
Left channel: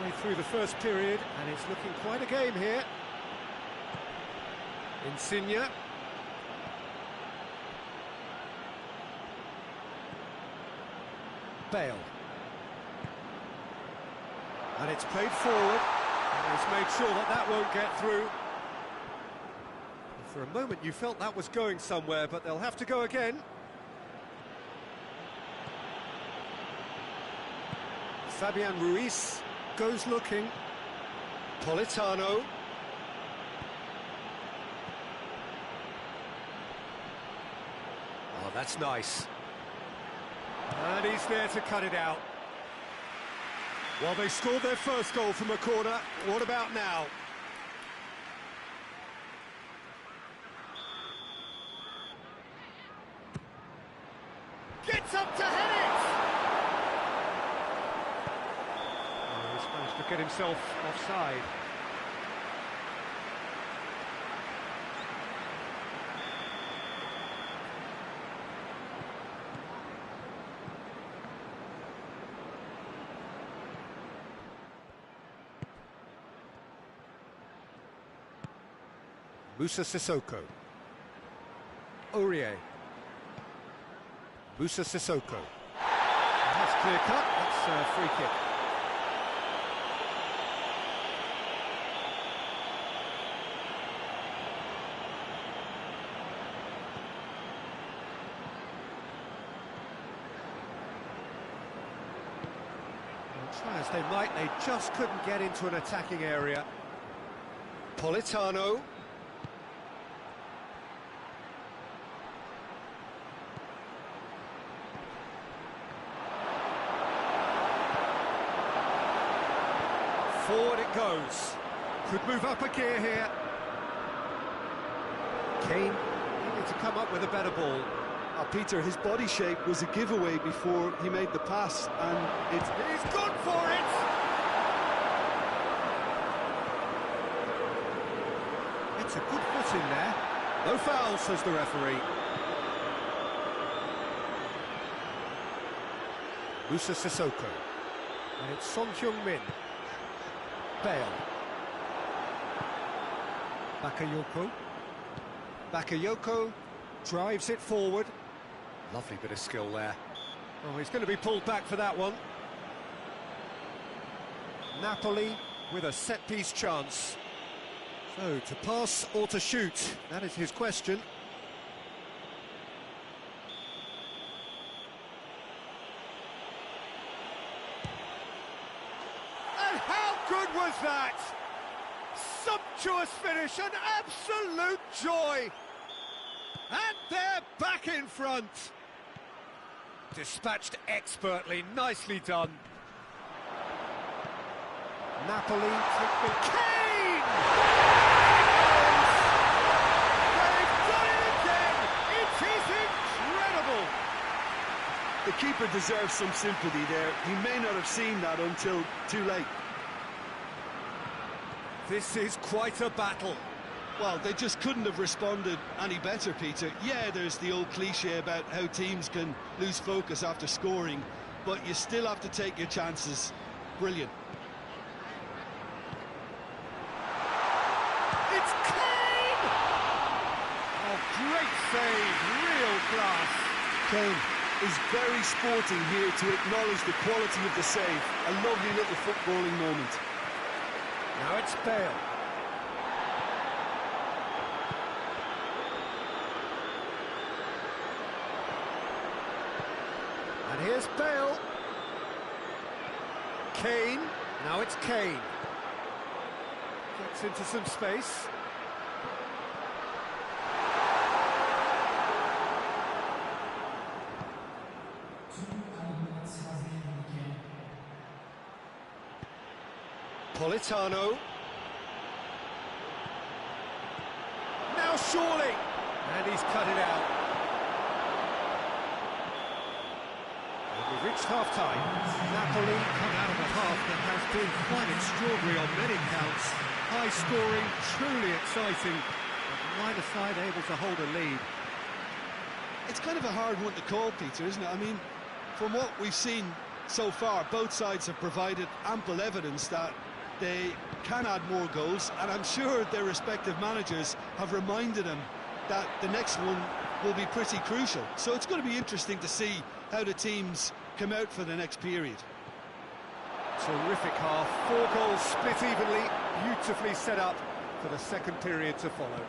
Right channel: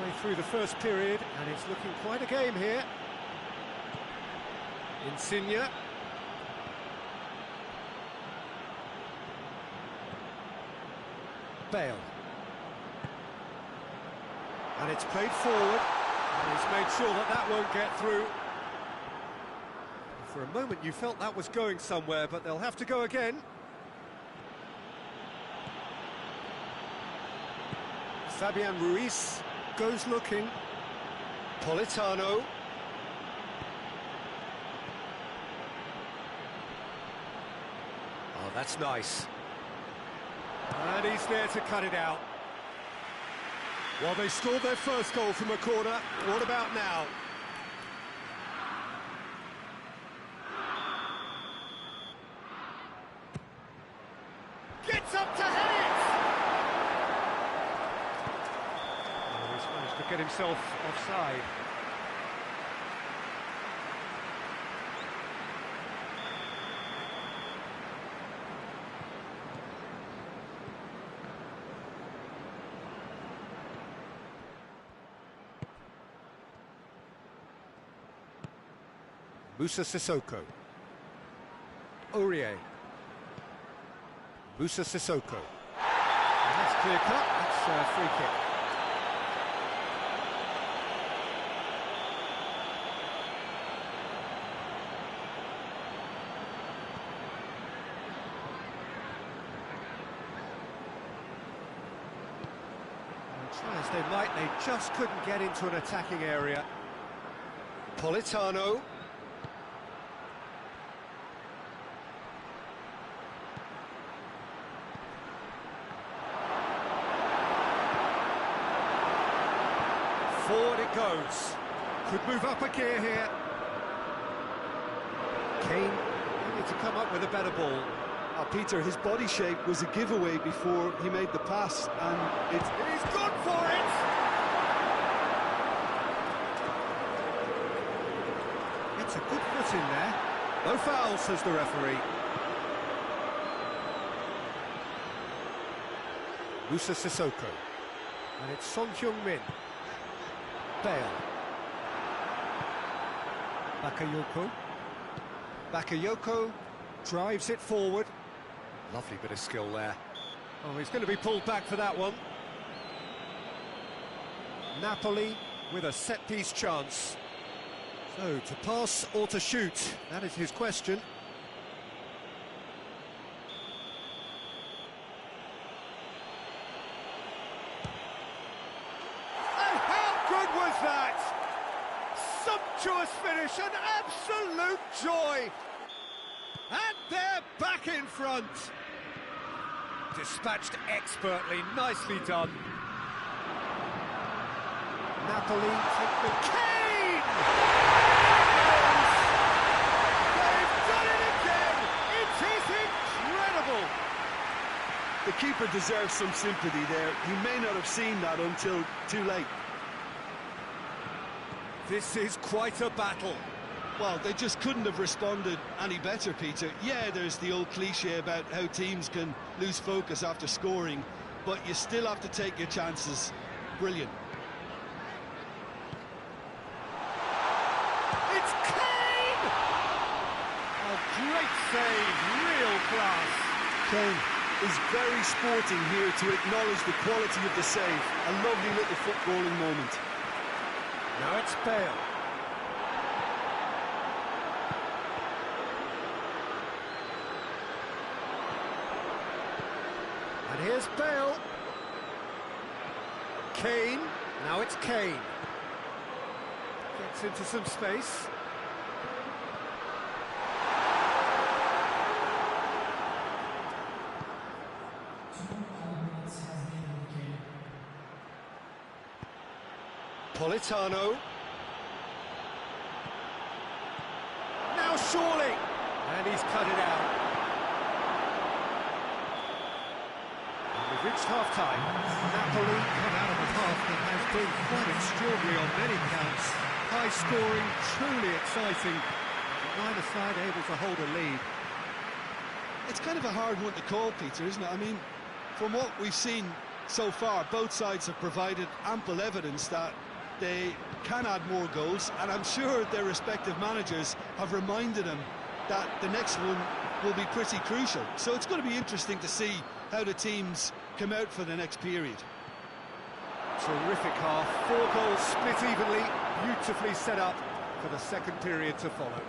Midway through the first period, and it's looking quite a game here. Insigne. Bale. And it's played forward, and he's made sure that that won't get through. For a moment you felt that was going somewhere, but they'll have to go again. Fabian Ruiz goes looking. Politano. Oh, that's nice. And he's there to cut it out. Well, they scored their first goal from a corner. What about now? Gets up to head it! Oh, he's managed to get himself offside. Moussa Sissoko. Aurier. Moussa Sissoko. And that's clear cut, that's a free kick. Well, try as they might, they just couldn't get into an attacking area. Politano. Forward it goes. Could move up a gear here. Kane needed to come up with a better ball. Peter, his body shape was a giveaway before he made the pass, and he's gone for it! It's a good foot in there. No foul, says the referee. Musa Sissoko. And it's Son Heung-min. Bale. Bakayoko. Bakayoko drives it forward. Lovely bit of skill there. Oh, he's going to be pulled back for that one. Napoli with a set-piece chance. So, to pass or to shoot? That is his question. And how good was that? Sumptuous finish, an absolute joy. And they're back in front. Dispatched expertly, nicely done. Napoli take the... Kane! They've done it again! It is incredible! The keeper deserves some sympathy there. He may not have seen that until too late. This is quite a battle. Well, they just couldn't have responded any better, Peter. Yeah, there's the old cliche about how teams can lose focus after scoring, but you still have to take your chances. Brilliant. It's Kane! Oh, great save, real class. Kane is very sporting here to acknowledge the quality of the save. A lovely little footballing moment. Now it's Bale. And here's Bale. Kane. Now it's Kane. Gets into some space. Politano. Now surely. And he's cut it out. And we've reached half-time. Napoli come out of a half that has been quite extraordinary on many counts. High scoring, truly exciting, but neither side able to hold a lead. It's kind of a hard one to call, Peter, isn't it? I mean, from what we've seen so far, both sides have provided ample evidence that they can add more goals, and I'm sure their respective managers have reminded them that the next one will be pretty crucial. So it's going to be interesting to see how the teams come out for the next period. Terrific half, 4 goals split evenly, beautifully set up for the second period to follow.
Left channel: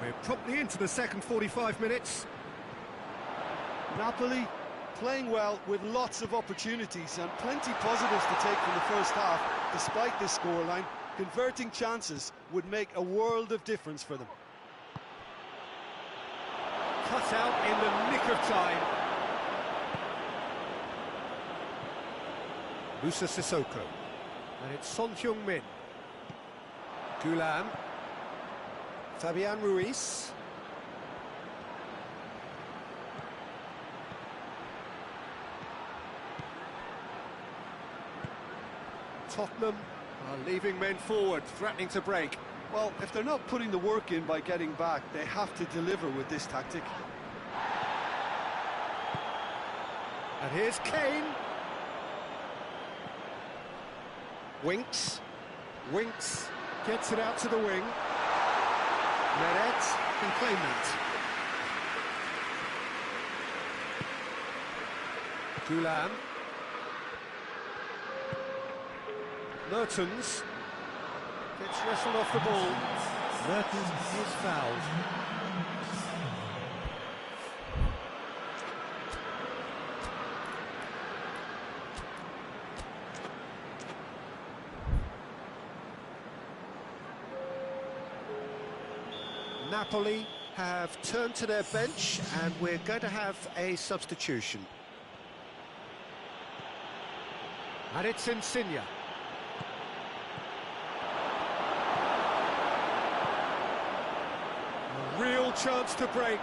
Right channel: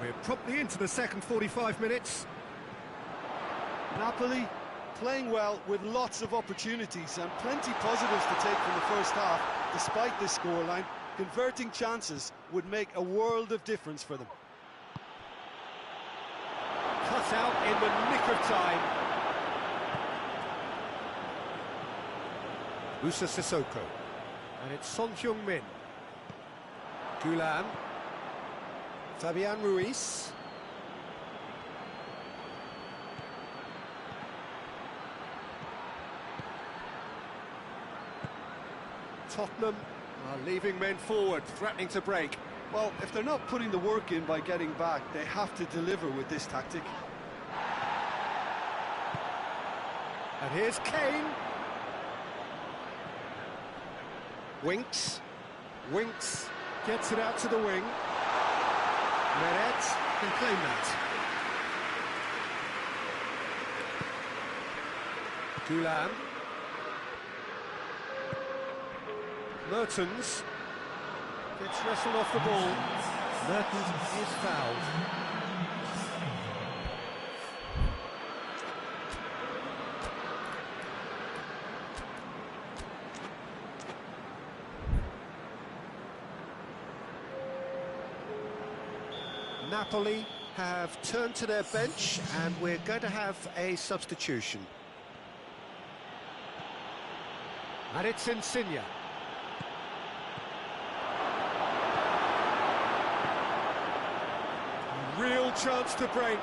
We're promptly into the second 45 minutes. Napoli playing well with lots of opportunities and plenty positives to take from the first half. Despite this scoreline, converting chances would make a world of difference for them. Cut out in the nick of time. Musa Sissoko. And it's Son Heung-min. Gulan. Fabian Ruiz. Tottenham are leaving men forward, threatening to break. Well, if they're not putting the work in by getting back, they have to deliver with this tactic. And here's Kane. Winks. Winks gets it out to the wing. Meret can claim that. Gulan. Mertens gets wrestled off the ball. Mertens is fouled. Napoli have turned to their bench and we're going to have a substitution. And it's Insigne. A real chance to break.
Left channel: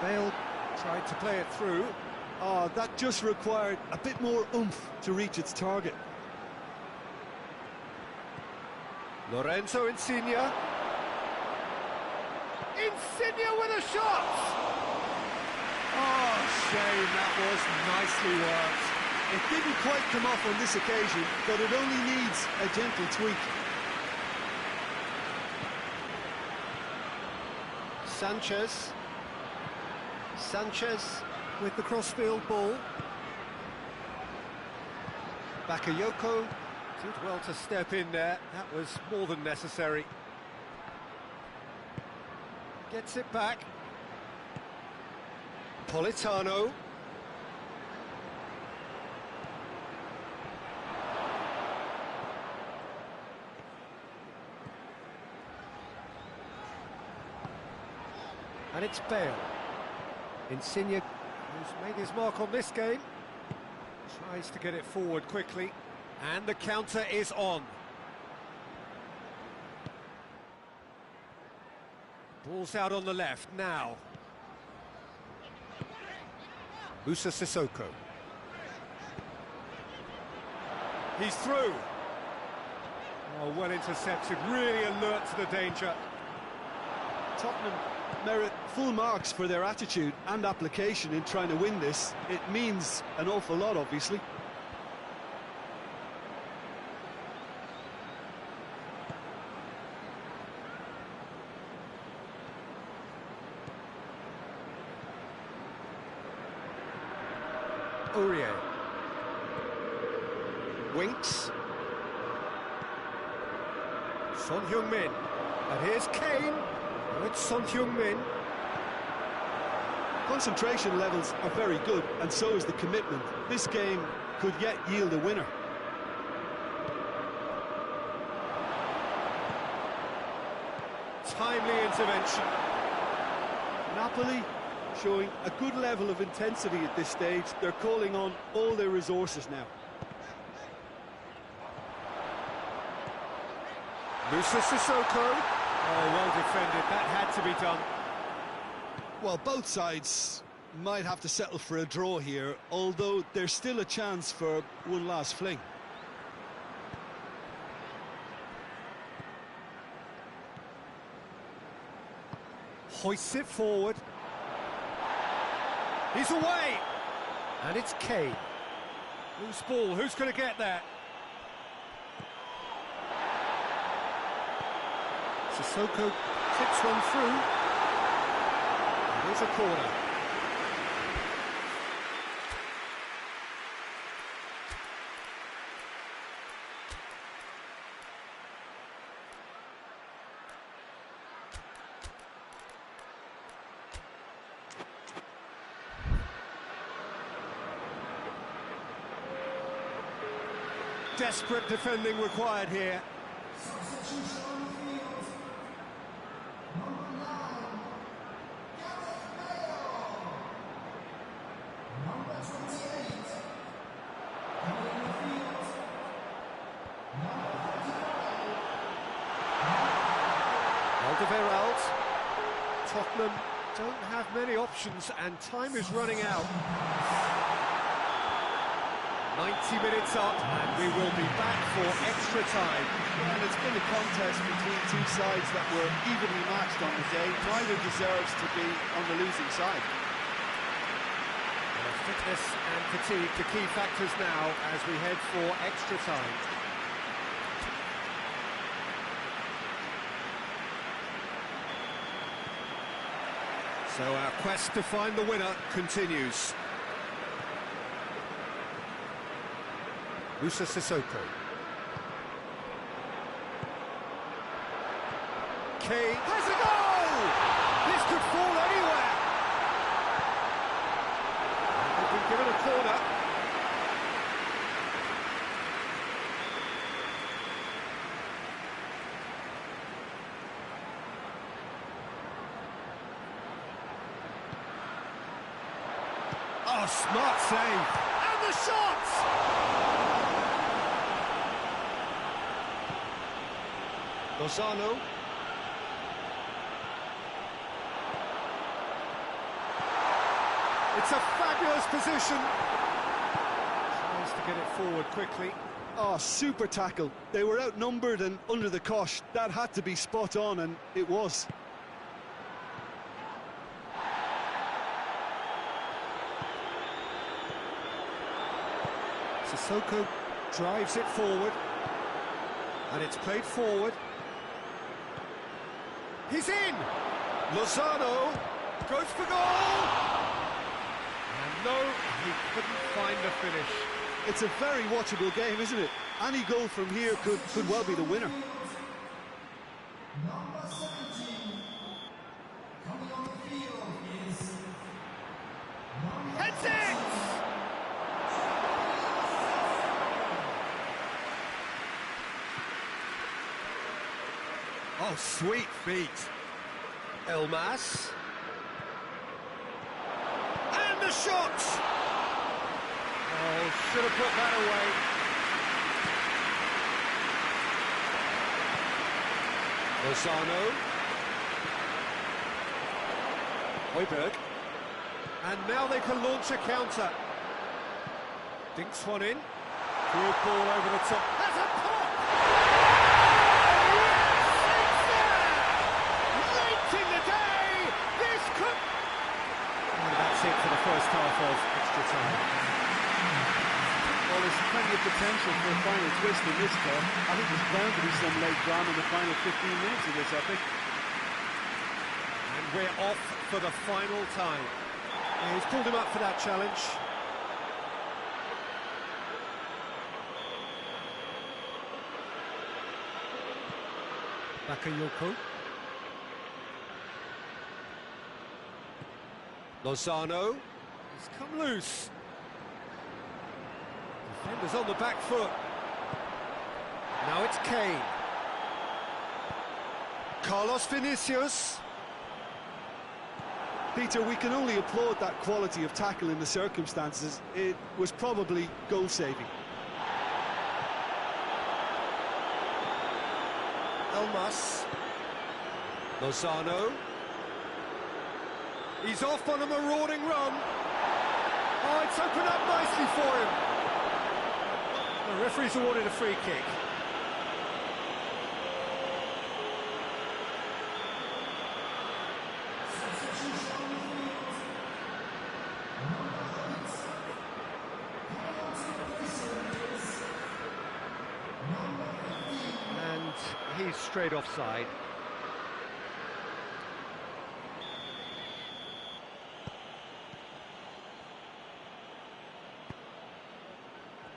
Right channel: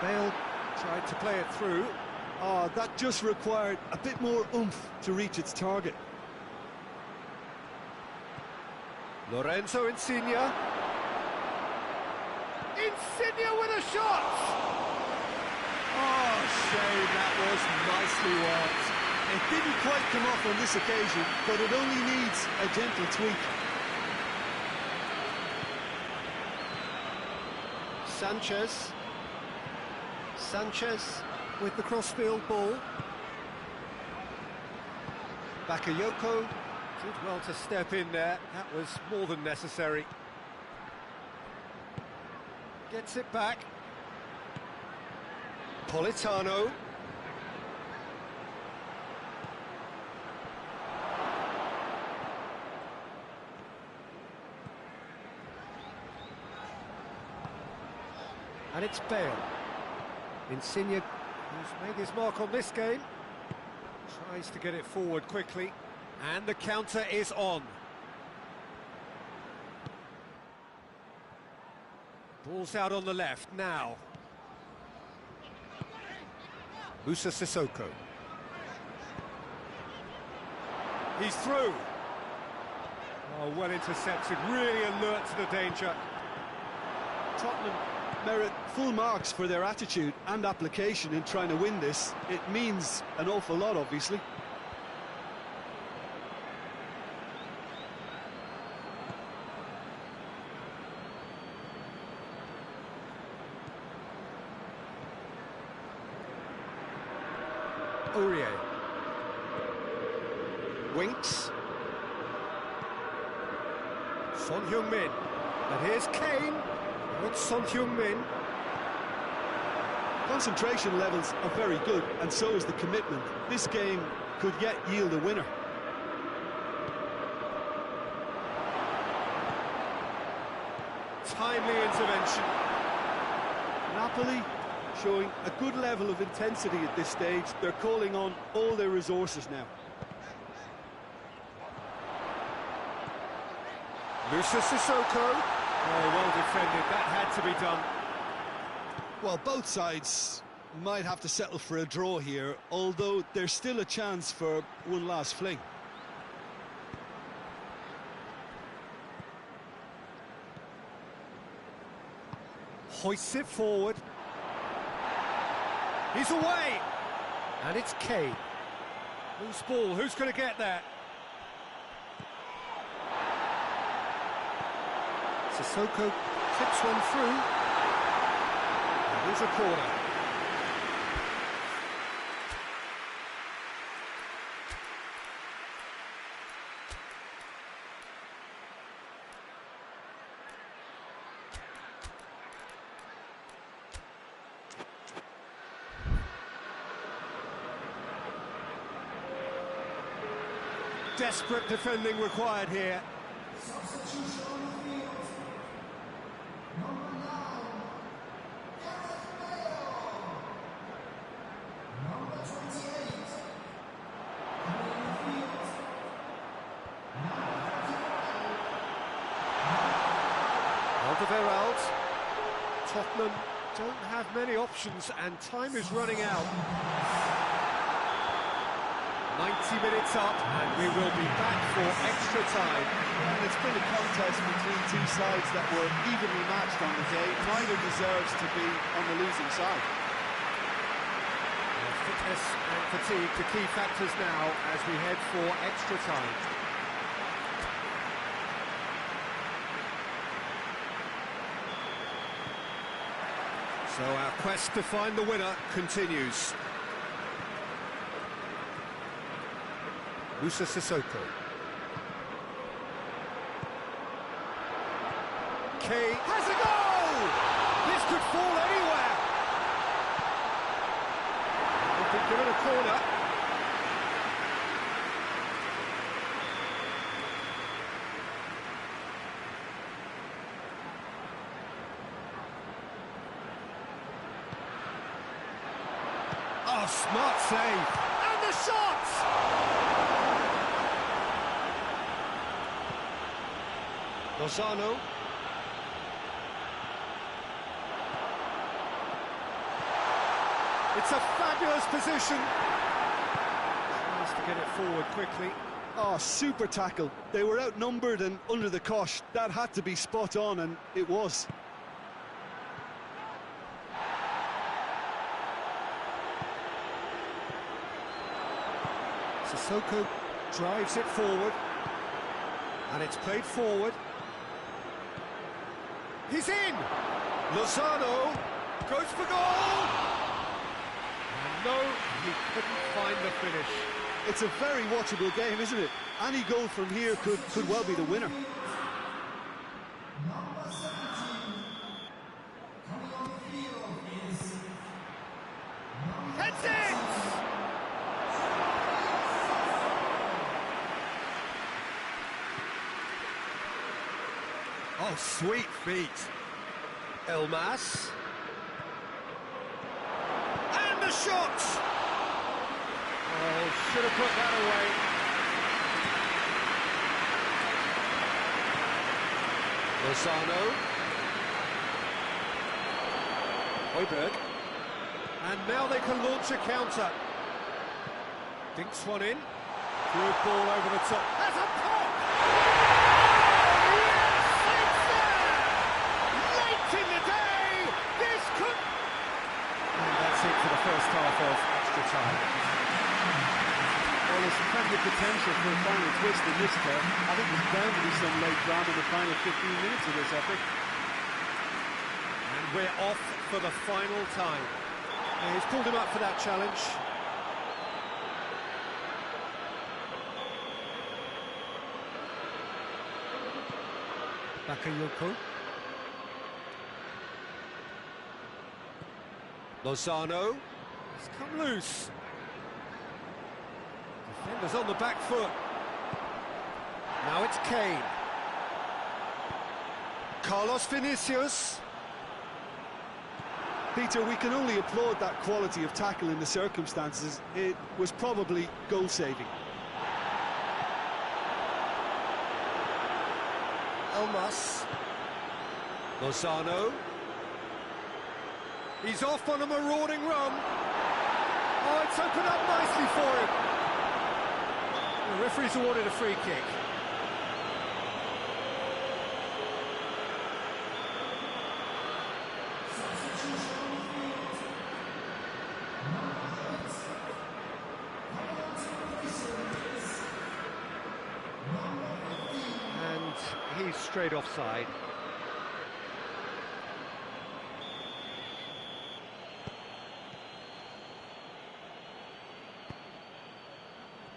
Bale tried to play it through. Oh, that just required a bit more oomph to reach its target. Lorenzo Insigne. Insigne with a shot! Oh, shame, that was nicely worked. It didn't quite come off on this occasion, but it only needs a gentle tweak. Sanchez with the crossfield ball. Bakayoko did well to step in there. That was more than necessary. Gets it back. Politano. And it's Bale. Insigne, who's made his mark on this game, tries to get it forward quickly. And the counter is on. Ball's out on the left now. Musa Sissoko. He's through. Oh, well intercepted, really alert to the danger. Tottenham merit full marks for their attitude and application in trying to win this. It means an awful lot, obviously. Aurier. Winks. Son Heung-min. And here's Kane. It's Son Heung-min. Concentration levels are very good, and so is the commitment. This game could yet yield a winner. Timely intervention. Napoli showing a good level of intensity at this stage. They're calling on all their resources now. Musa Sissoko. Oh, well defended. That had to be done. Well, both sides might have to settle for a draw here, although there's still a chance for one last fling. Hoists it forward. He's away! And it's Kane. Loose ball, who's going to get that? Sissoko tips one through. It is a corner. Desperate defending required here. Alderweireld. Tottenham don't have many options and time is running out. 90 minutes up and we will be back for extra time. Yeah, and it's been a contest between two sides that were evenly matched on the day. Neither deserves to be on the losing side. Fitness and fatigue, the key factors now as we head for extra time. So our quest to find the winner continues. Musa Sissoko. Kane has a goal! This could fall anywhere! They've been given a corner. Oh, smart save! And the shot! Lozano. It's a fabulous position. Tries to get it forward quickly. Oh, super tackle. They were outnumbered and under the cosh. That had to be spot on, and it was. Sissoko drives it forward, and it's played forward. He's in! Lozano goes for goal! And no, he couldn't find the finish. It's a very watchable game, isn't it? Any goal from here could well be the winner. Heads it! Oh, sweet feet. Elmas. And the shot! Oh, should have put that away. Lozano. Højbjerg. And now they can launch a counter. Dinks one in. Good ball over the top. Has a pop! Oh, yes! It's there! Late in the day! This could... And that's it for the first half of extra time. Well, there's plenty of potential for a final twist in this turf. I think there's bound to be some late drama in the final 15 minutes of this epic. And we're off for the final time. Yeah, he's pulled him up for that challenge. Bakayoko. Lozano. He's come loose. Defenders on the back foot. Now it's Kane. Carlos Vinicius. Peter, we can only applaud that quality of tackle in the circumstances. It was probably goal-saving. Elmas. Lozano. He's off on a marauding run. Oh, it's opened up nicely for him. The referee's awarded a free kick. And he's straight offside.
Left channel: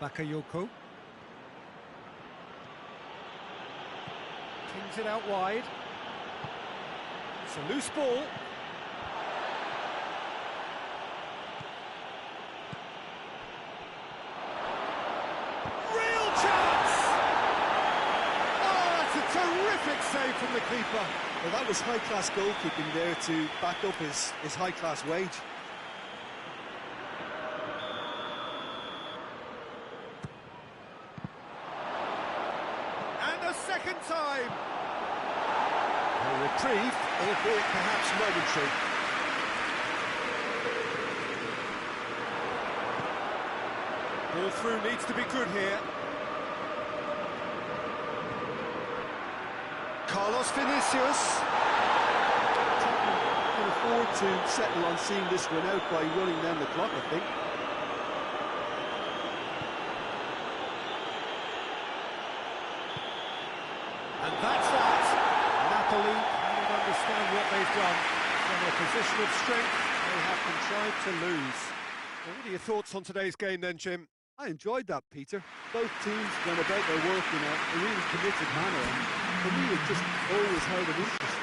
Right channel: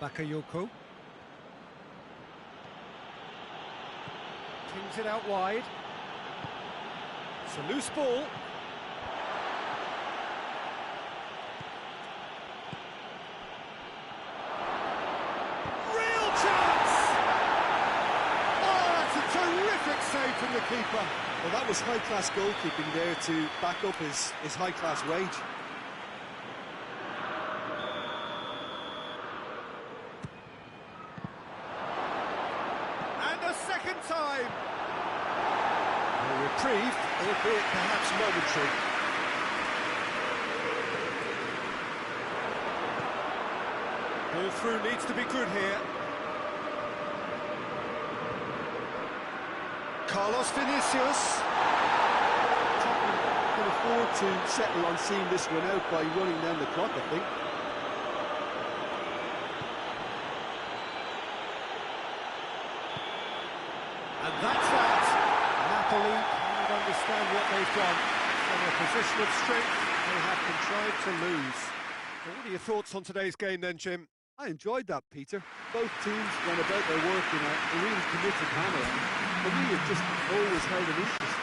Bakayoko. Kings it out wide. It's a loose ball. Real chance! Oh, that's a terrific save from the keeper. Well, that was high-class goalkeeping there to back up his high-class wage. And a second time. A reprieve, albeit perhaps momentary. Ball through needs to be good here. Carlos Vinicius. Tottenham can afford to settle on seeing this one out by running down the clock, I think. And that's that. Napoli cannot understand what they've done. From a position of strength, they have contrived to lose. Well, what are your thoughts on today's game then, Jim? I enjoyed that, Peter. Both teams went about their work in a really committed manner, and for me it just always held an interest.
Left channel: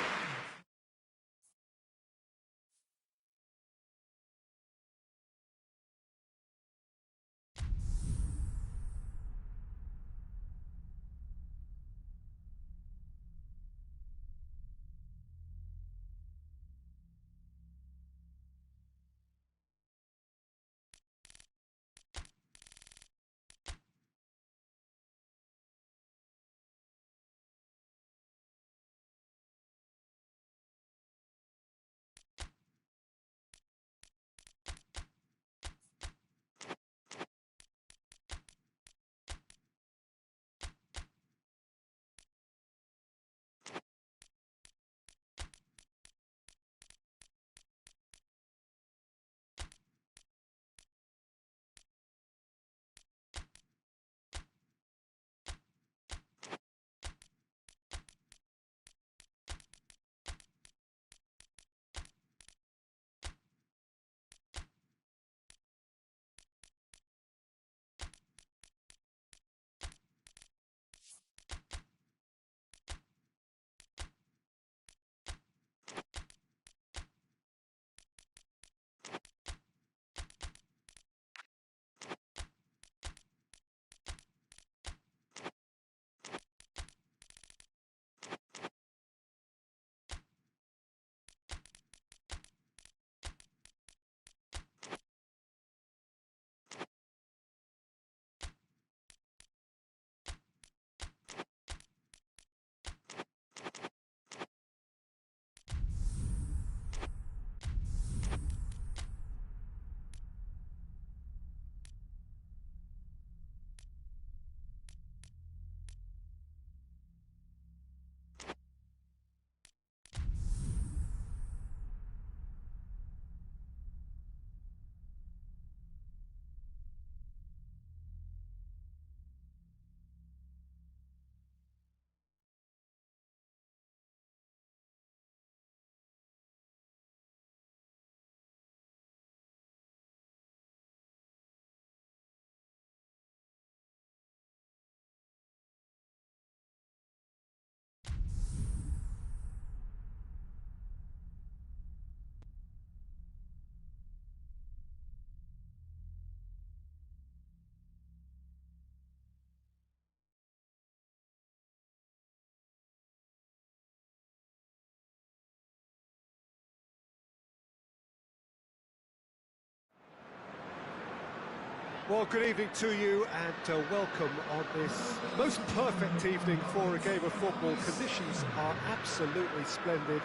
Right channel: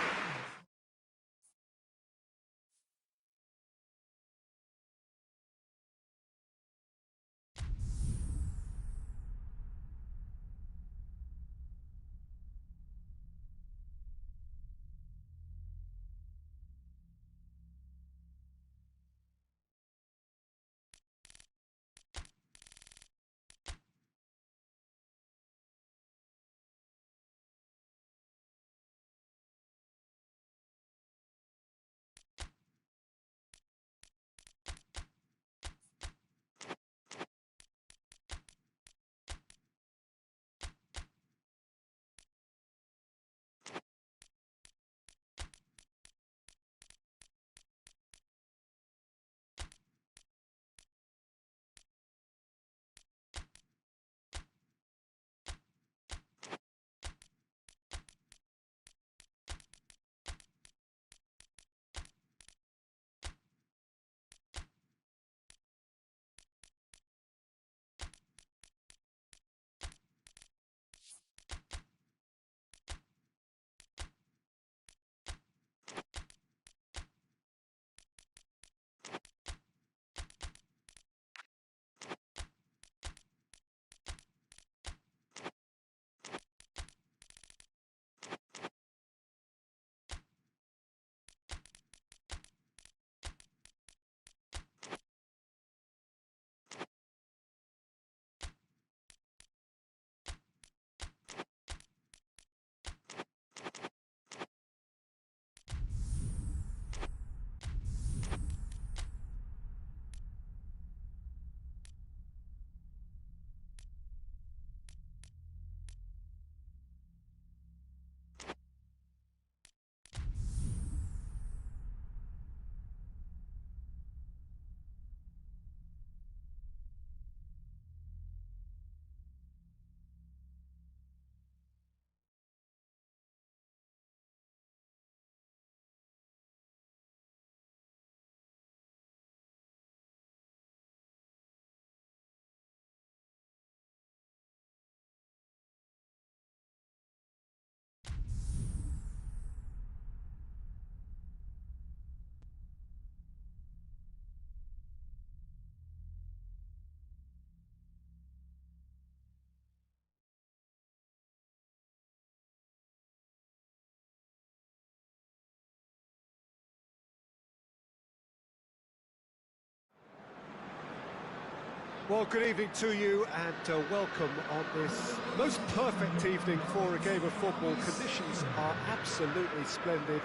Well, good evening to you and welcome on this most perfect evening for a game of football. Conditions are absolutely splendid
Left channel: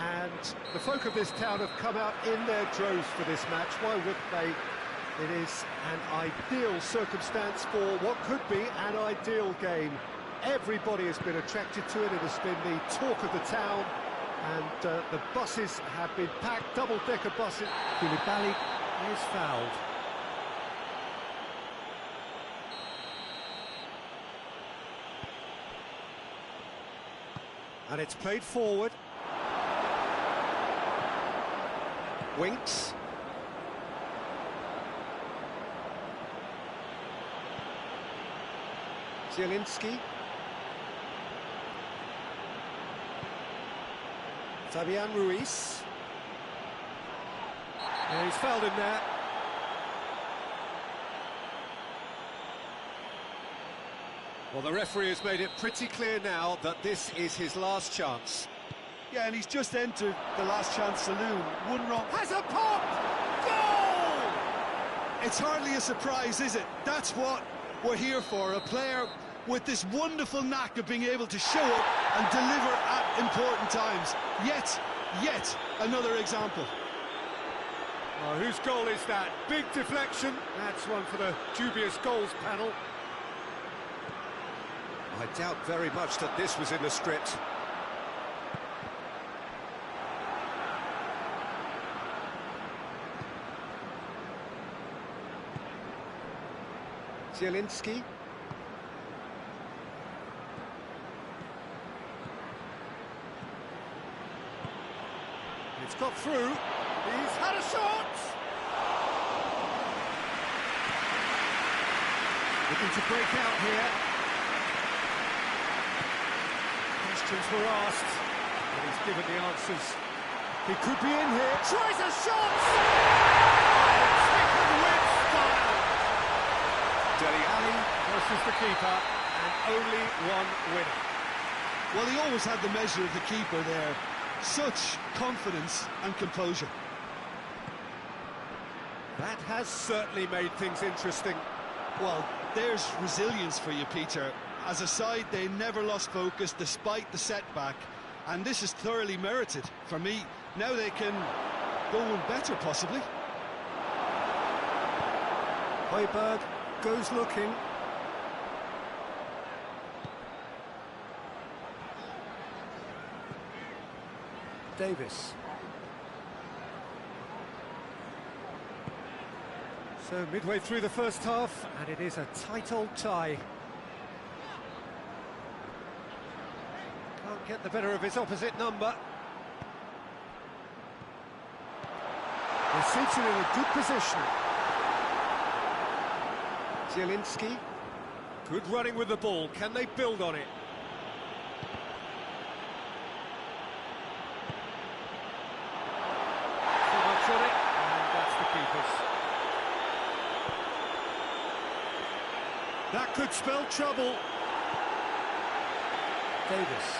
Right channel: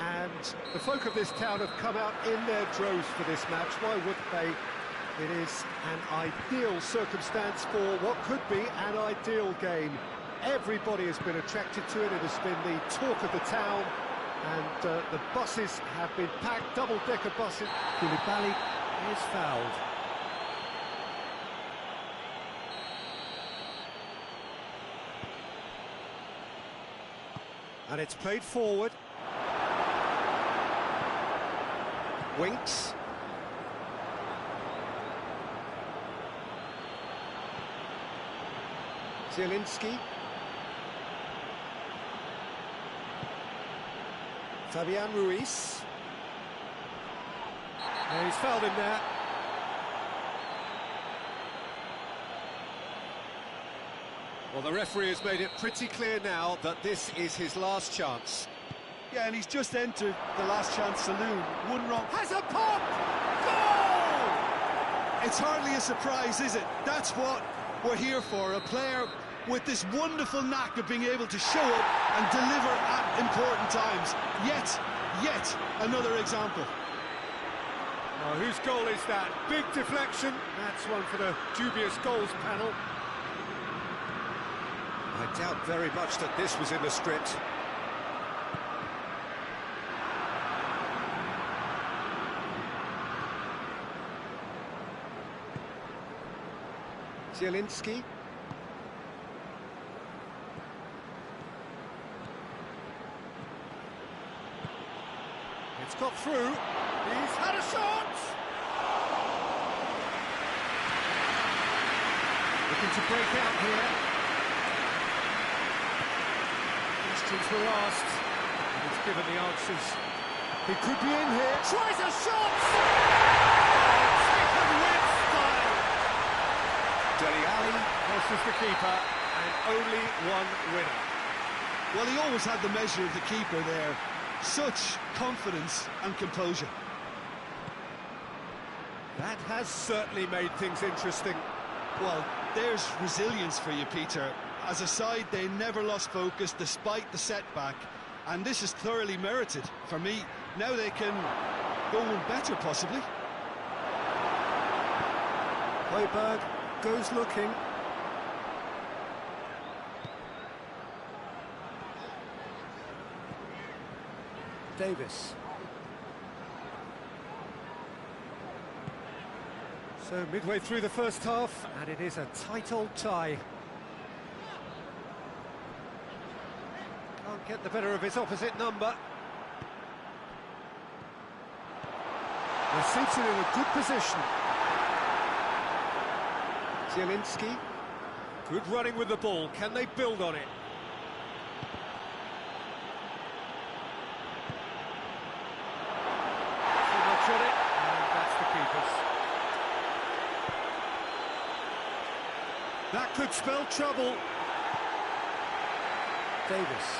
and the folk of this town have come out in their droves for this match. Why wouldn't they? It is an ideal circumstance for what could be an ideal game. Everybody has been attracted to it. It has been the talk of the town and the buses have been packed, double-decker buses. Koulibaly is fouled. And it's played forward. Winks. Zielinski. Fabian Ruiz. Yeah, he's fouled him there. Well, the referee has made it pretty clear now that this is his last chance. Yeah, and he's just entered the last chance saloon. One wrong. Has a pop! Goal! It's hardly a surprise, is it? That's what we're here for. A player with this wonderful knack of being able to show up and deliver at important times. Yet another example. Oh, whose goal is that? Big deflection. That's one for the dubious goals panel. I doubt very much that this was in the script. Zielinski. It's got through. He's had a shot! Looking to break out here. Questions were asked, and he's given the answers. He could be in here. Tries a shot! Oh, chicken win style! Dele Alli versus the keeper, and only one winner. Well, he always had the measure of the keeper there. Such confidence and composure. That has certainly made things interesting. Well, there's resilience for you, Peter. As a side, they never lost focus despite the setback, and this is thoroughly merited. For me, now they can go one better, possibly. Højbjerg goes looking. Davis. So midway through the first half, and it is a tight old tie. Can't get the better of his opposite number. They're seated in a good position. Zielinski. Good running with the ball. Can they build on it? Too much on it, and that's the keeper's. That could spell trouble. Davis.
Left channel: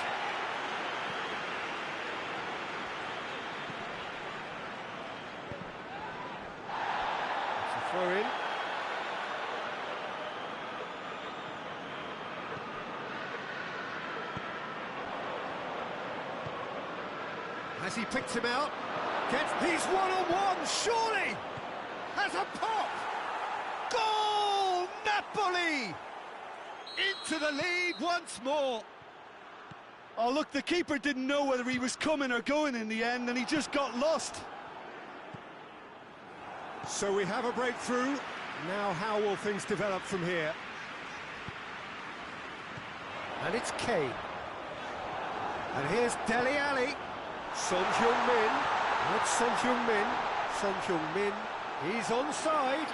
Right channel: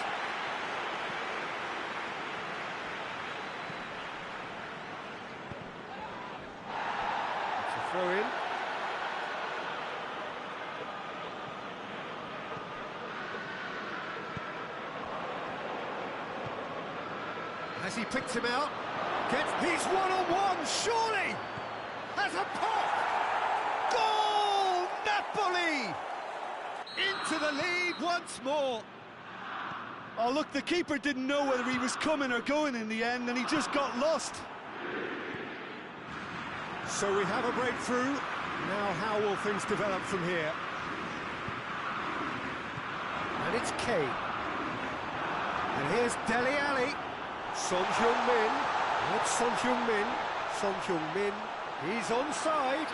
It's a throw in. Has he picked him out? He's one-on-one, surely! Has a pop! Goal! Napoli! Into the lead once more. Oh, look, the keeper didn't know whether he was coming or going in the end, and he just got lost. So we have a breakthrough. Now how will things develop from here? And it's Kane. And here's Dele Alli. Son Heung-min. Not Son Heung-min. Son Heung-min. He's onside.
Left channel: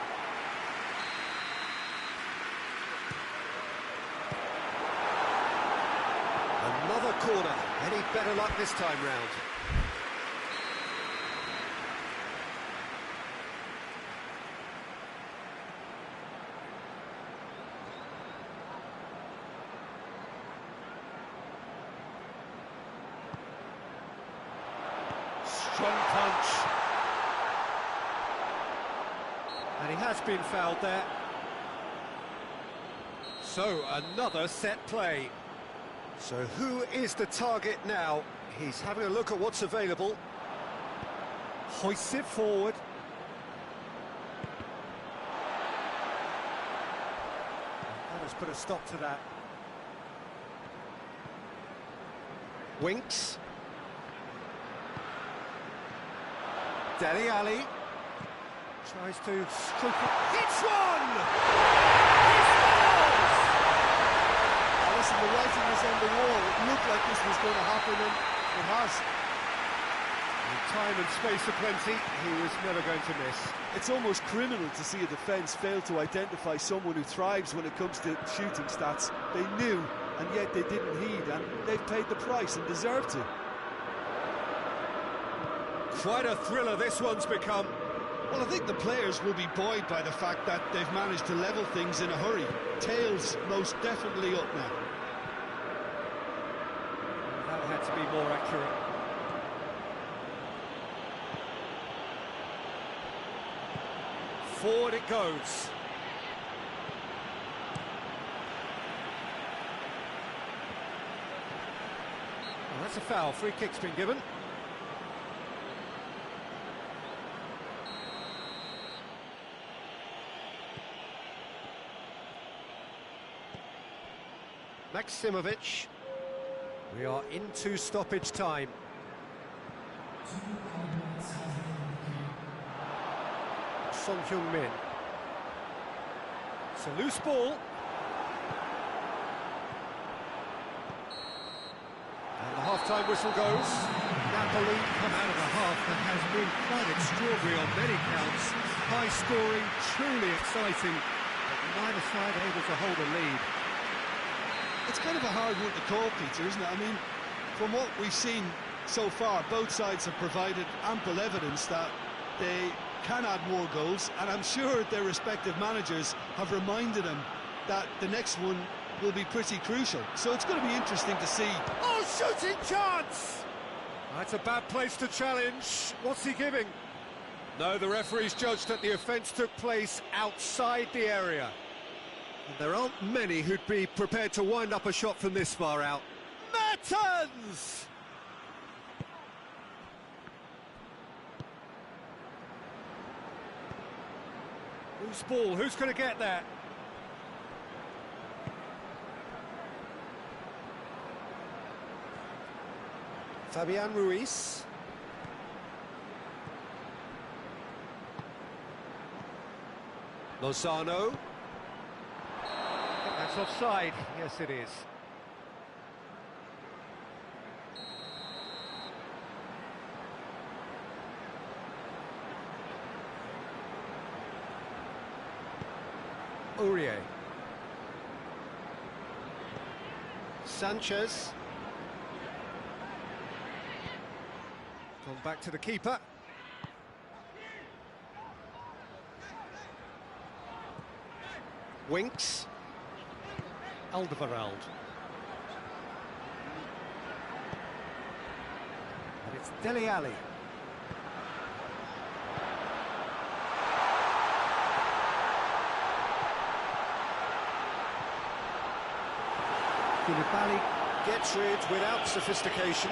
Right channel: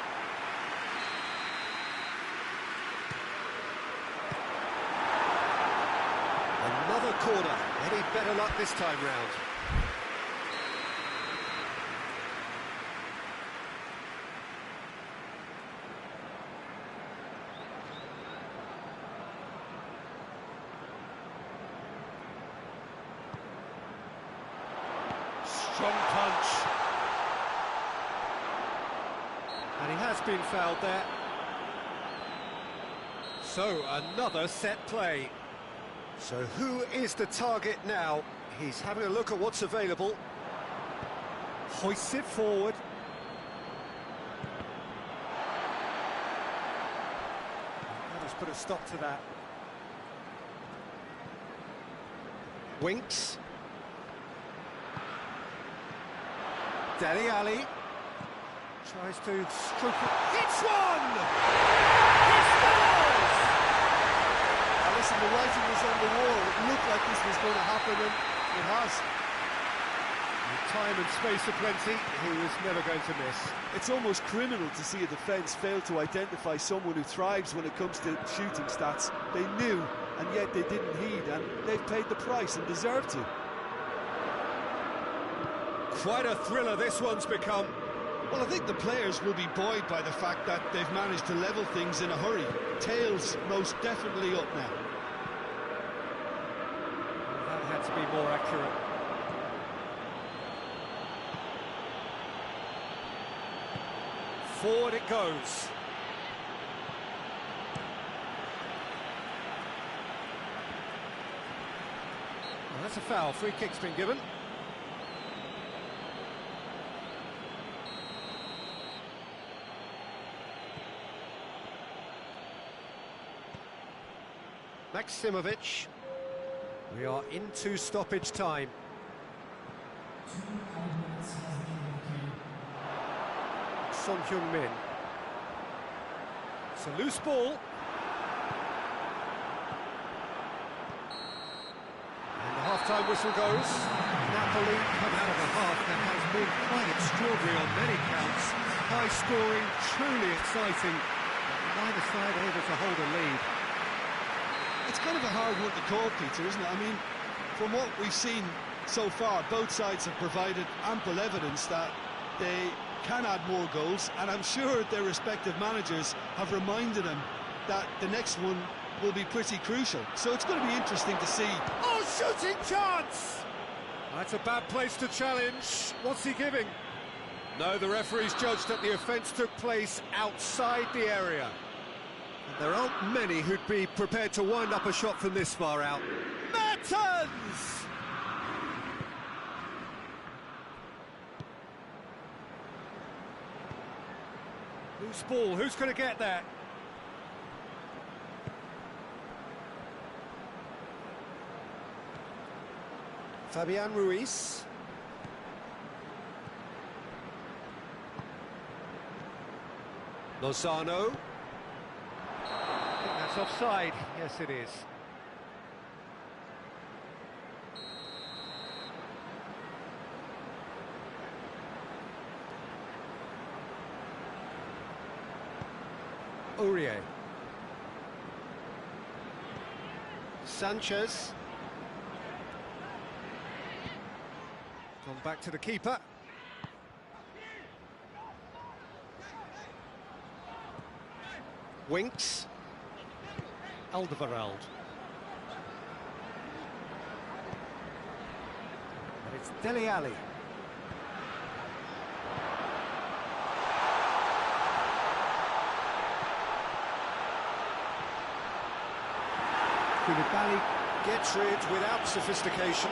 Another corner. Any better luck this time round? Strong punch. And he has been fouled there. So, another set play. So who is the target now? He's having a look at what's available. Hoists it forward. That has put a stop to that. Winks. Dele Alli. Tries to stroke it. Hits one! He scores! Now listen, the writing was on the wall. It looked like this was going to happen, and it has. With time and space aplenty, he was never going to miss. It's almost criminal to see a defence fail to identify someone who thrives when it comes to shooting stats. They knew, and yet they didn't heed, and they've paid the price and deserve to. Quite a thriller this one's become. Well, I think the players will be buoyed by the fact that they've managed to level things in a hurry. Tails most definitely up now. Well, that had to be more accurate. Forward it goes. Well, that's a foul. Free kick's been given. Maximovic. We are into stoppage time. Son Heung-min. It's a loose ball. And the half-time whistle goes. Napoli come out of a half that has been quite extraordinary on many counts. High scoring, truly exciting, but neither side able to hold a lead. It's kind of a hard one to call, Peter, isn't it? I mean, from what we've seen so far, both sides have provided ample evidence that they can add more goals, and I'm sure their respective managers have reminded them that the next one will be pretty crucial. So it's going to be interesting to see. Oh, shooting chance! That's a bad place to challenge. What's he giving? No, the referee's judged that the offence took place outside the area. And there aren't many who'd be prepared to wind up a shot from this far out. Mertens! Loose ball, who's going to get that? Fabian Ruiz. Lozano. I think that's offside. Yes, it is. Aurier. Sanchez. Gone back to the keeper. Winks. Alderweireld. And it's Dele Alli. Koulibaly gets rid without sophistication.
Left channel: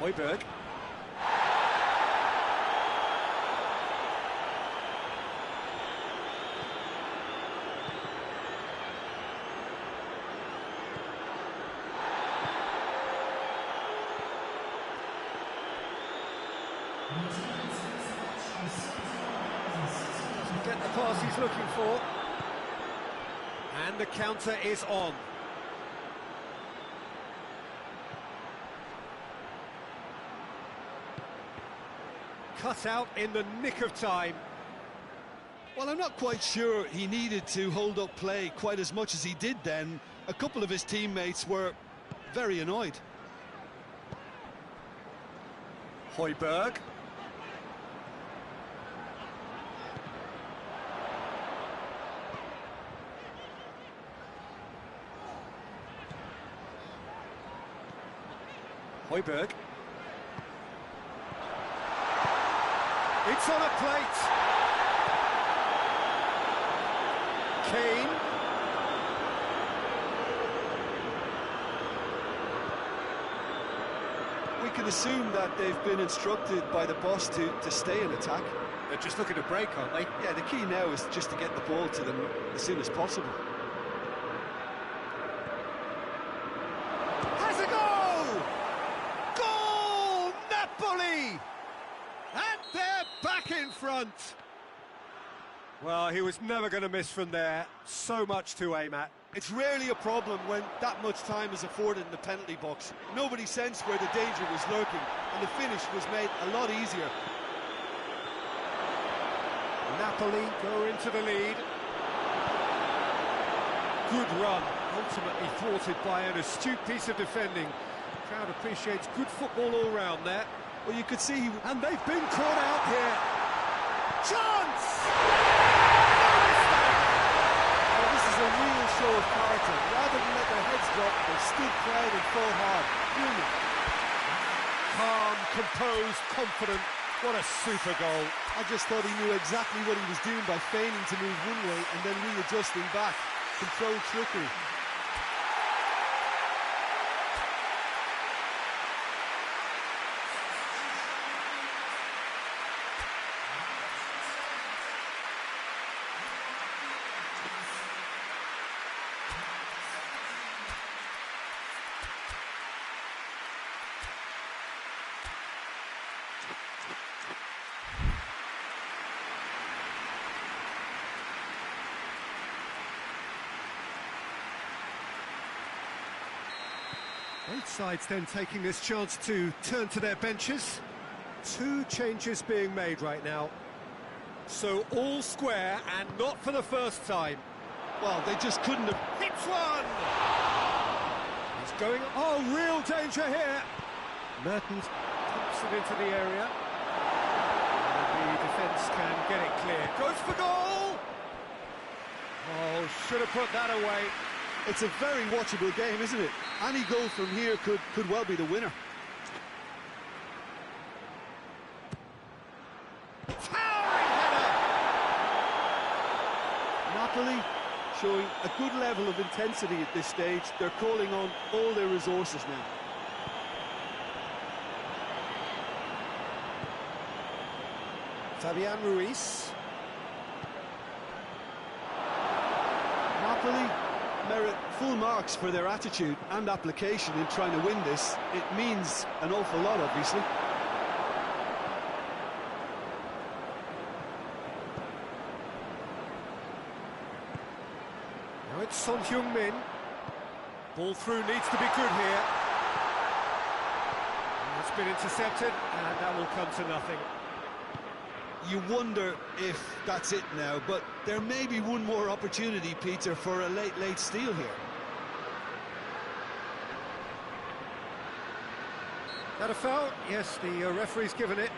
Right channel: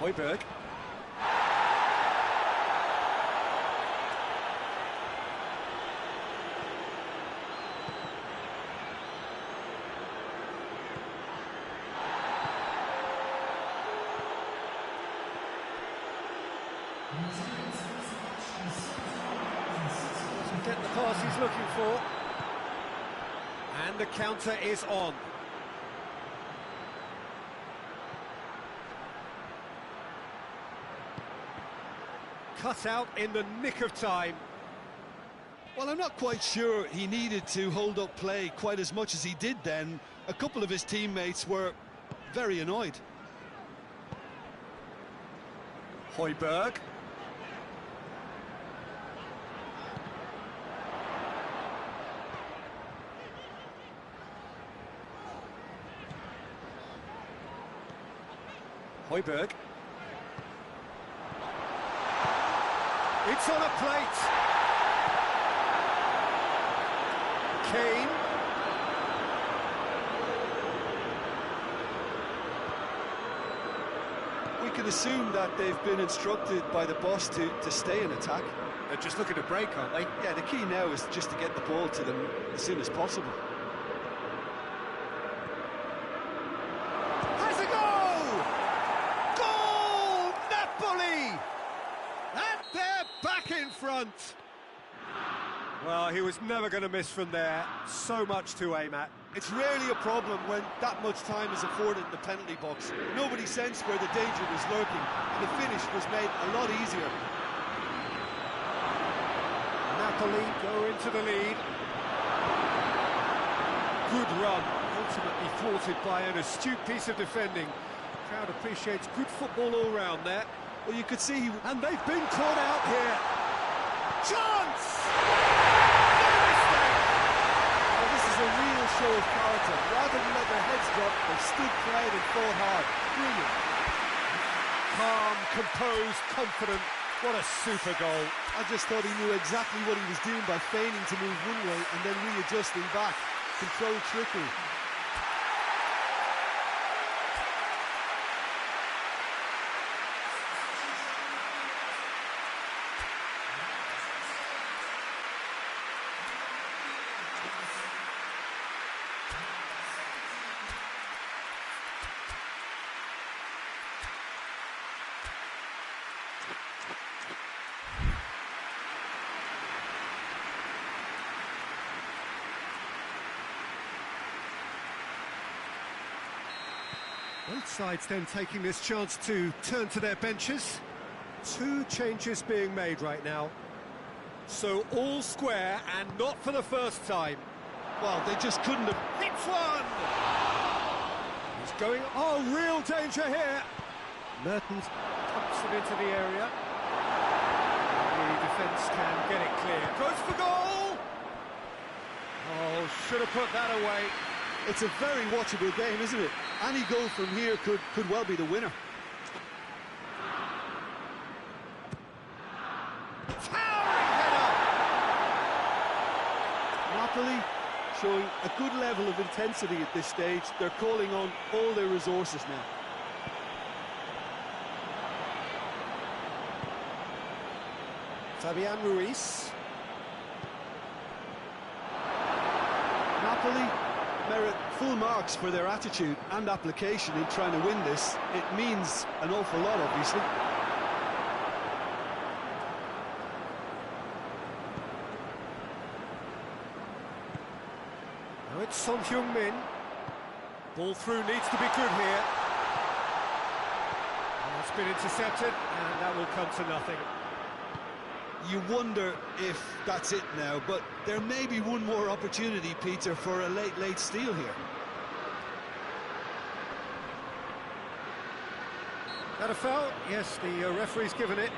Højbjerg. Doesn't get the pass he's looking for. And the counter is on. Cut out in the nick of time. Well, I'm not quite sure he needed to hold up play quite as much as he did then. A couple of his teammates were very annoyed. Højbjerg. Højbjerg. It's on a plate. Kane. We can assume that they've been instructed by the boss to stay in attack. They're just looking to break, aren't they? Yeah, the key now is just to get the ball to them as soon as possible. Has a goal! Goal! Napoli! And they're back in front. Well, he was never going to miss from there. So much to aim at. It's rarely a problem when that much time is afforded in the penalty box. Nobody sensed where the danger was lurking, and the finish was made a lot easier. Napoli go into the lead. Good run, ultimately thwarted by an astute piece of defending. Crowd appreciates good football all round there. Well, you could see... And they've been caught out here. Chance! No mistake! Oh, this is a real show of character. Rather than let their heads drop, they stood proud and fought hard. Brilliant. Calm, composed, confident. What a super goal. I just thought he knew exactly what he was doing by feigning to move one way and then readjusting back. Controlled trickery. Both sides then taking this chance to turn to their benches. Two changes being made right now. So all square and not for the first time. Well, they just couldn't have... Hits one! He's going... Oh, real danger here! Mertens pumps it into the area. And the defence can get it clear. Goes for goal! Oh, should have put that away. It's a very watchable game, isn't it? Any goal from here could well be the winner. Towering header! Napoli showing a good level of intensity at this stage. They're calling on all their resources now. Fabian Ruiz. Napoli merit full marks for their attitude and application in trying to win this. It means an awful lot, obviously. Now it's Son Heung-min. Ball through needs to be good here. And it's been intercepted, and that will come to nothing. You wonder if that's it now, but there may be one more opportunity, Peter, for a late steal here. That a foul? Yes, the referee's given it.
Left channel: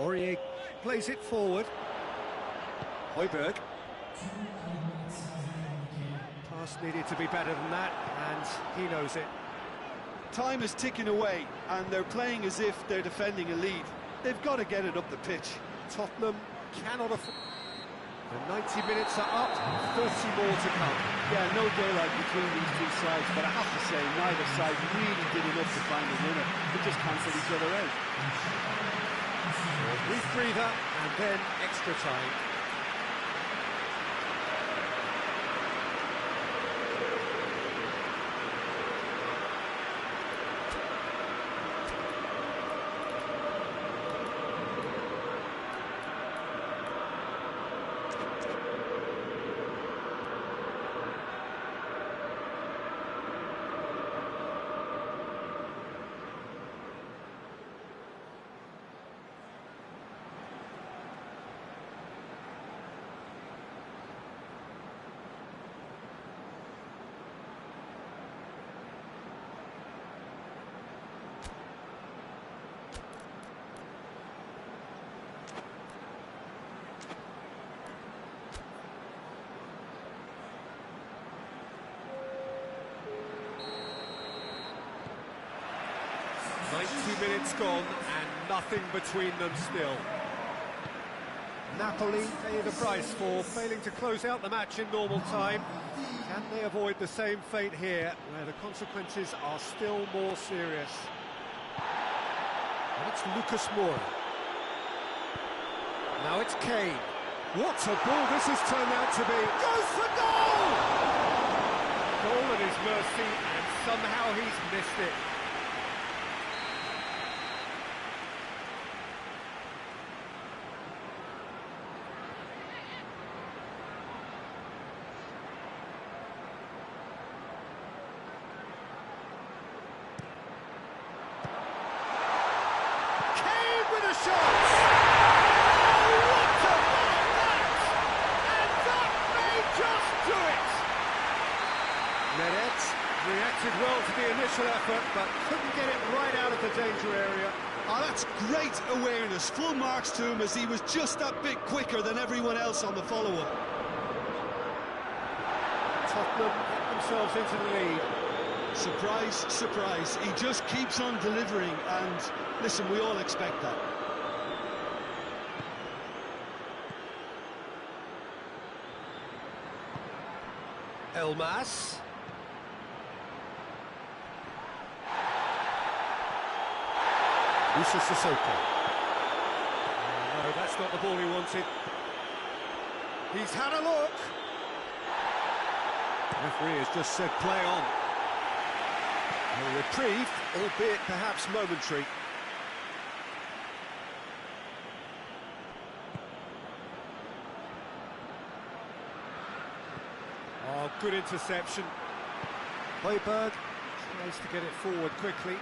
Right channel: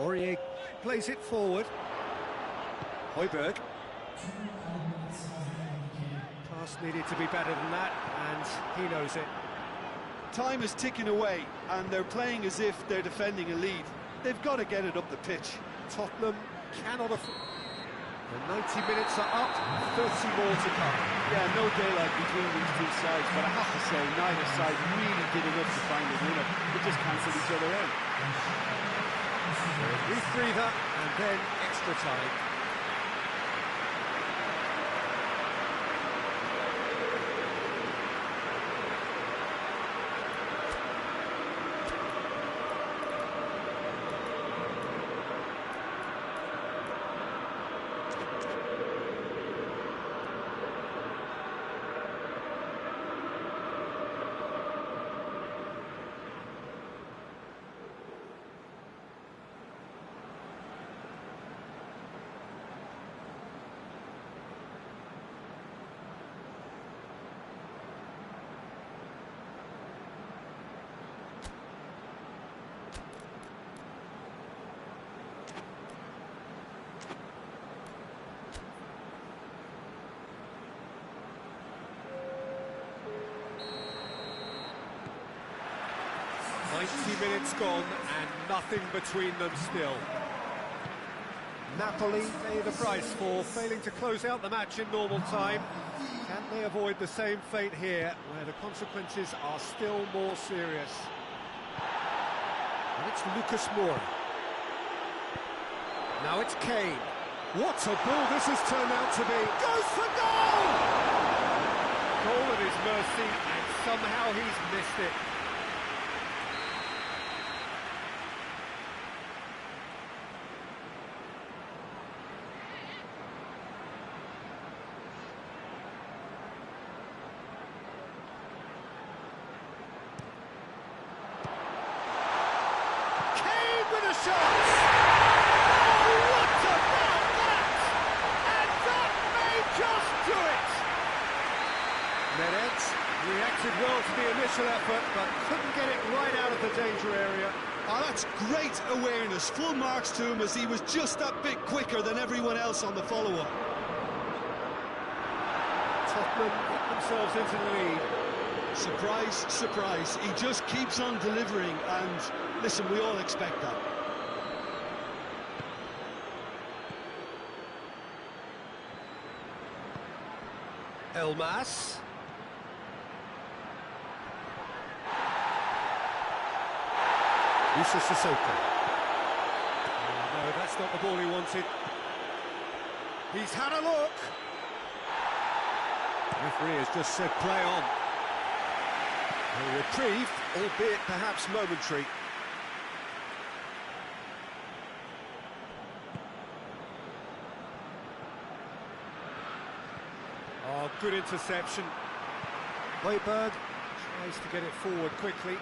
Aurier plays it forward. Højbjerg. Pass needed to be better than that, and he knows it. Time is ticking away, and they're playing as if they're defending a lead. They've got to get it up the pitch. Tottenham cannot afford... The 90 minutes are up, 30 more to come. Yeah, no daylight between these two sides, but I have to say, neither side really did enough to find a winner. They just cancelled each other out. So a brief breather, and then extra time. 90 minutes gone and nothing between them still. Napoli pay the price for failing to close out the match in normal time. Can they avoid the same fate here, where the consequences are still more serious? And it's Lucas Moura. Now it's Kane. What a ball this has turned out to be. Goes for goal! Goal at his mercy, and somehow he's missed it. Kane with a shot! Oh, what about that? And that may just do it! Meret reacted well to the initial effort, but couldn't get it right out of the danger area. Oh, that's great awareness. Full marks to him, as he was just that bit quicker than everyone else on the follow-up. Tottenham get themselves into the lead. Surprise, surprise. He just keeps on delivering, and listen, we all expect that. Elmas. Musa Sissoko. Oh, no, that's not the ball he wanted. He's had a look. Referee has just said play on. A reprieve, albeit perhaps momentary. Oh, good interception. Højbjerg tries to get it forward quickly.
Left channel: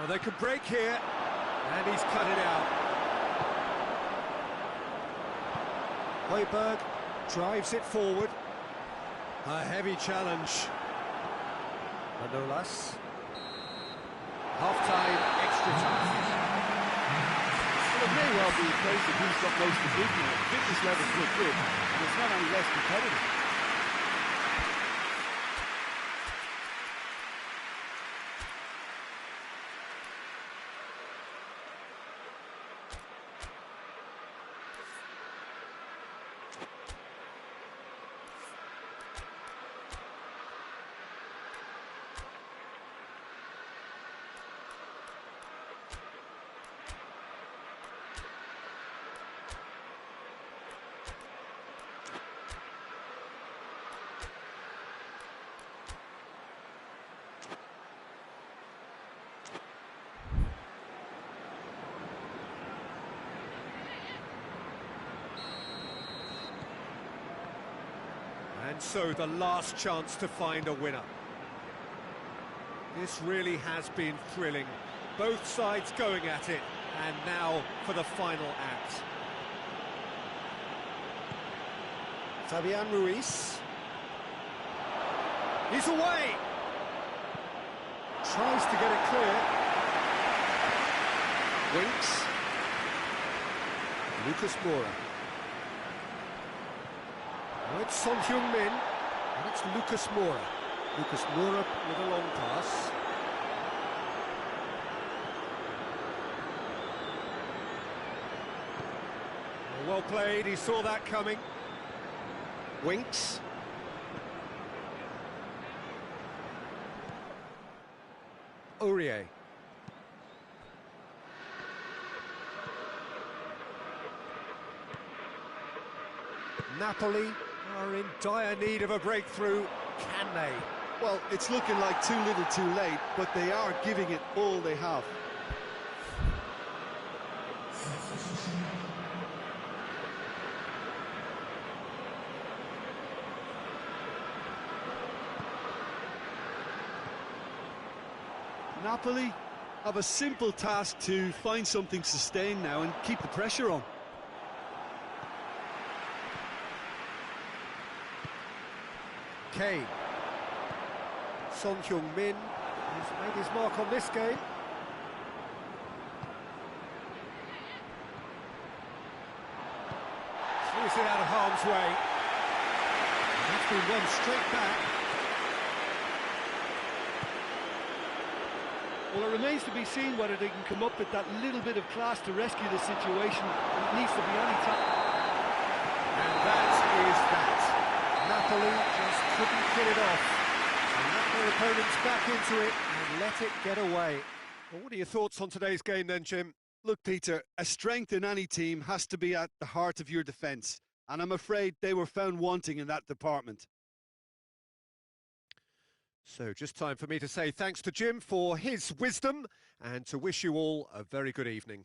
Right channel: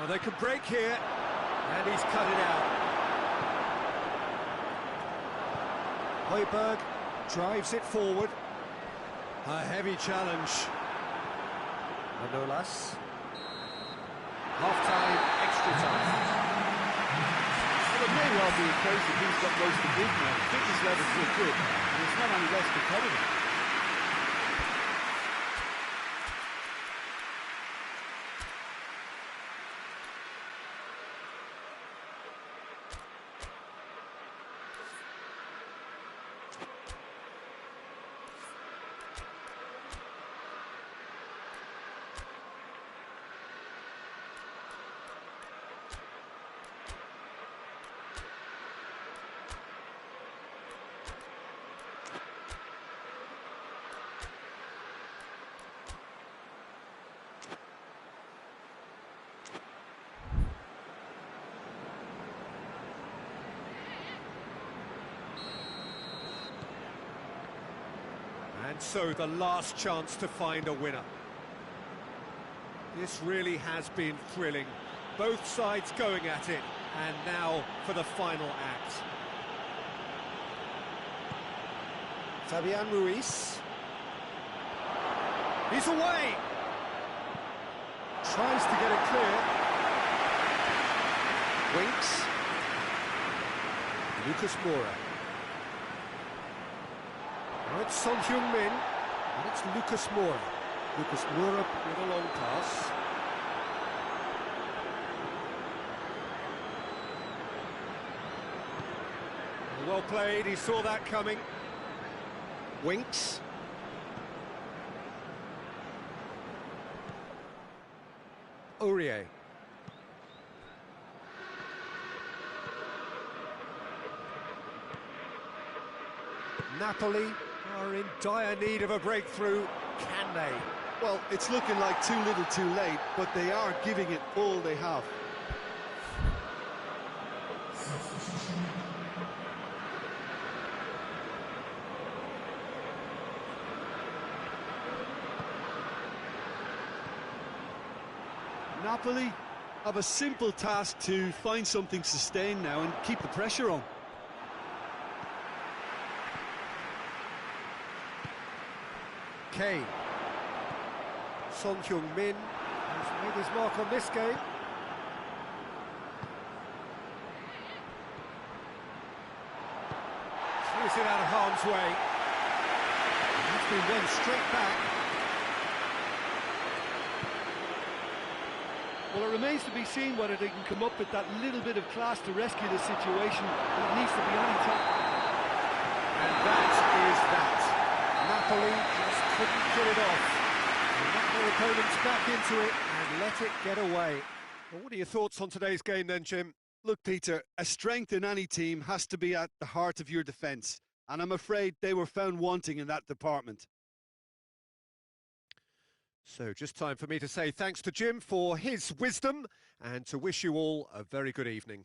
Oh, they could break here, and he's cut it out. Højbjerg drives it forward. A heavy challenge. Manolas. Half-time, extra time. Well, it may well be a case that he's got most to give now. Fitness levels look good, and it's not any less competitive. And so the last chance to find a winner. This really has been thrilling. Both sides going at it, and now for the final act. Fabian Ruiz. He's away! Tries to get it clear. Winks. Lucas Moura. Now it's Son Heung-min, and it's Lucas Moura. Lucas Moura with a long pass. Well played, he saw that coming. Winks. Aurier. Napoli are in dire need of a breakthrough. Can they? Well, it's looking like too little too late, but they are giving it all they have. Napoli have a simple task to find something sustained now and keep the pressure on. Kane. Son Heung-min has made his mark on this game. Clears it out of harm's way. And that's been won straight back. Well, it remains to be seen whether they can come up with that little bit of class to rescue the situation, and it needs to be any time. And that is that. Napoli just couldn't get it off. So let their opponents back into it and let it get away. Well, what are your thoughts on today's game then, Jim? Look, Peter, a strength in any team has to be at the heart of your defence, and I'm afraid they were found wanting in that department. So just time for me to say thanks to Jim for his wisdom and to wish you all a very good evening.